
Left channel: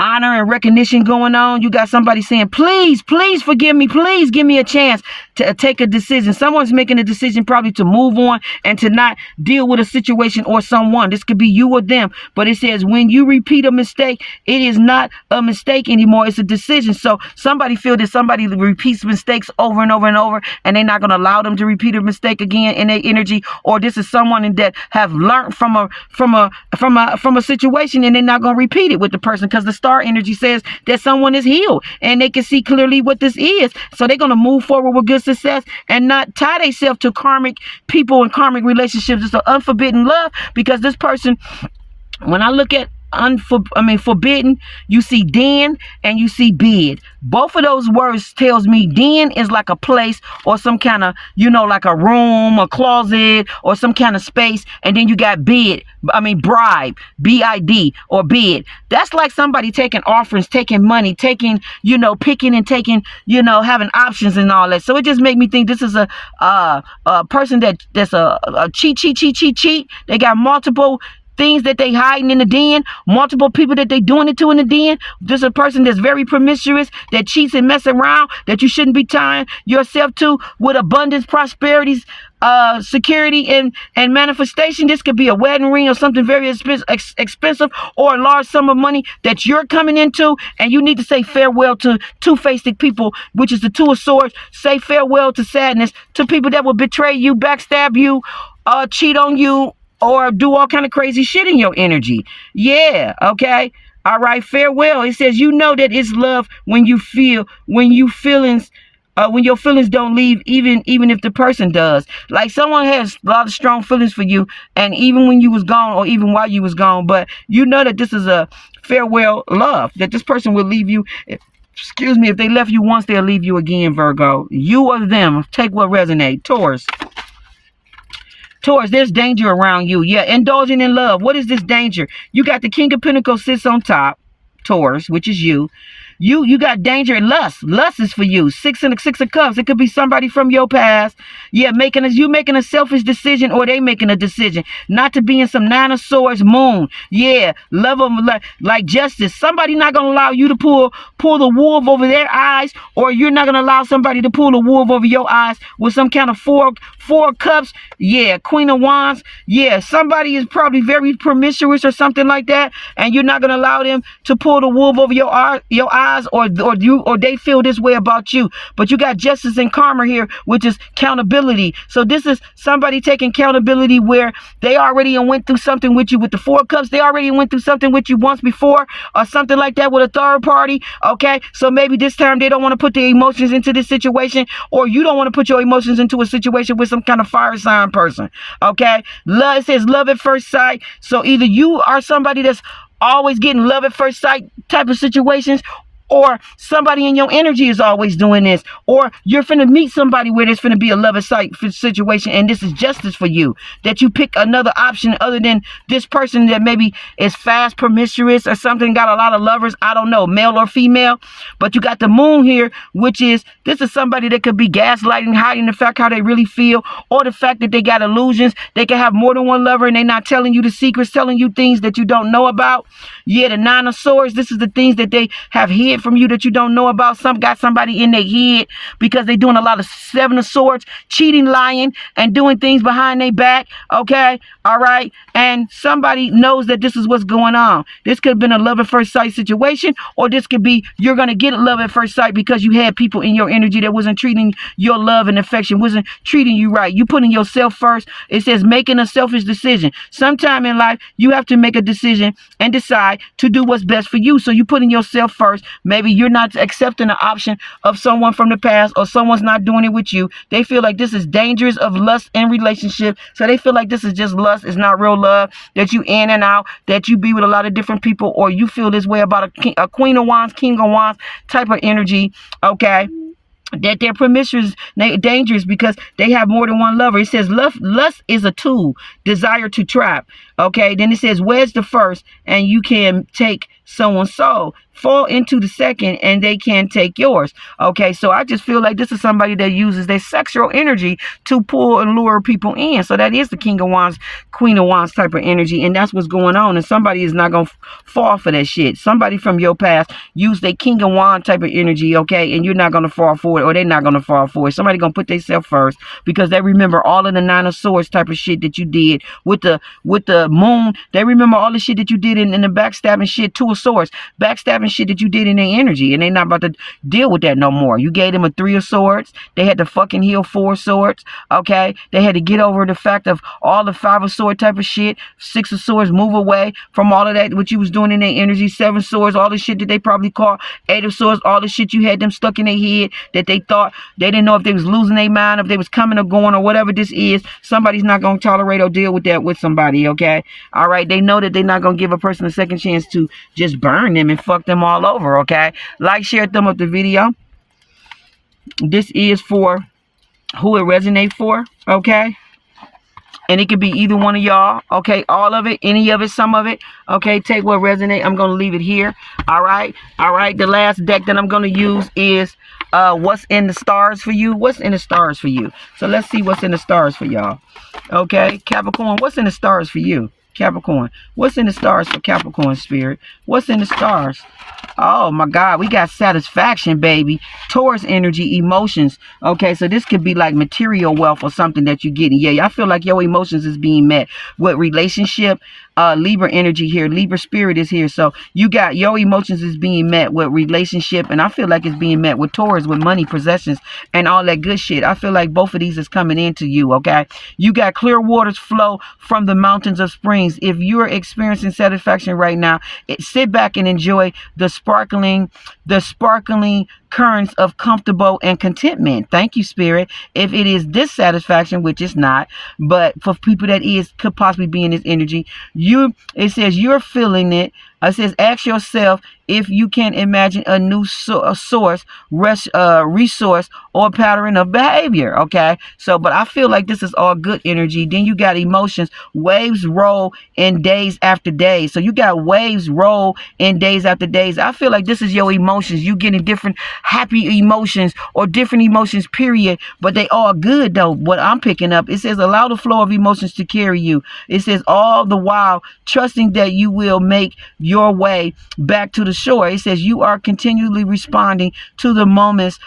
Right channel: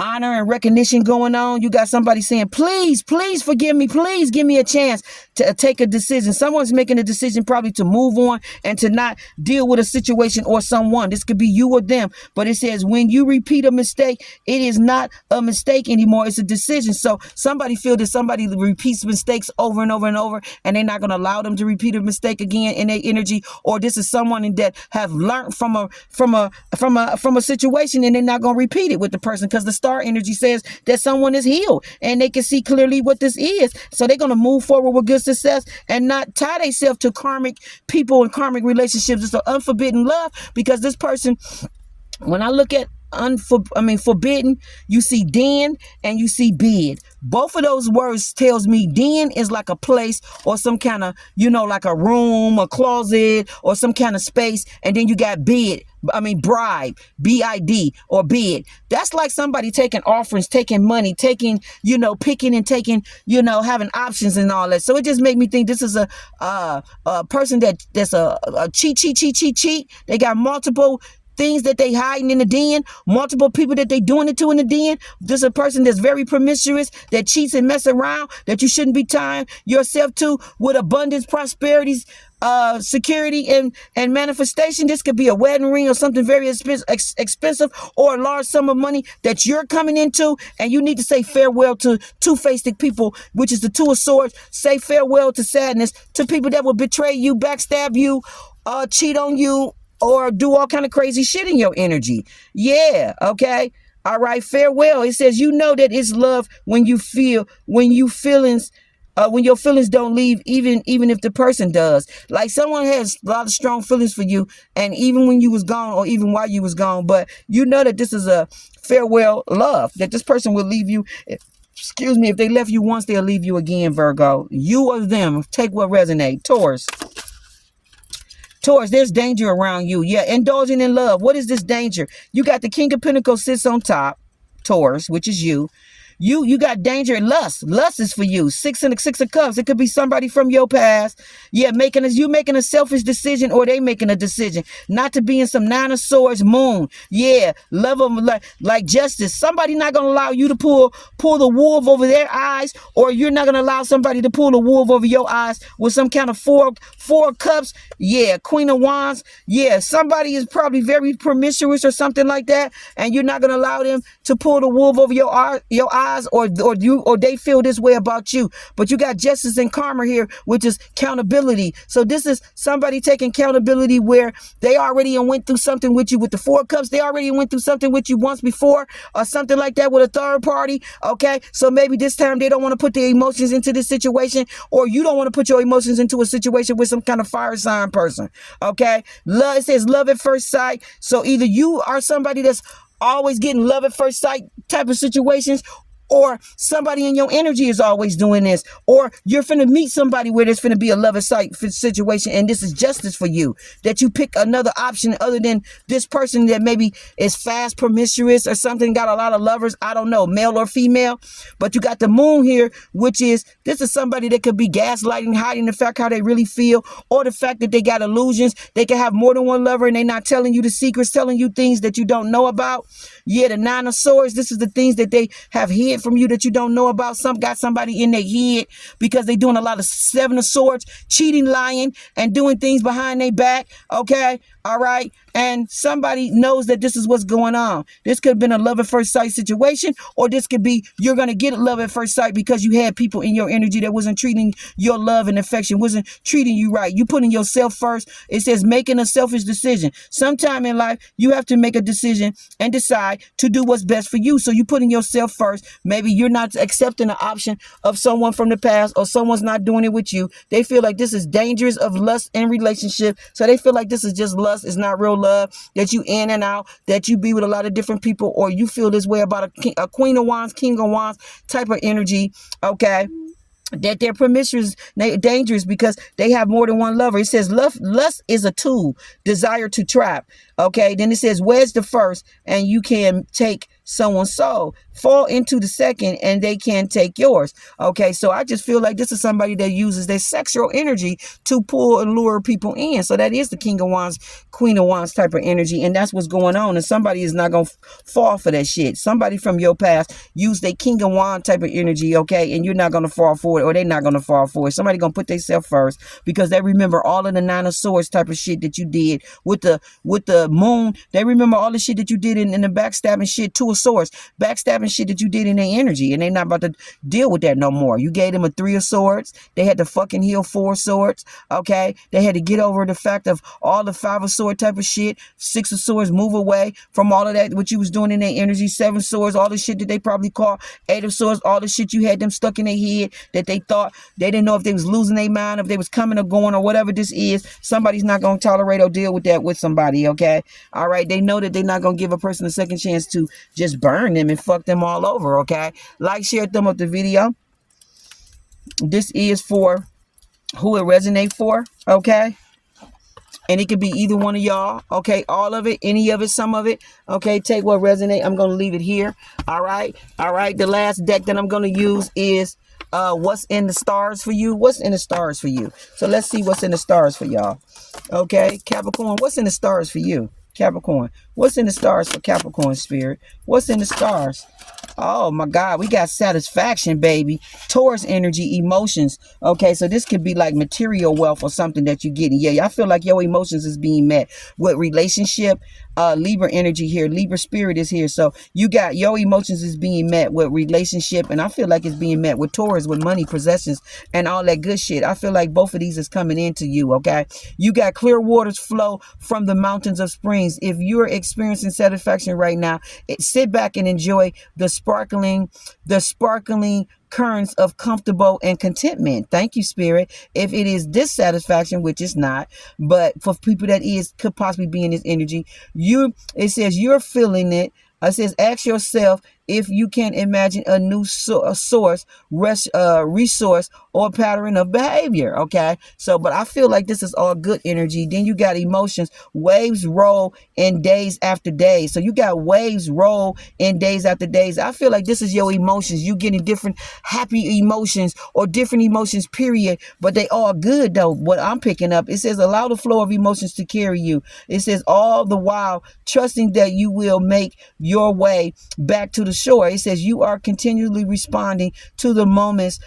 honor and recognition going on. You got somebody saying, please forgive me. Please give me a chance to take a decision. Someone's making a decision probably to move on and to not deal with a situation or someone. This could be you or them. But it says when you repeat a mistake, it is not a mistake anymore. It's a decision. So somebody feel that somebody repeats mistakes over and over and over, and they're not going to allow them to repeat a mistake again in their energy. Or this is someone that have learned from a situation, and they're not going to repeat it with the person, because the Star energy says that someone is healed and they can see clearly what this is. So they're going to move forward with good success and not tie themselves to karmic people and karmic relationships. It's an unforbidden love, because this person, when I look at forbidden, you see den and you see bed. Both of those words tells me den is like a place or some kind of, like a room, a closet, or some kind of space. And then you got bribe, B-I-D, or bed. That's like somebody taking offerings, taking money, taking, picking and taking, having options and all that. So it just make me think this is a person that's a cheat. They got multiple things that they hiding in the den, multiple people that they doing it to in the den. This is a person that's very promiscuous, that cheats and mess around, that you shouldn't be tying yourself to, with abundance, prosperity, security, and manifestation. This could be a wedding ring or something very expensive, or a large sum of money that you're coming into, and you need to say farewell to two-faced people, which is the Two of Swords. Say farewell to sadness, to people that will betray you, backstab you, cheat on you, or do all kind of crazy shit in your energy. Yeah, okay? All right, farewell. It says, you know that it's love when you feel, when your feelings don't leave, even if the person does. Like someone has a lot of strong feelings for you, and even when you was gone, or even while you was gone, but you know that this is a farewell love, that this person will leave you. Excuse me, if they left you once, they'll leave you again, Virgo. You or them, take what resonates. Taurus. Taurus, there's danger around you. Yeah, indulging in love. What is this danger? You got the King of Pentacles sits on top, Taurus, which is you. You got danger and lust. Lust is for you. Six of Cups. It could be somebody from your past. Yeah, you making a selfish decision, or they making a decision not to be in some Nine of Swords moon. Yeah, love them like justice. Somebody not gonna allow you to pull the wool over their eyes, or you're not gonna allow somebody to pull the wool over your eyes with some kind of four cups. Yeah, Queen of Wands. Yeah, somebody is probably very promiscuous or something like that, and you're not gonna allow them to pull the wool over your eyes. Or they feel this way about you. But you got justice and karma here, which is accountability. So this is somebody taking accountability where they already went through something with you with the Four Cups. They already went through something with you once before, or something like that with a third party. Okay, so maybe this time they don't want to put their emotions into this situation, or you don't want to put your emotions into a situation with some kind of fire sign person. Okay, love, it says love at first sight. So either you are somebody that's always getting love at first sight type of situations, or somebody in your energy is always doing this, or you're finna meet somebody where there's finna be a love at sight situation, and this is justice for you, that you pick another option other than this person that maybe is fast, promiscuous, or something, got a lot of lovers, I don't know, male or female. But you got the moon here, which is, this is somebody that could be gaslighting, hiding the fact how they really feel, or the fact that they got illusions. They can have more than one lover, and they're not telling you the secrets, telling you things that you don't know about. Yeah, the Nine of Swords, this is the things that they have hid from you that you don't know about. Some got somebody in their head because they're doing a lot of Seven of Swords, cheating, lying, and doing things behind their back. Okay, all right, and somebody knows that this is what's going on. This could have been a love at first sight situation, or this could be you're gonna get a love at first sight because you had people in your energy that wasn't treating your love and affection, wasn't treating you right. You putting yourself first. It says making a selfish decision. Sometime in life you have to make a decision and decide to do what's best for you. So you putting yourself first. Maybe you're not accepting the option of someone from the past, or someone's not doing it with you. They feel like this is dangerous of lust and relationship. So they feel like this is just lust. It's not real love, that you in and out, that you be with a lot of different people, or you feel this way about a Queen of Wands, King of Wands type of energy. Okay, that they're promiscuous, dangerous because they have more than one lover. It says lust is a tool, desire to trap. Okay, then it says wedge the first and you can take someone's soul, fall into the second and they can take yours. Okay, so I just feel like this is somebody that uses their sexual energy to pull and lure people in. So that is the King of Wands, Queen of Wands type of energy, and that's what's going on. And somebody is not gonna fall for that shit. Somebody from your past used their King of Wands type of energy, okay, and you're not gonna fall for it, or they're not gonna fall for it. Somebody gonna put themselves first because they remember all of the Nine of Swords type of shit that you did with the moon. They remember all the shit that you did in the backstabbing shit. Two of Swords, backstabbing shit that you did in their energy, and they not about to deal with that no more. You gave them a Three of Swords. They had to fucking heal Four Swords. Okay, they had to get over the fact of all the Five of Swords type of shit. Six of Swords, move away from all of that what you was doing in their energy. Seven Swords, all the shit that they probably called. Eight of Swords, all the shit you had them stuck in their head that they thought they didn't know if they was losing their mind, if they was coming or going, or whatever this is. Somebody's not gonna tolerate or deal with that with somebody. Okay, all right, they know that they're not gonna give a person a second chance to just burn them and fuck them all over. Okay, like, share, thumb up the video. This is for who it resonates for. Okay, and it could be either one of y'all. Okay, all of it, any of it, some of it. Okay, take what resonates. I'm gonna leave it here. All right, the last deck that I'm gonna use is what's in the stars for you. What's in the stars for you? So let's see what's in the stars for y'all. Okay, Capricorn, what's in the stars for you? Capricorn, what's in the stars for Capricorn spirit? What's in the stars? Oh my God, we got satisfaction, baby. Taurus energy, emotions. Okay, so this could be like material wealth or something that you're getting. Yeah, I feel like your emotions is being met with relationship. Libra energy here. Libra spirit is here. So you got your emotions is being met with relationship, and I feel like it's being met with Taurus, with money, possessions, and all that good shit. I feel like both of these is coming into you, okay? You got clear waters flow from the mountains of springs. If you're experiencing satisfaction right now, sit back and enjoy the sparkling currents of comfortable and contentment. Thank you, Spirit. If it is dissatisfaction, which is not, but for people that could possibly be in this energy, it says you're feeling it. It says, ask yourself if you can imagine a new resource, or pattern of behavior. Okay. So, but I feel like this is all good energy. Then you got emotions. Waves roll in days after days. So you got waves roll in days after days. I feel like this is your emotions. You getting different happy emotions or different emotions, period. But they all good though. What I'm picking up, it says, allow the flow of emotions to carry you. It says, all the while trusting that you will make your way back to the shore. It says you are continually responding to the moments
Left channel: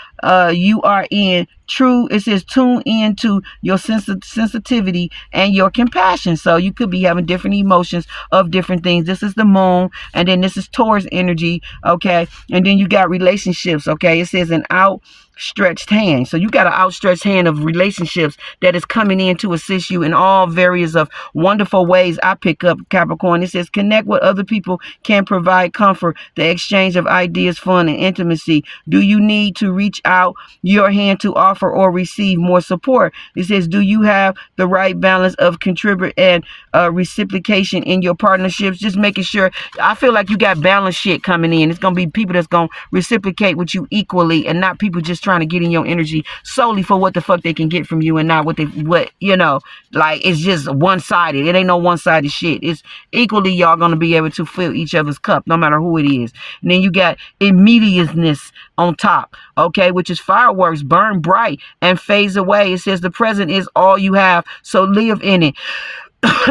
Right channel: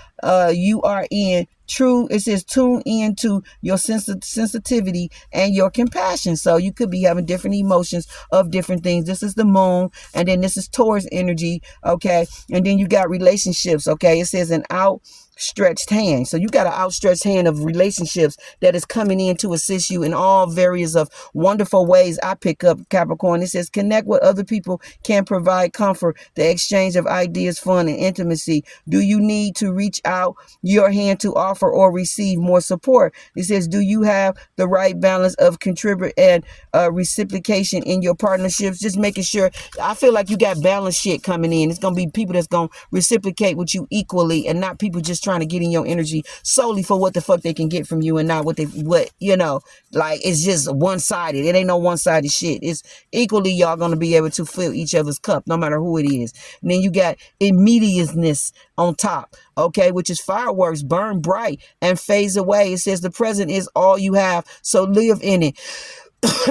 you are in. It says tune into your sensitivity and your compassion. So you could be having different emotions of different things. This is the moon, and then this is Taurus energy, okay? And then you got relationships, okay? It says an outstretched hand. So you got an outstretched hand of relationships that is coming in to assist you in all various of wonderful ways. I pick up, Capricorn. It says connect with other people can provide comfort, the exchange of ideas, fun, and intimacy. Do you need to reach out your hand to offer or receive more support? It says, do you have the right balance of contribute and reciprocation in your partnerships? Just making sure. I feel like you got balanced shit coming in. It's going to be people that's going to reciprocate with you equally, and not people just trying to get in your energy solely for what the fuck they can get from you, and not what like it's just one-sided. It ain't no one-sided shit. It's equally y'all going to be able to fill each other's cup, no matter who it is. And then you got immediateness on top, okay, which is fireworks, burn bright and phase away. It says the present is all you have, so live in it.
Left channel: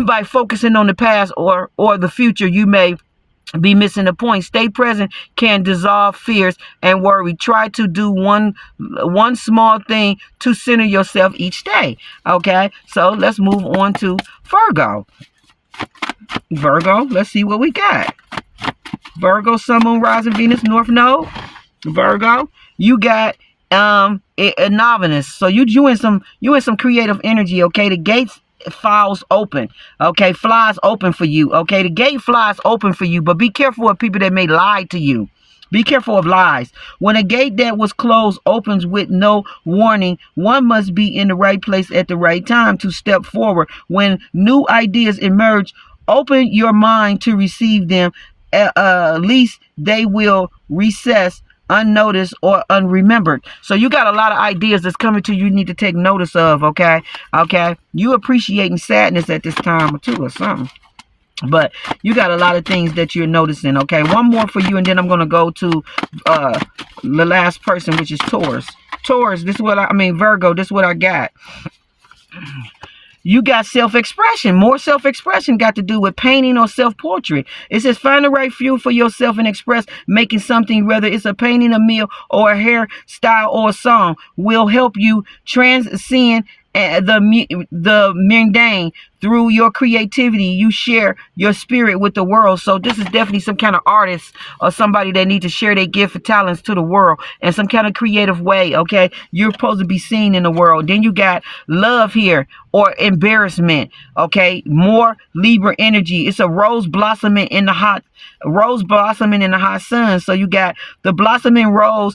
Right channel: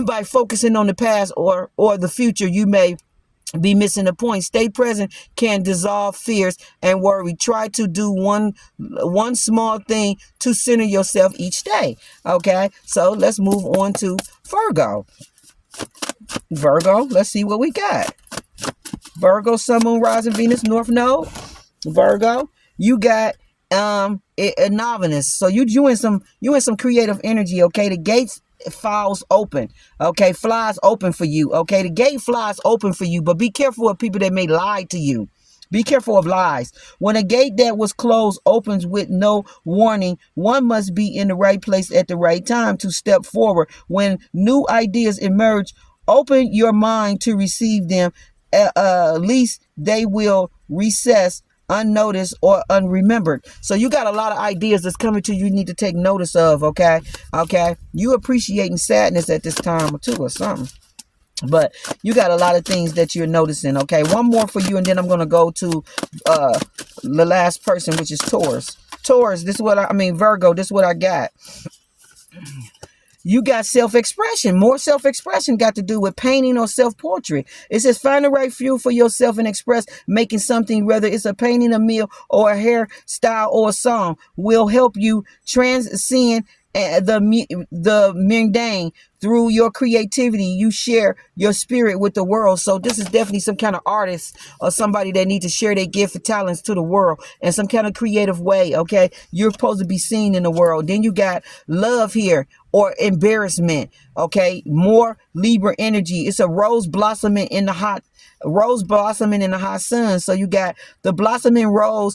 By focusing on the past or the future, you may be missing the point. Stay present can dissolve fears and worry. Try to do one small thing to center yourself each day. Okay, so let's move on to Virgo. Virgo, let's see what we got. Virgo, Sun, Moon, Rising, Venus, North Node. Virgo, you got a novice. So you in some creative energy. Okay, the gates flies open. Okay, flies open for you. Okay, the gate flies open for you, but be careful of people that may lie to you. Be careful of lies. When a gate that was closed opens with no warning, one must be in the right place at the right time to step forward. When new ideas emerge, open your mind to receive them. At least they will recess unnoticed or unremembered. So you got a lot of ideas that's coming to you need to take notice of, okay? Okay? You appreciating sadness at this time too or something. But you got a lot of things that you're noticing, okay? One more for you, and then I'm going to go to the last person, which is Taurus. Taurus, this is what Virgo, this is what I got. You got self-expression. More self-expression got to do with painting or self-portrait. It says find the right fuel for yourself and express making something, whether it's a painting, a meal, or a hairstyle or a song, will help you transcend the mundane. Through your creativity, you share your spirit with the world. So this is definitely some kind of artist or somebody that needs to share their gift of talents to the world in some kind of creative way, okay? You're supposed to be seen in the world. Then you got love here or embarrassment, okay? More Libra energy. It's a rose blossoming in the hot sun. So you got the blossoming rose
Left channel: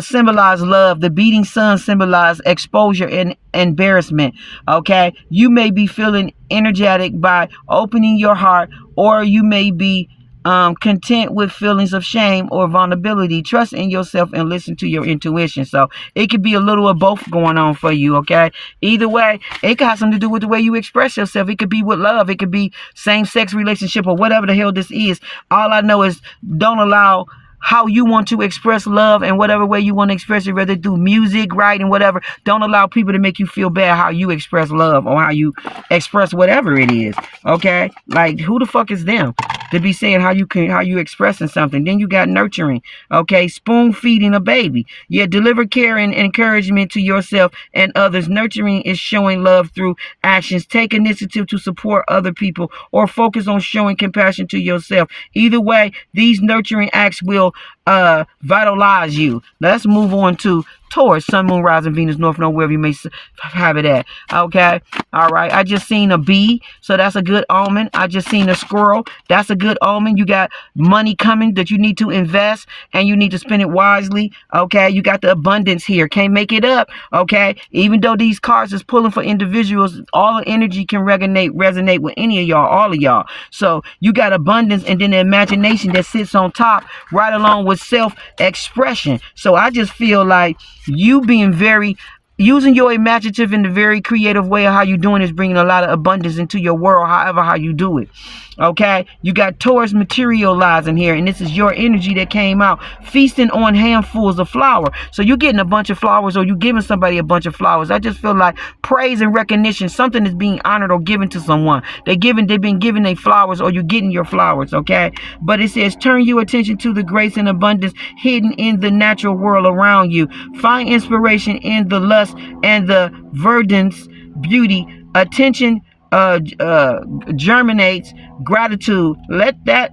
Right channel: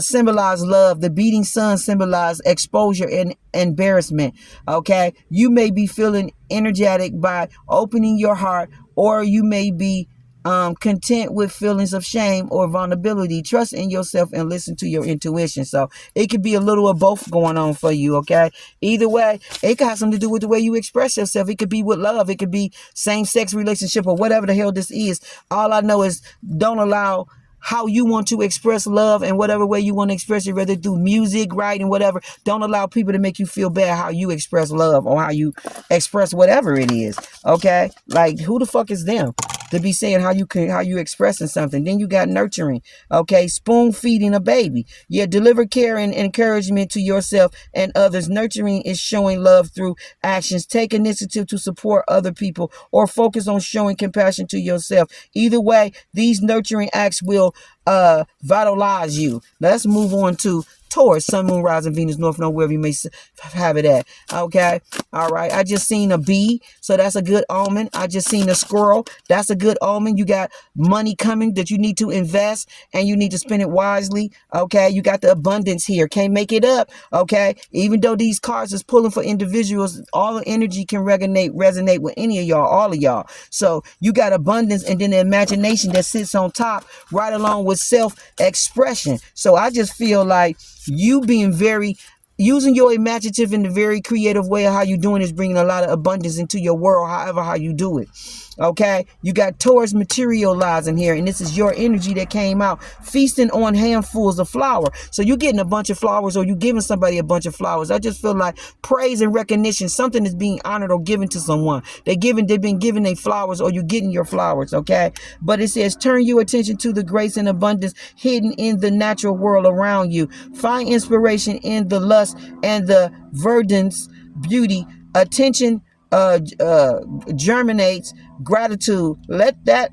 symbolize love. The beating sun symbolize exposure and embarrassment. Okay, you may be feeling energetic by opening your heart, or you may be content with feelings of shame or vulnerability. Trust in yourself and listen to your intuition. So it could be a little of both going on for you. Okay, either way, it could have something to do with the way you express yourself. It could be with love. It could be same-sex relationship or whatever the hell this is. All I know is don't allow how you want to express love and whatever way you want to express it, whether through music, writing, whatever. Don't allow people to make you feel bad how you express love or how you express whatever it is. Okay? Like, who the fuck is them to be saying how you expressing something? Then you got nurturing. Okay? Spoon feeding a baby. Yeah, deliver care and encouragement to yourself and others. Nurturing is showing love through actions. Take initiative to support other people or focus on showing compassion to yourself. Either way, these nurturing acts will vitalize you. Let's move on to Taurus, Sun, Moon, Rising, Venus, North Node, wherever you may have it at. Okay. All right. I just seen a bee, so that's a good omen. I just seen a squirrel. That's a good omen. You got money coming that you need to invest, and you need to spend it wisely. Okay. You got the abundance here. Can't make it up. Okay. Even though these cards is pulling for individuals, all the energy can resonate with any of y'all, all of y'all. So you got abundance, and then the imagination that sits on top, right along with self-expression. So I just feel like you being using your imaginative in a very creative way of how you doing is bringing a lot of abundance into your world, however how you do it. Okay, you got Taurus materializing here, and this is your energy that came out, feasting on handfuls of flour. So you're getting a bunch of flowers, or you giving somebody a bunch of flowers. I just feel like praise and recognition, something is being honored or given to someone. They've been given their flowers, or you're getting your flowers. Okay, but it says turn your attention to the grace and abundance hidden in the natural world around you. Find inspiration in the lust and the verdance beauty. Attention germinates gratitude. Let that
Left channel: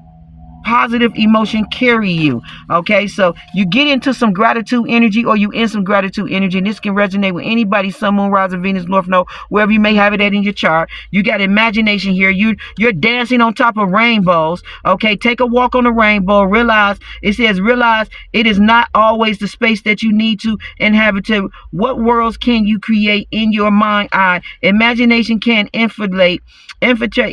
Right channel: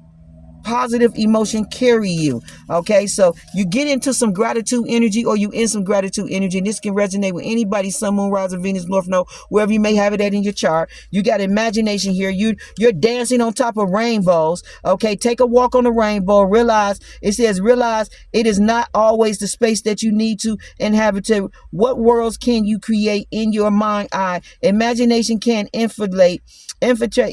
positive emotion carry you. Okay, so you get into some gratitude energy, or you in some gratitude energy, and this can resonate with anybody, Sun, Moon, Rising, Venus, North Node, wherever you may have it at in your chart. You got imagination here. You're dancing on top of rainbows. Okay, take a walk on the rainbow. Realize it is not always the space that you need to inhabit. What worlds can you create in your mind eye? Imagination can infiltrate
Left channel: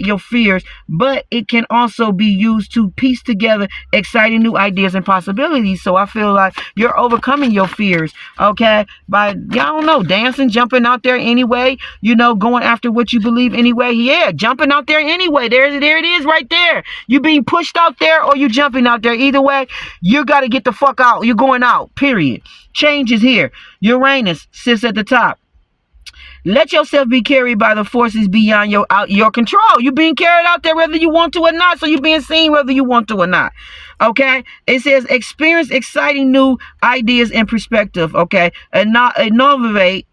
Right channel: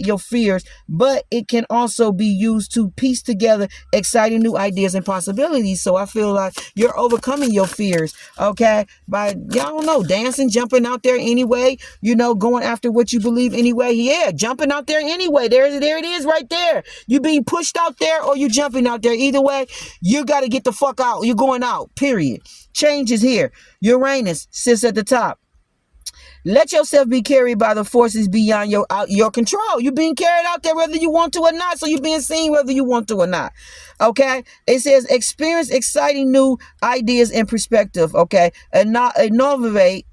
your fears, but it can also be used to piece together exciting new ideas and possibilities. So I feel like you're overcoming your fears, okay, by, y'all know, dancing, jumping out there anyway, going after what you believe anyway. Yeah, jumping out there anyway. There it is right there. You being pushed out there, or you jumping out there. Either way, you got to get the fuck out. You're going out, period. Change is here. Uranus sits at the top. Let yourself be carried by the forces beyond your control. You're being carried out there whether you want to or not. So you're being seen whether you want to or not. Okay? It says experience exciting new ideas and perspective. Okay? Innovate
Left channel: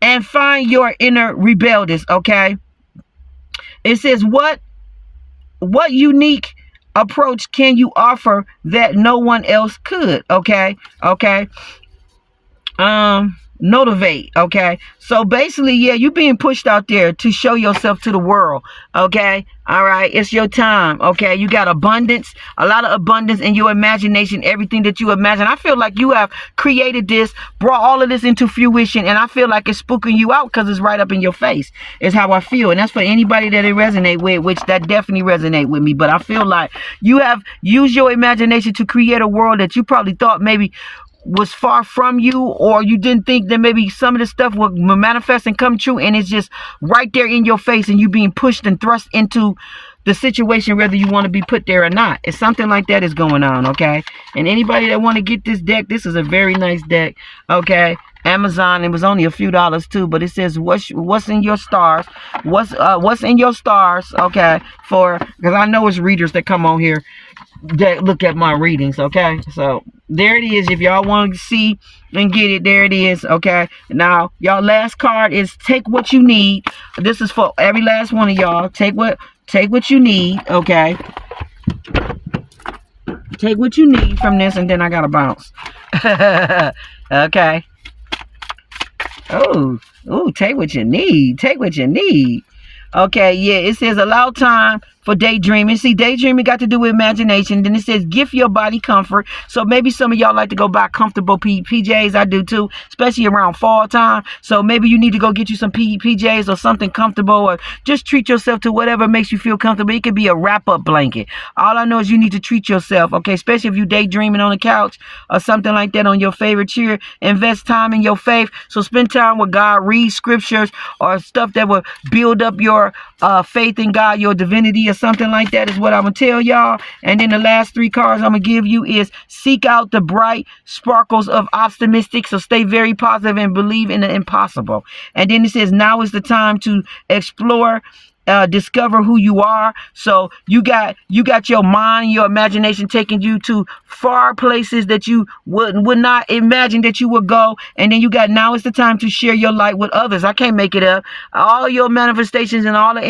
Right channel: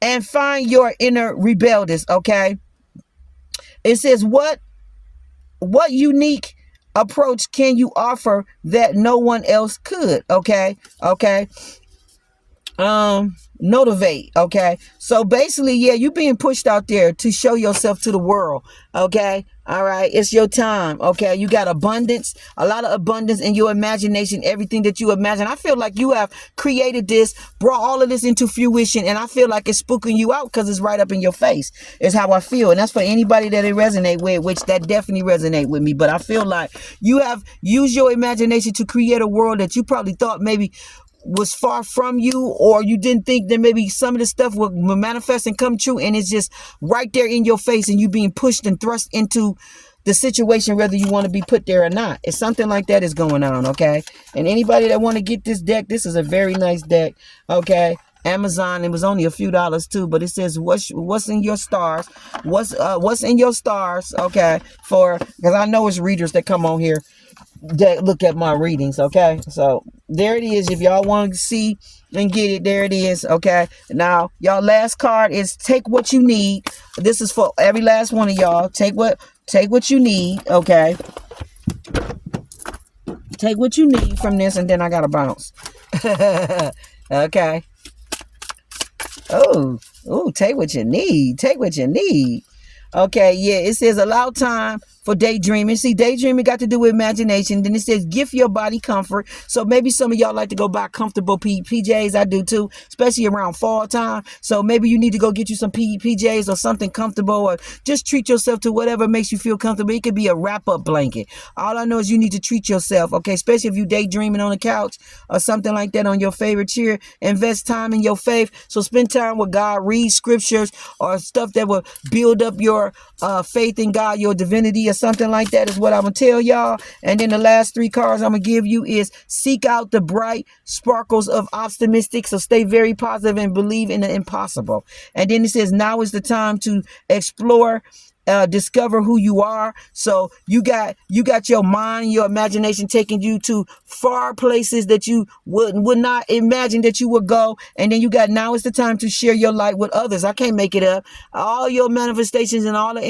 and find your inner rebellious. Okay? It says what unique approach can you offer that no one else could? Okay? Motivate. Okay, so basically, yeah, you being pushed out there to show yourself to the world. Okay, all right, it's your time. Okay, you got abundance, a lot of abundance in your imagination, everything that you imagine. I feel like you have created this, brought all of this into fruition, and I feel like it's spooking you out because it's right up in your face, is how I feel. And that's for anybody that it resonate with, which that definitely resonate with me. But I feel like you have used your imagination to create a world that you probably thought maybe was far from you, or you didn't think that maybe some of this stuff would manifest and come true, and it's just right there in your face, and you being pushed and thrust into the situation whether you want to be put there or not. It's something like that is going on. Okay, and anybody that want to get this deck, this is a very nice deck. Okay, Amazon, it was only a few dollars too, but it says what's in your stars, what's in your stars. Okay, because I know it's readers that come on here that look at my readings. Okay, so there it is. If y'all want to see and get it, there it is. Okay, now y'all, last card is take what you need. This is for every last one of y'all. Take what you need. Okay, take what you need from this, and then I gotta bounce. Okay. Oh, take what you need. Take what you need. Okay, yeah, it says allow time for daydreaming. See, daydreaming got to do with imagination. Then it says gift your body comfort. So maybe some of y'all like to go buy comfortable PJs. I do too, especially around fall time. So maybe you need to go get you some PJs or something comfortable, or just treat yourself to whatever makes you feel comfortable. It could be a wrap-up blanket. All I know is you need to treat yourself, okay? Especially if you daydreaming on the couch or something like that on your favorite chair. Invest time in your faith. So spend time with God. Read scriptures or stuff that will build up your your faith in God, your divinity, or something like that is what I'm going to tell y'all. And then the last 3 cards I'm going to give you is seek out the bright sparkles of optimistic. So stay very positive and believe in the impossible. And then it says now is the time to explore, discover who you are. So you got your mind, your imagination taking you to far places that you would not imagine that you would go. And then you got now is the time to share your light with others. I can't make it up. All your manifestations and all the